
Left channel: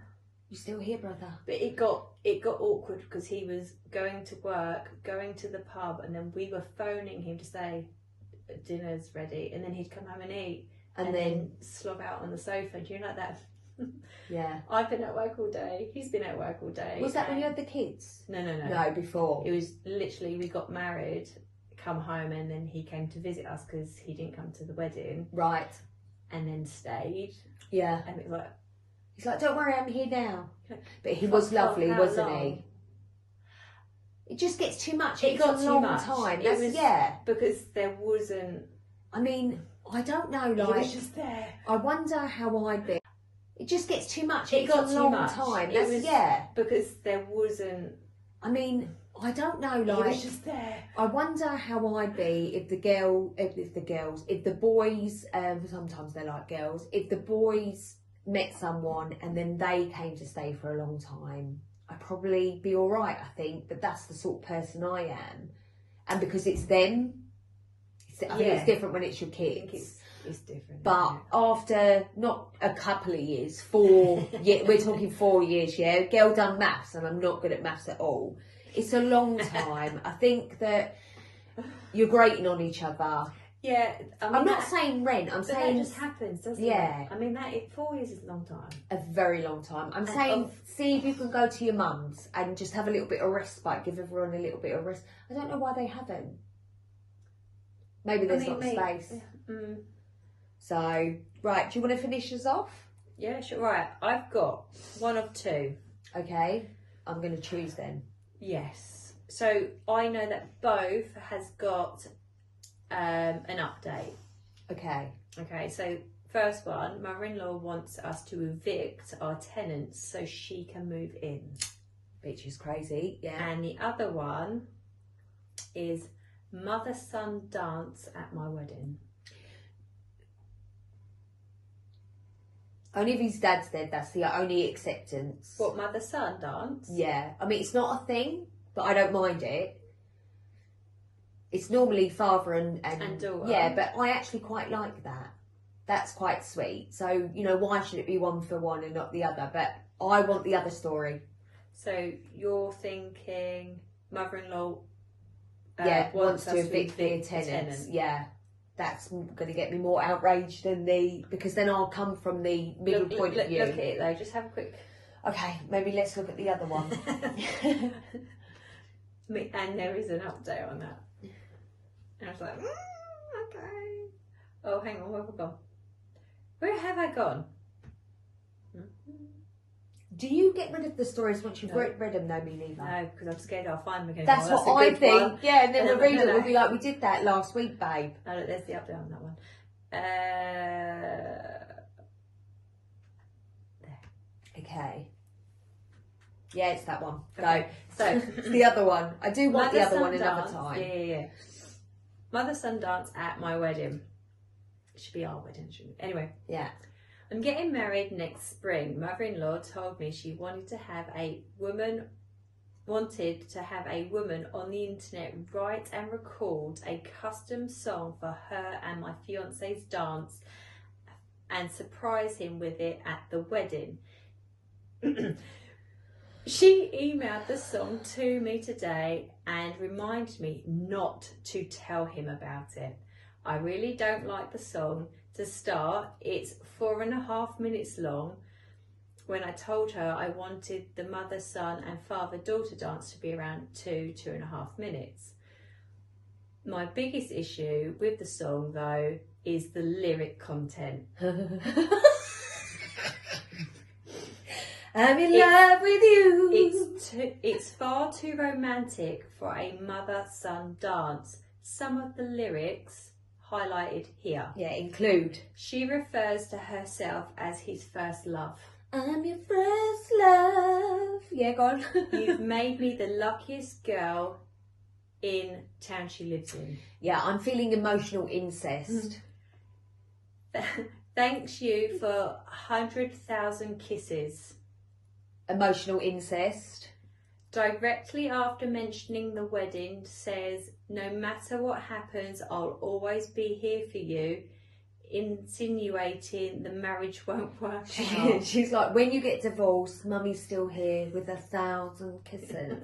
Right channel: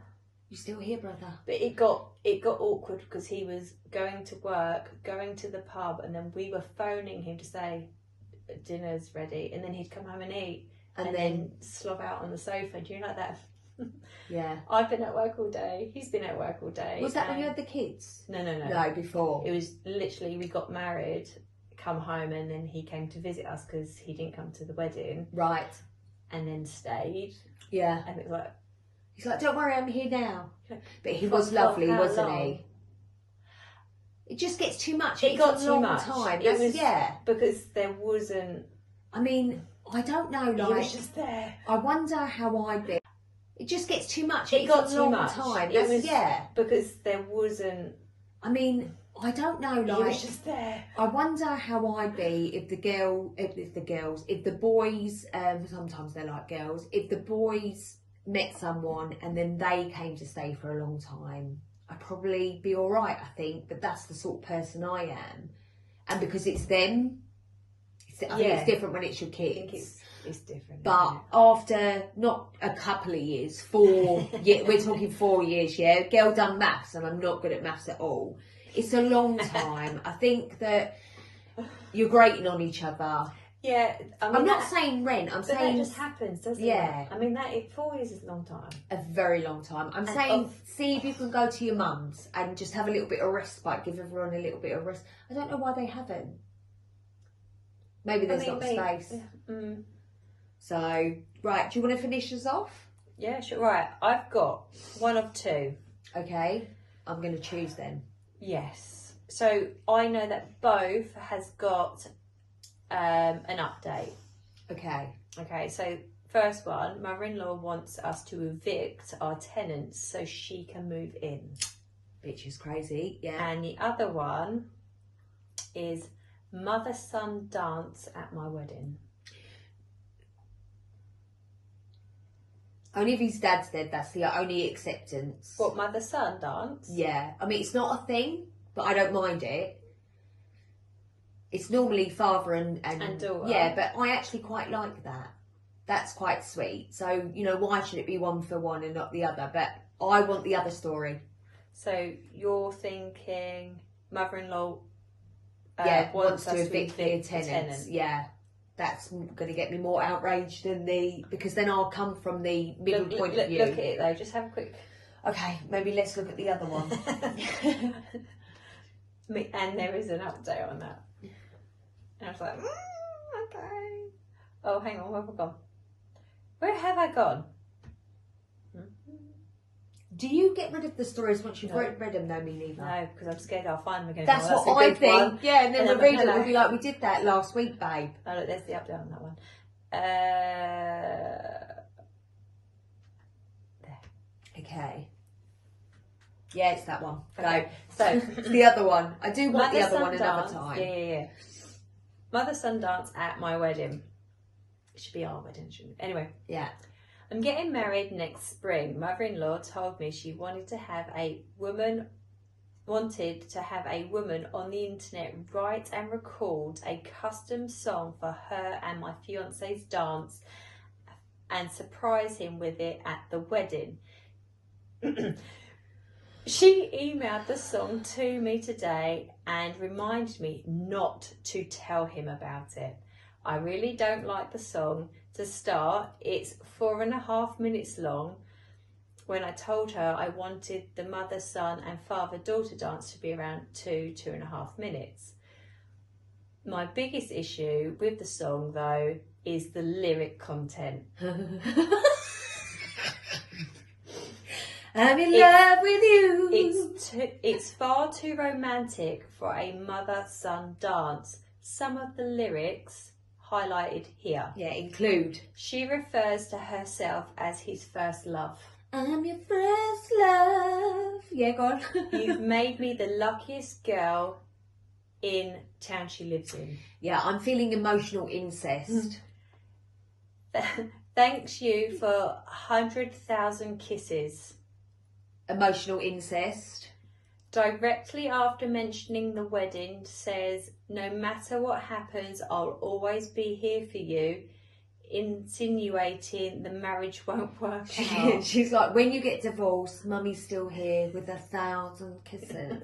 You still here, brother? But it got awkward because he was going to work, going to the pub, and then we were phoning him to say dinner's ready, and then he'd come home and eat, and then slob out on the sofa. Do you know like that? Yeah. I've been at work all day. He's been at work all day. Was that when you had the kids? No. No, before. It was literally we got married, come home, and then he came to visit us because he didn't come to the wedding, Right. and then stayed. Yeah. And it was like, He's like, don't worry, I'm here now. But he For was lovely, how wasn't long? he? It just gets too much. It It's got a too long much. time. It That's, was- yeah. because there wasn't. I mean, I don't know. He Like, was just there. I wonder how I'd be. It just gets too much. It It's got a too long much. time. It That's, was- yeah. Because there wasn't. I mean, I don't know, He was like, just there. I wonder how I'd be if the boys, sometimes they're like girls, if the boys met someone and then they came to stay for a long time, I'd probably be alright, I think, but that's the sort of person I am. And because it's them, I think it's different when it's your kids. I think it's different. But after not a couple of years, 4 years, we're talking 4 years, yeah, girl done maths and I'm not good at maths at all. It's a long time. I think that you're grating on each other. Yeah, I mean, I'm not saying rent. I'm saying that just happens, doesn't it? Yeah. I mean, 4 years is a long time. A very long time. I'm saying see if you can go to your mum's and just have a little bit of respite. Give everyone a little bit of rest. I don't know why they haven't. Maybe there's not space. Mm. So, right, do you want to finish us off? Yeah, sure. Right, I've got one of two. Okay, I'm going to choose then. Yes. So I know that both has got an update. Okay. Okay, so first one, mother-in-law wants us to evict our tenants so she can move in. Bitch is crazy, yeah. And the other one is mother-son dance at my wedding. Only if his dad's dead, that's the only acceptance. What, mother-son dance? Yeah. I mean, it's not a thing, but I don't mind it. It's normally father and daughter. Yeah, but I actually quite like that. That's quite sweet. So, you know, why should it be one for one and not the other? But I want the other story. So you're thinking mother-in-law wants to evict the tenants. Yeah. That's going to get me more outraged than because then I'll come from the middle point of view. Look at it though, just have a quick... Okay, maybe let's look at the other one. And there is an update on that. And I was like, okay. Oh, hang on, where have I gone? Where have I gone? Do you get rid of the stories once you've No. read them? No, me neither. No, because I'm scared I'll find them again. That's Oh, what a I big think. one. Yeah, and then And we'll then read it. We'll be like, we did that last week, babe. Oh, look, there's the update on that one. Okay. Yeah, it's that one. Okay. So, the other one. I do want the other one another dance. time. Yeah. Mother-son dance at my wedding. It should be our wedding, shouldn't it? Anyway. Yeah. I'm getting married next spring. Mother-in-law told me she wanted to have a woman on the internet write and record a custom song for her and my fiance's dance and surprise him with it at the wedding. She emailed the song to me today and reminded me not to tell him about it. I really don't like the song. To start, it's 4.5 minutes long. When I told her I wanted the mother, son and father daughter dance to be around 2.5 minutes. My biggest issue with the song though is the lyric content. I'm in love with you. It's far too romantic for a mother-son dance. Some of the lyrics highlighted here. Yeah, include. She refers to herself as his first love. I'm your first love. Yeah, go on. You've made me the luckiest girl in town she lives in. Yeah, I'm feeling emotional incest. Thanks you for 100,000 kisses. Emotional incest. Directly after mentioning the wedding, says, no matter what happens, I'll always be here for you, insinuating the marriage won't work out. She's like, when you get divorced, mummy's still here with 1,000 kisses.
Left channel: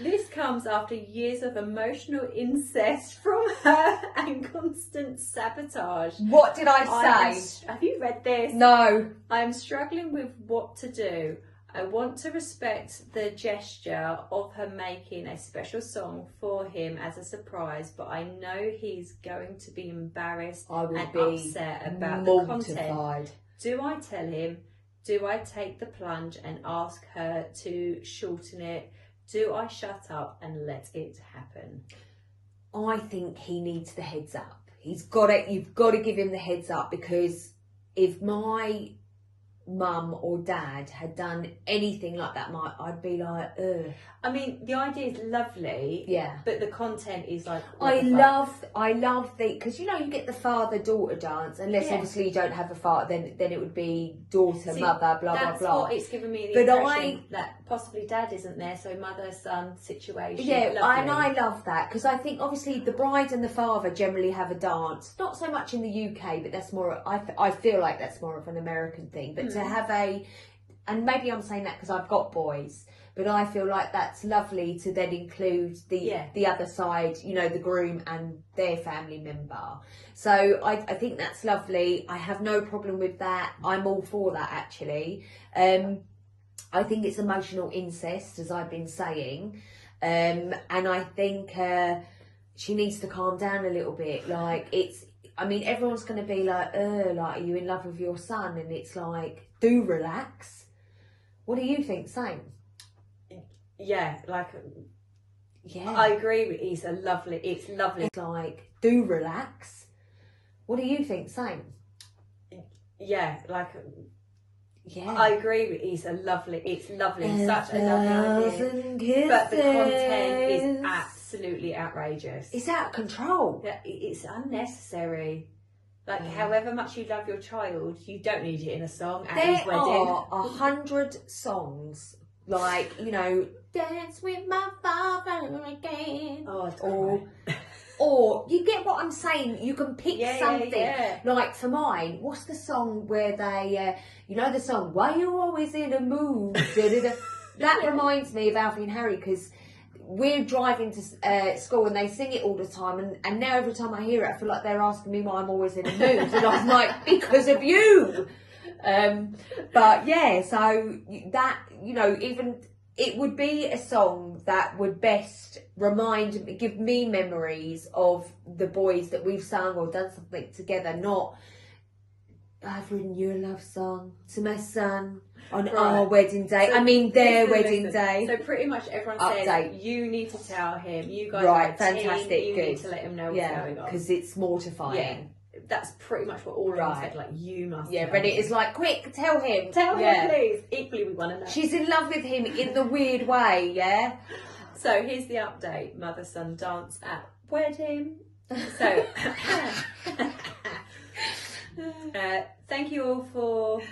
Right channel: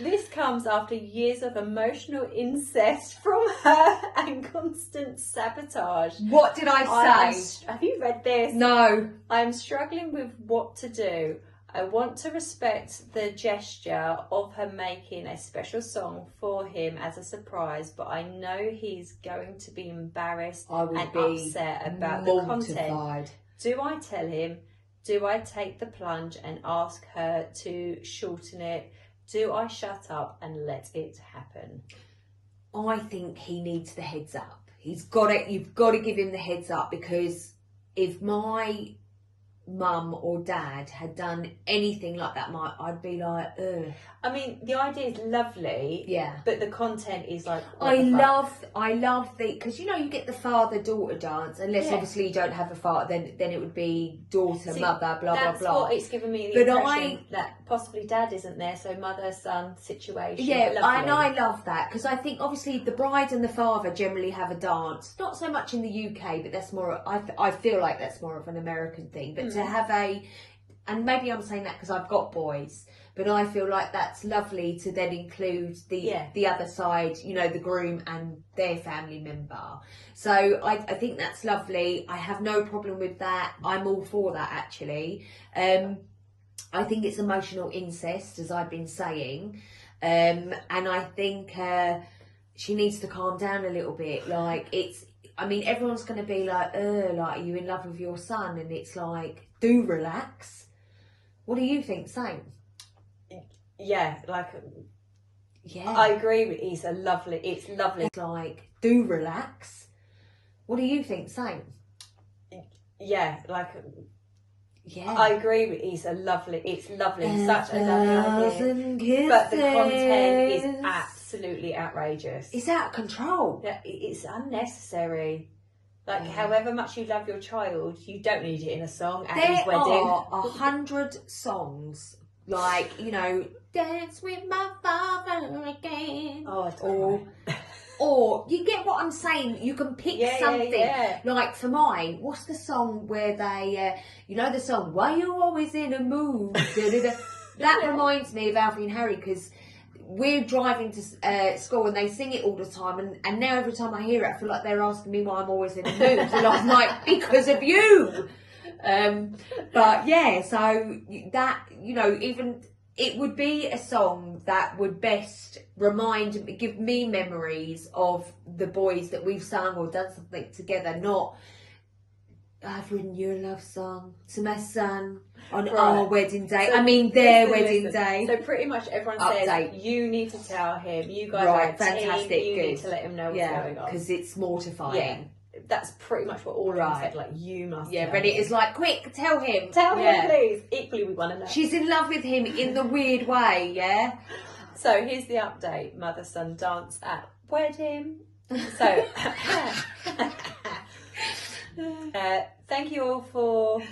This comes after years of emotional incest from her and constant sabotage. What did I say? Have you read this? No. I am struggling with what to do. I want to respect the gesture of her making a special song for him as a surprise, but I know he's going to be embarrassed and upset about the content. Do I tell him? Do I take the plunge and ask her to shorten it? Do I shut up and let it happen? I think he needs the heads up. You've got to give him the heads up, because if my mum or dad had done anything like that, I'd be like, ugh. I mean, the idea is lovely. Yeah. But the content is like. I love the, because you get the father-daughter dance, unless obviously you don't have a father, then it would be daughter, mother, blah blah blah. That's what it's given me the impression that possibly dad isn't there, so mother son situation. Yeah, lovely. and I love that, because I think obviously the bride and the father generally have a dance, not so much in the UK, but that's more. I feel like that's more of an American thing. But to have and maybe I'm saying that because I've got boys. But I feel like that's lovely to then include the other side, the groom and their family member. So I think that's lovely. I have no problem with that. I'm all for that, actually. I think it's emotional incest, as I've been saying. And I think she needs to calm down a little bit. Like, everyone's going to be like, are you in love with your son? And it's like, do relax. What do you think, Saint? Yeah, I agree with it's lovely. It's like, do relax. What do you think, Saint? Yeah, I agree with it's lovely. It's such a lovely idea. But the content is absolutely outrageous. It's out of control. Yeah, it's unnecessary. However much you love your child, you don't need it in a song at his wedding. There are 100 songs. Dance with my father again. Or you get what I'm saying. You can pick something. Yeah. Like for mine, what's the song where they, the song "Why You Always in a Mood"? That reminds me of Alfie and Harry, because we're driving to school and they sing it all the time, and now every time I hear it, I feel like they're asking me why I'm always in a mood, and I'm like, because of you. But yeah, so that even. It would be a song that would best give me memories of the boys that we've sung or done something together, not I've written you a love song to my son on our wedding day. Their wedding day. So pretty much everyone says you need to tell him. You guys are fantastic. You need to let him know what's going on, because it's mortifying. Yeah. That's pretty much what all of them said. Like, you must. Yeah, but it is like, quick, tell him. Tell him, please. Equally, we want to know. She's in love with him in the weird way, yeah? So, here's the update. Mother-son dance at wedding. So, thank you all for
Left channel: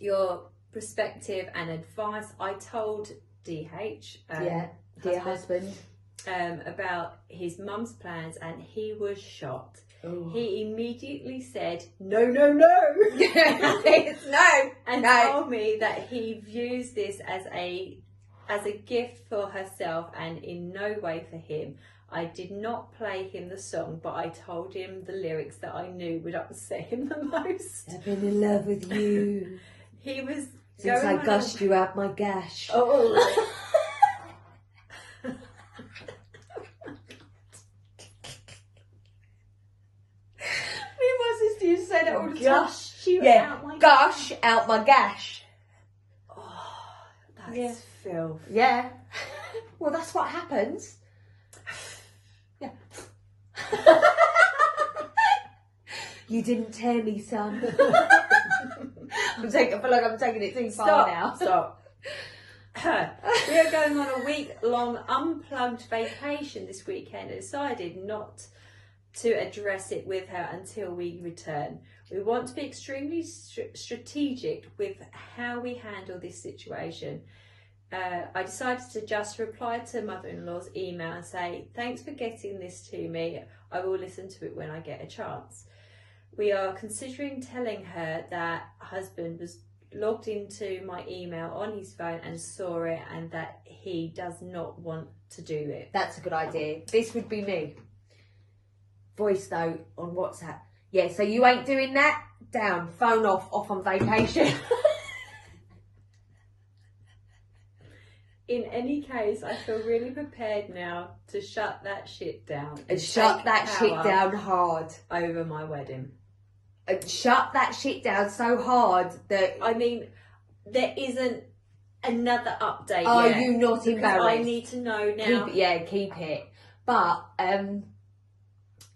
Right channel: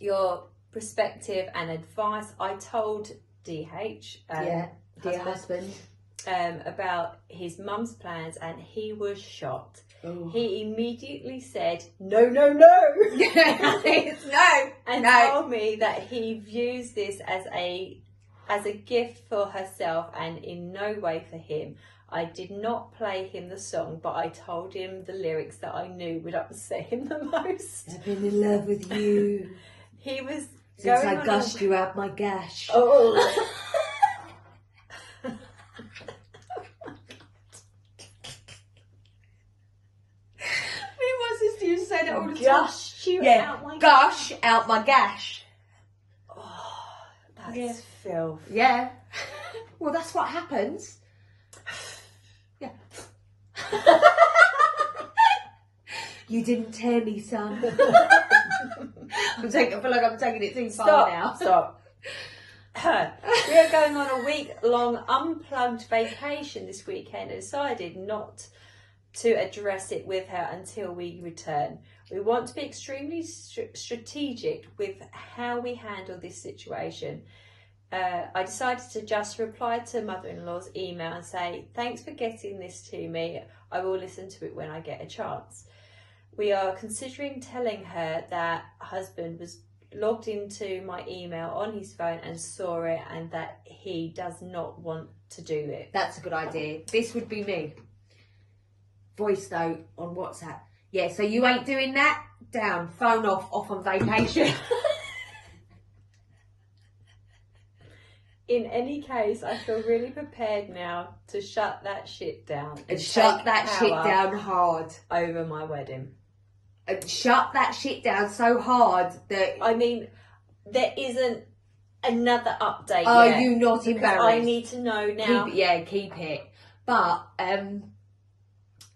your perspective and advice. I told DH, dear husband, about his mum's plans, and he was shocked. Ooh. He immediately said, no. And told me that he views this as a gift for herself and in no way for him. I did not play him the song, but I told him the lyrics that I knew would upset him the most. I've been in love with you. He was since I gushed you out my gash. Oh. You say that all the time. Gush out my gash. Oh, that's filth. Yeah. Well, that's what happens. Yeah. You didn't tear me, son. I feel like I'm taking it too far now. Stop. We are going on a week-long unplugged vacation this weekend and decided not to address it with her until we return. We want to be extremely strategic with how we handle this situation. I decided to just reply to mother-in-law's email and say, thanks for getting this to me. I will listen to it when I get a chance. We are considering telling her that husband was logged into my email on his phone and saw it, and that he does not want to do it. That's a good idea. This would be me. Voice note on WhatsApp. Yeah, so you ain't doing that? Down. Phone off on vacation. In any case, I feel really prepared now to shut that shit down. And shut that shit down hard. Over my wedding. And shut that shit down so hard that... there isn't another update Are yet, you not embarrassed? I need to know now. Keep it. But,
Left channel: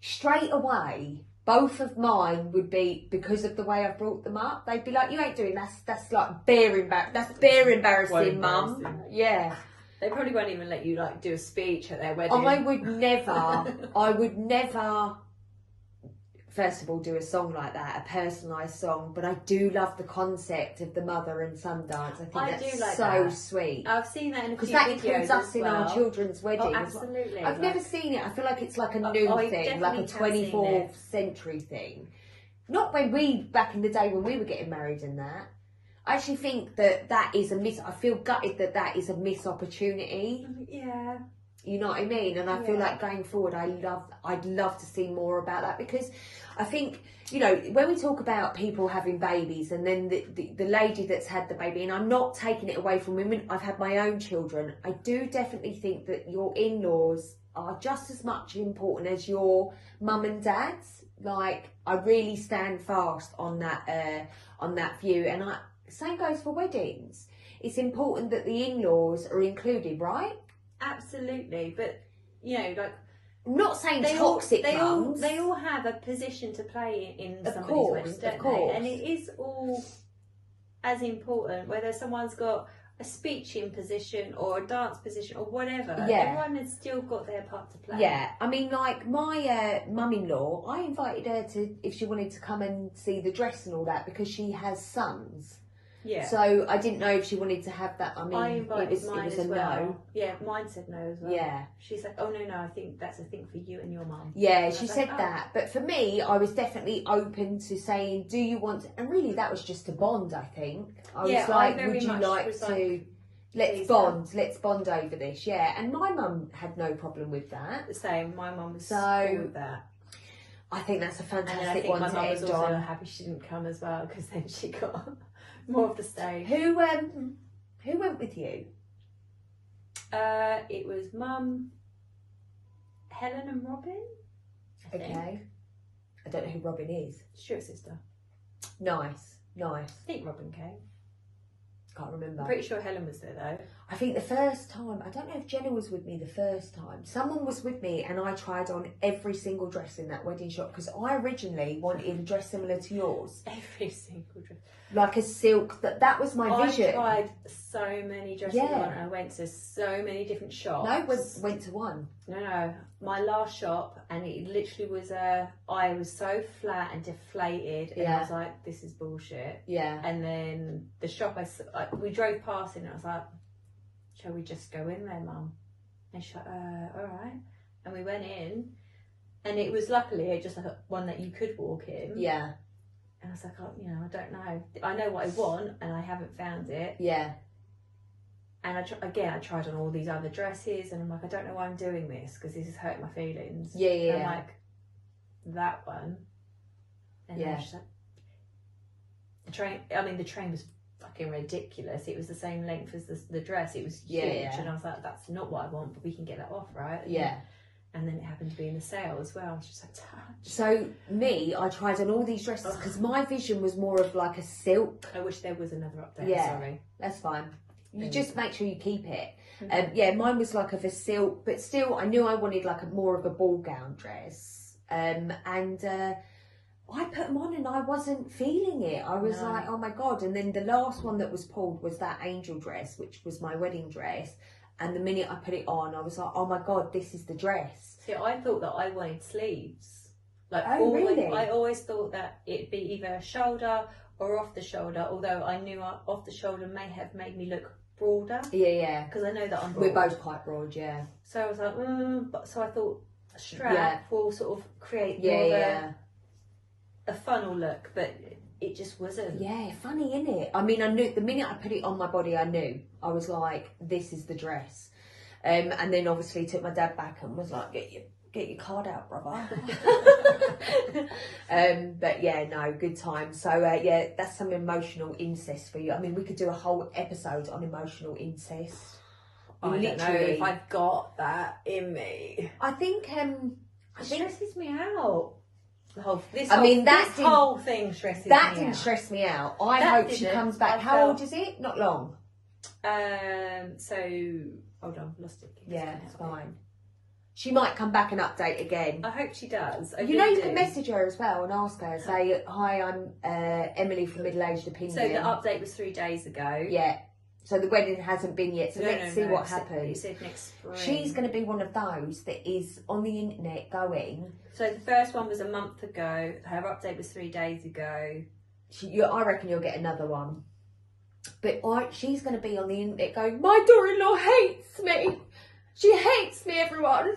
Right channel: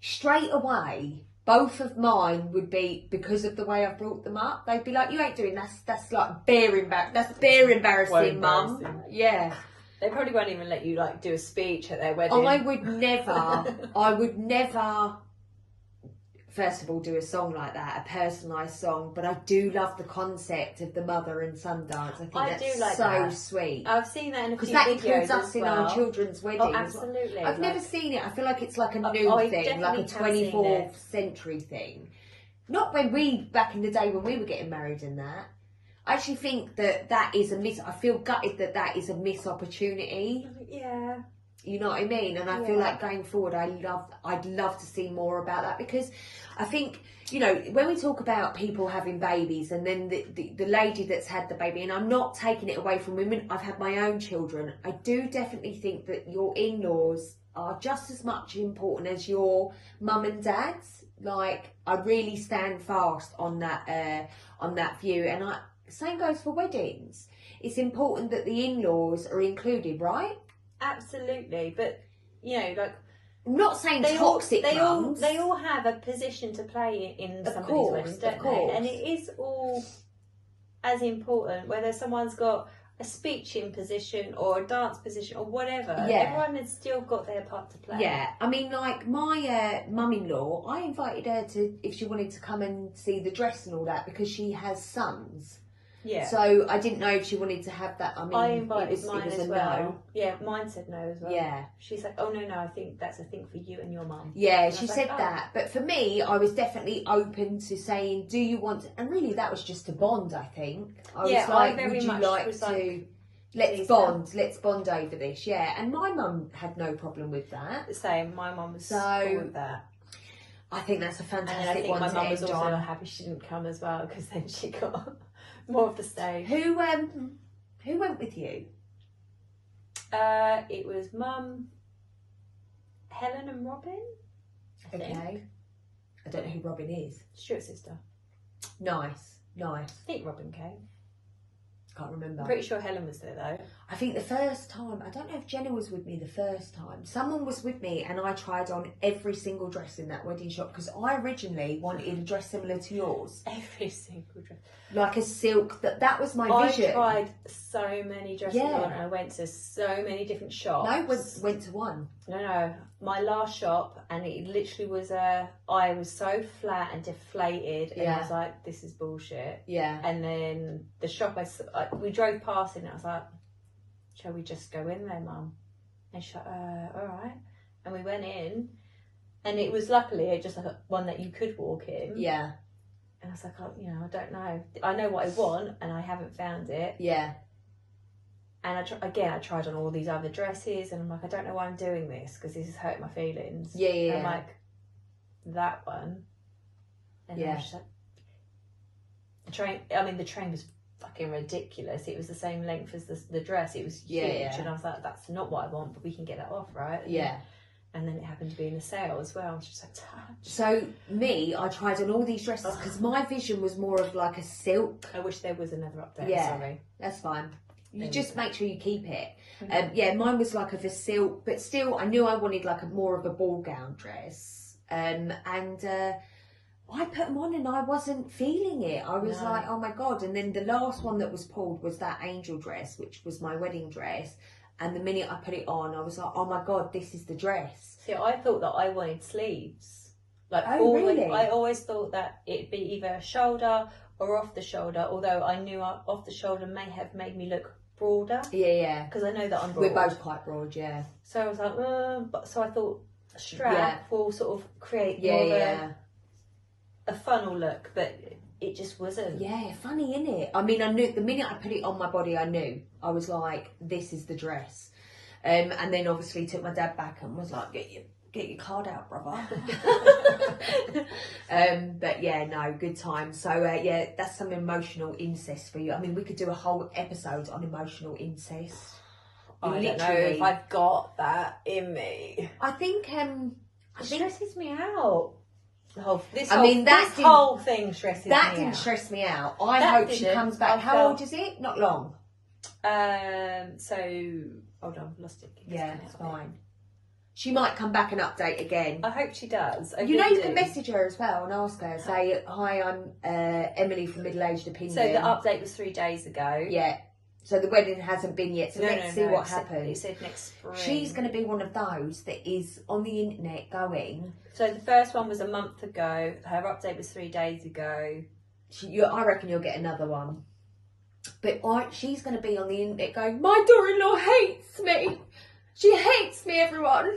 straight away, both of mine would be, because of the way I've brought them up, they'd be like, you ain't doing that. That's like bare embarrassing, mum. Yeah. They probably won't even let you like do a speech at their wedding. I would never, first of all, do a song like that, a personalised song, but I do love the concept of the mother and son dance. I think that's so sweet. I've seen that in a few videos. Because that includes us in our children's weddings. Oh, absolutely. I've never seen it. I feel like it's like a new thing, like a 24th century thing. Not when back in the day when we were getting married and that. I actually think that is I feel gutted that is a missed opportunity. Yeah. You know what I mean? And I feel like going forward, I'd love to see more about that, because I think, you know, when we talk about people having babies and then the lady that's had the baby, and I'm not taking it away from women, I've had my own children. I do definitely think that your in-laws are just as much important as your mum and dad's. Like, I really stand fast on that view, and same goes for weddings. It's important that the in-laws are included, right? Absolutely, but you know, like, I'm not saying toxic mums. They all have a position to play in somebody's wedding, don't they? And it is all as important whether someone's got a speeching position or a dance position or whatever. Yeah. Everyone has still got their part to play. Yeah, I mean, like my mum-in-law, I invited her if she wanted to come and see the dress and all that, because she has sons. Yeah. So I didn't know if she wanted to have that. I mean, I invited it mine was as a well. no. Yeah, mine said no as well. Yeah. She's like, oh no, I think that's a thing for you and your mum. Yeah, and she said that. But for me, I was definitely open to saying, do you want to? And really, that was just a bond, I think. I was like, would you like to? Let's bond over this. Yeah. And my mum had no problem with that. The same. My mum was cool with that. I think that's a fantastic and I think one my to mum was end also on. happy she didn't come as well, because then she got more of the stage. Who went with you? It was Mum, Helen and Robin. I think. I don't know who Robin is. Stuart's sister. Nice. I think Robin came. Can't remember. I'm pretty sure Helen was there though. I think the first time, I don't know if Jenna was with me the first time. Someone was with me and I tried on every single dress in that wedding shop, because I originally wanted a dress similar to yours. Every single dress. Like a silk, that was my vision. I tried so many dresses on, and I went to so many different shops. No, went to one. No, my last shop, and it literally was I was so flat and deflated, and I was like, this is bullshit. Yeah. And then the shop, we drove past it, and I was like, shall we just go in there, Mum? And she's like, all right. And we went in, and it was luckily just like one that you could walk in. Yeah. And I was like, oh, you know, I don't know. I know what I want, and I haven't found it. Yeah. And I tried on all these other dresses, and I'm like, I don't know why I'm doing this, because this is hurting my feelings. Yeah. And I'm like, that one. And then she's like, the train was fucking ridiculous. It was the same length as the dress. It was huge. And I was like, that's not what I want, but we can get that off, right? Yeah. And then it happened to be in a sale as well. She's like, so I tried on all these dresses, because my vision was more of like a silk. I wish there was another update. Yeah, sorry. That's fine. You just make sure you keep it. Mine was like of a silk, but still I knew I wanted like more of a ball gown dress. I put them on and I wasn't feeling it. I was like, oh my God. And then the last one that was pulled was that angel dress, which was my wedding dress. And the minute I put it on, I was like, oh my God, this is the dress. See, I thought that I wanted sleeves. Like, really? I always thought that it'd be either shoulder or off the shoulder, although I knew off the shoulder may have made me look broader. Yeah. Because I know that I'm We're broad. both quite broad, yeah. So I was like, so I thought a strap will sort of create more of a funnel look, but it just wasn't. Yeah, funny, innit? I mean, I knew the minute I put it on my body, I knew. I was like, this is the dress. And then obviously took my dad back and was like, get your card out, brother. But yeah, no, good time. So that's some emotional incest for you. I mean, we could do a whole episode on emotional incest. I don't know if I've got that in me. I think it stresses me out. This whole thing stresses me out. That didn't stress me out. I hope she comes back. How old is it? Not long. So hold on, lost it. Yeah, it's fine. She might come back and update again. I hope she does. You can message her as well and ask her. Say, hi, I'm Emily from Middle Aged Opinion. So the update was 3 days ago. Yeah. So the wedding hasn't been yet. So let's see what happens. You said next spring. She's going to be one of those that is on the internet going. So the first one was a month ago. Her update was 3 days ago. I reckon you'll get another one. But she's going to be on the internet going, my daughter-in-law hates me. She hates me, everyone.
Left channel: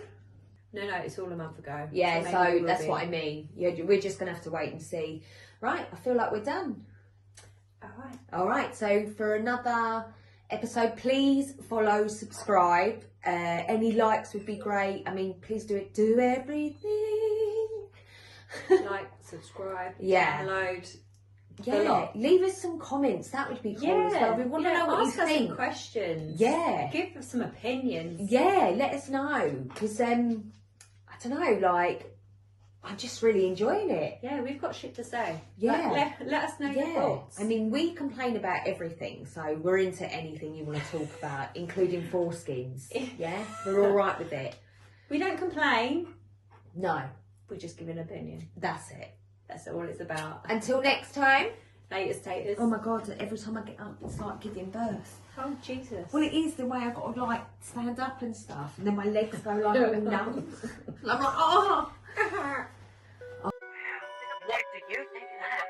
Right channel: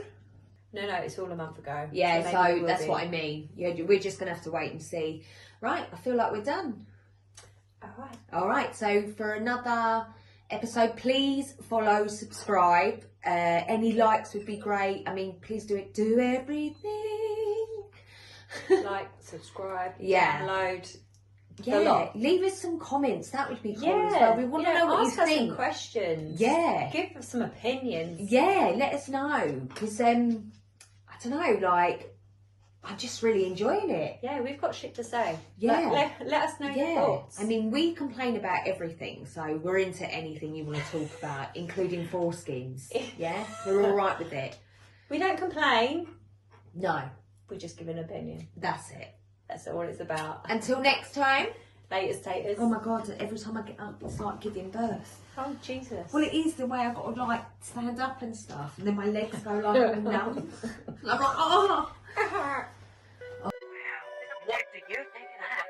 No, it's all a month ago. Yeah, so that's what I mean. Yeah, we're just going to have to wait and see. Right, I feel like we're done. All right, so for another episode, please follow, subscribe. Any likes would be great. I mean, please do it. Do everything. Like, subscribe, yeah. download. Yeah, leave us some comments. That would be cool as well. We want to know what you think. Some questions. Yeah. Give us some opinions. Yeah, let us know. Because, I don't know, like, I'm just really enjoying it. Yeah, we've got shit to say. Yeah. Like, let us know your thoughts. I mean, we complain about everything, so we're into anything you want to talk about, including foreskins. Yeah? We're all right with it. We don't complain. No. We just give an opinion. That's it. That's all it's about. Until next time. Later, taters. Oh my God, every time I get up, it's like giving birth. Oh, Jesus. Well, it is the way I've got to, like, stand up and stuff, and then my legs go, like, all numb. And I'm like, oh! What do you think of that?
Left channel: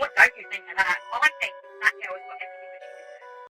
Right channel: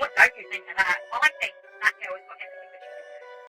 What don't you think of that? I think that girl has got everything.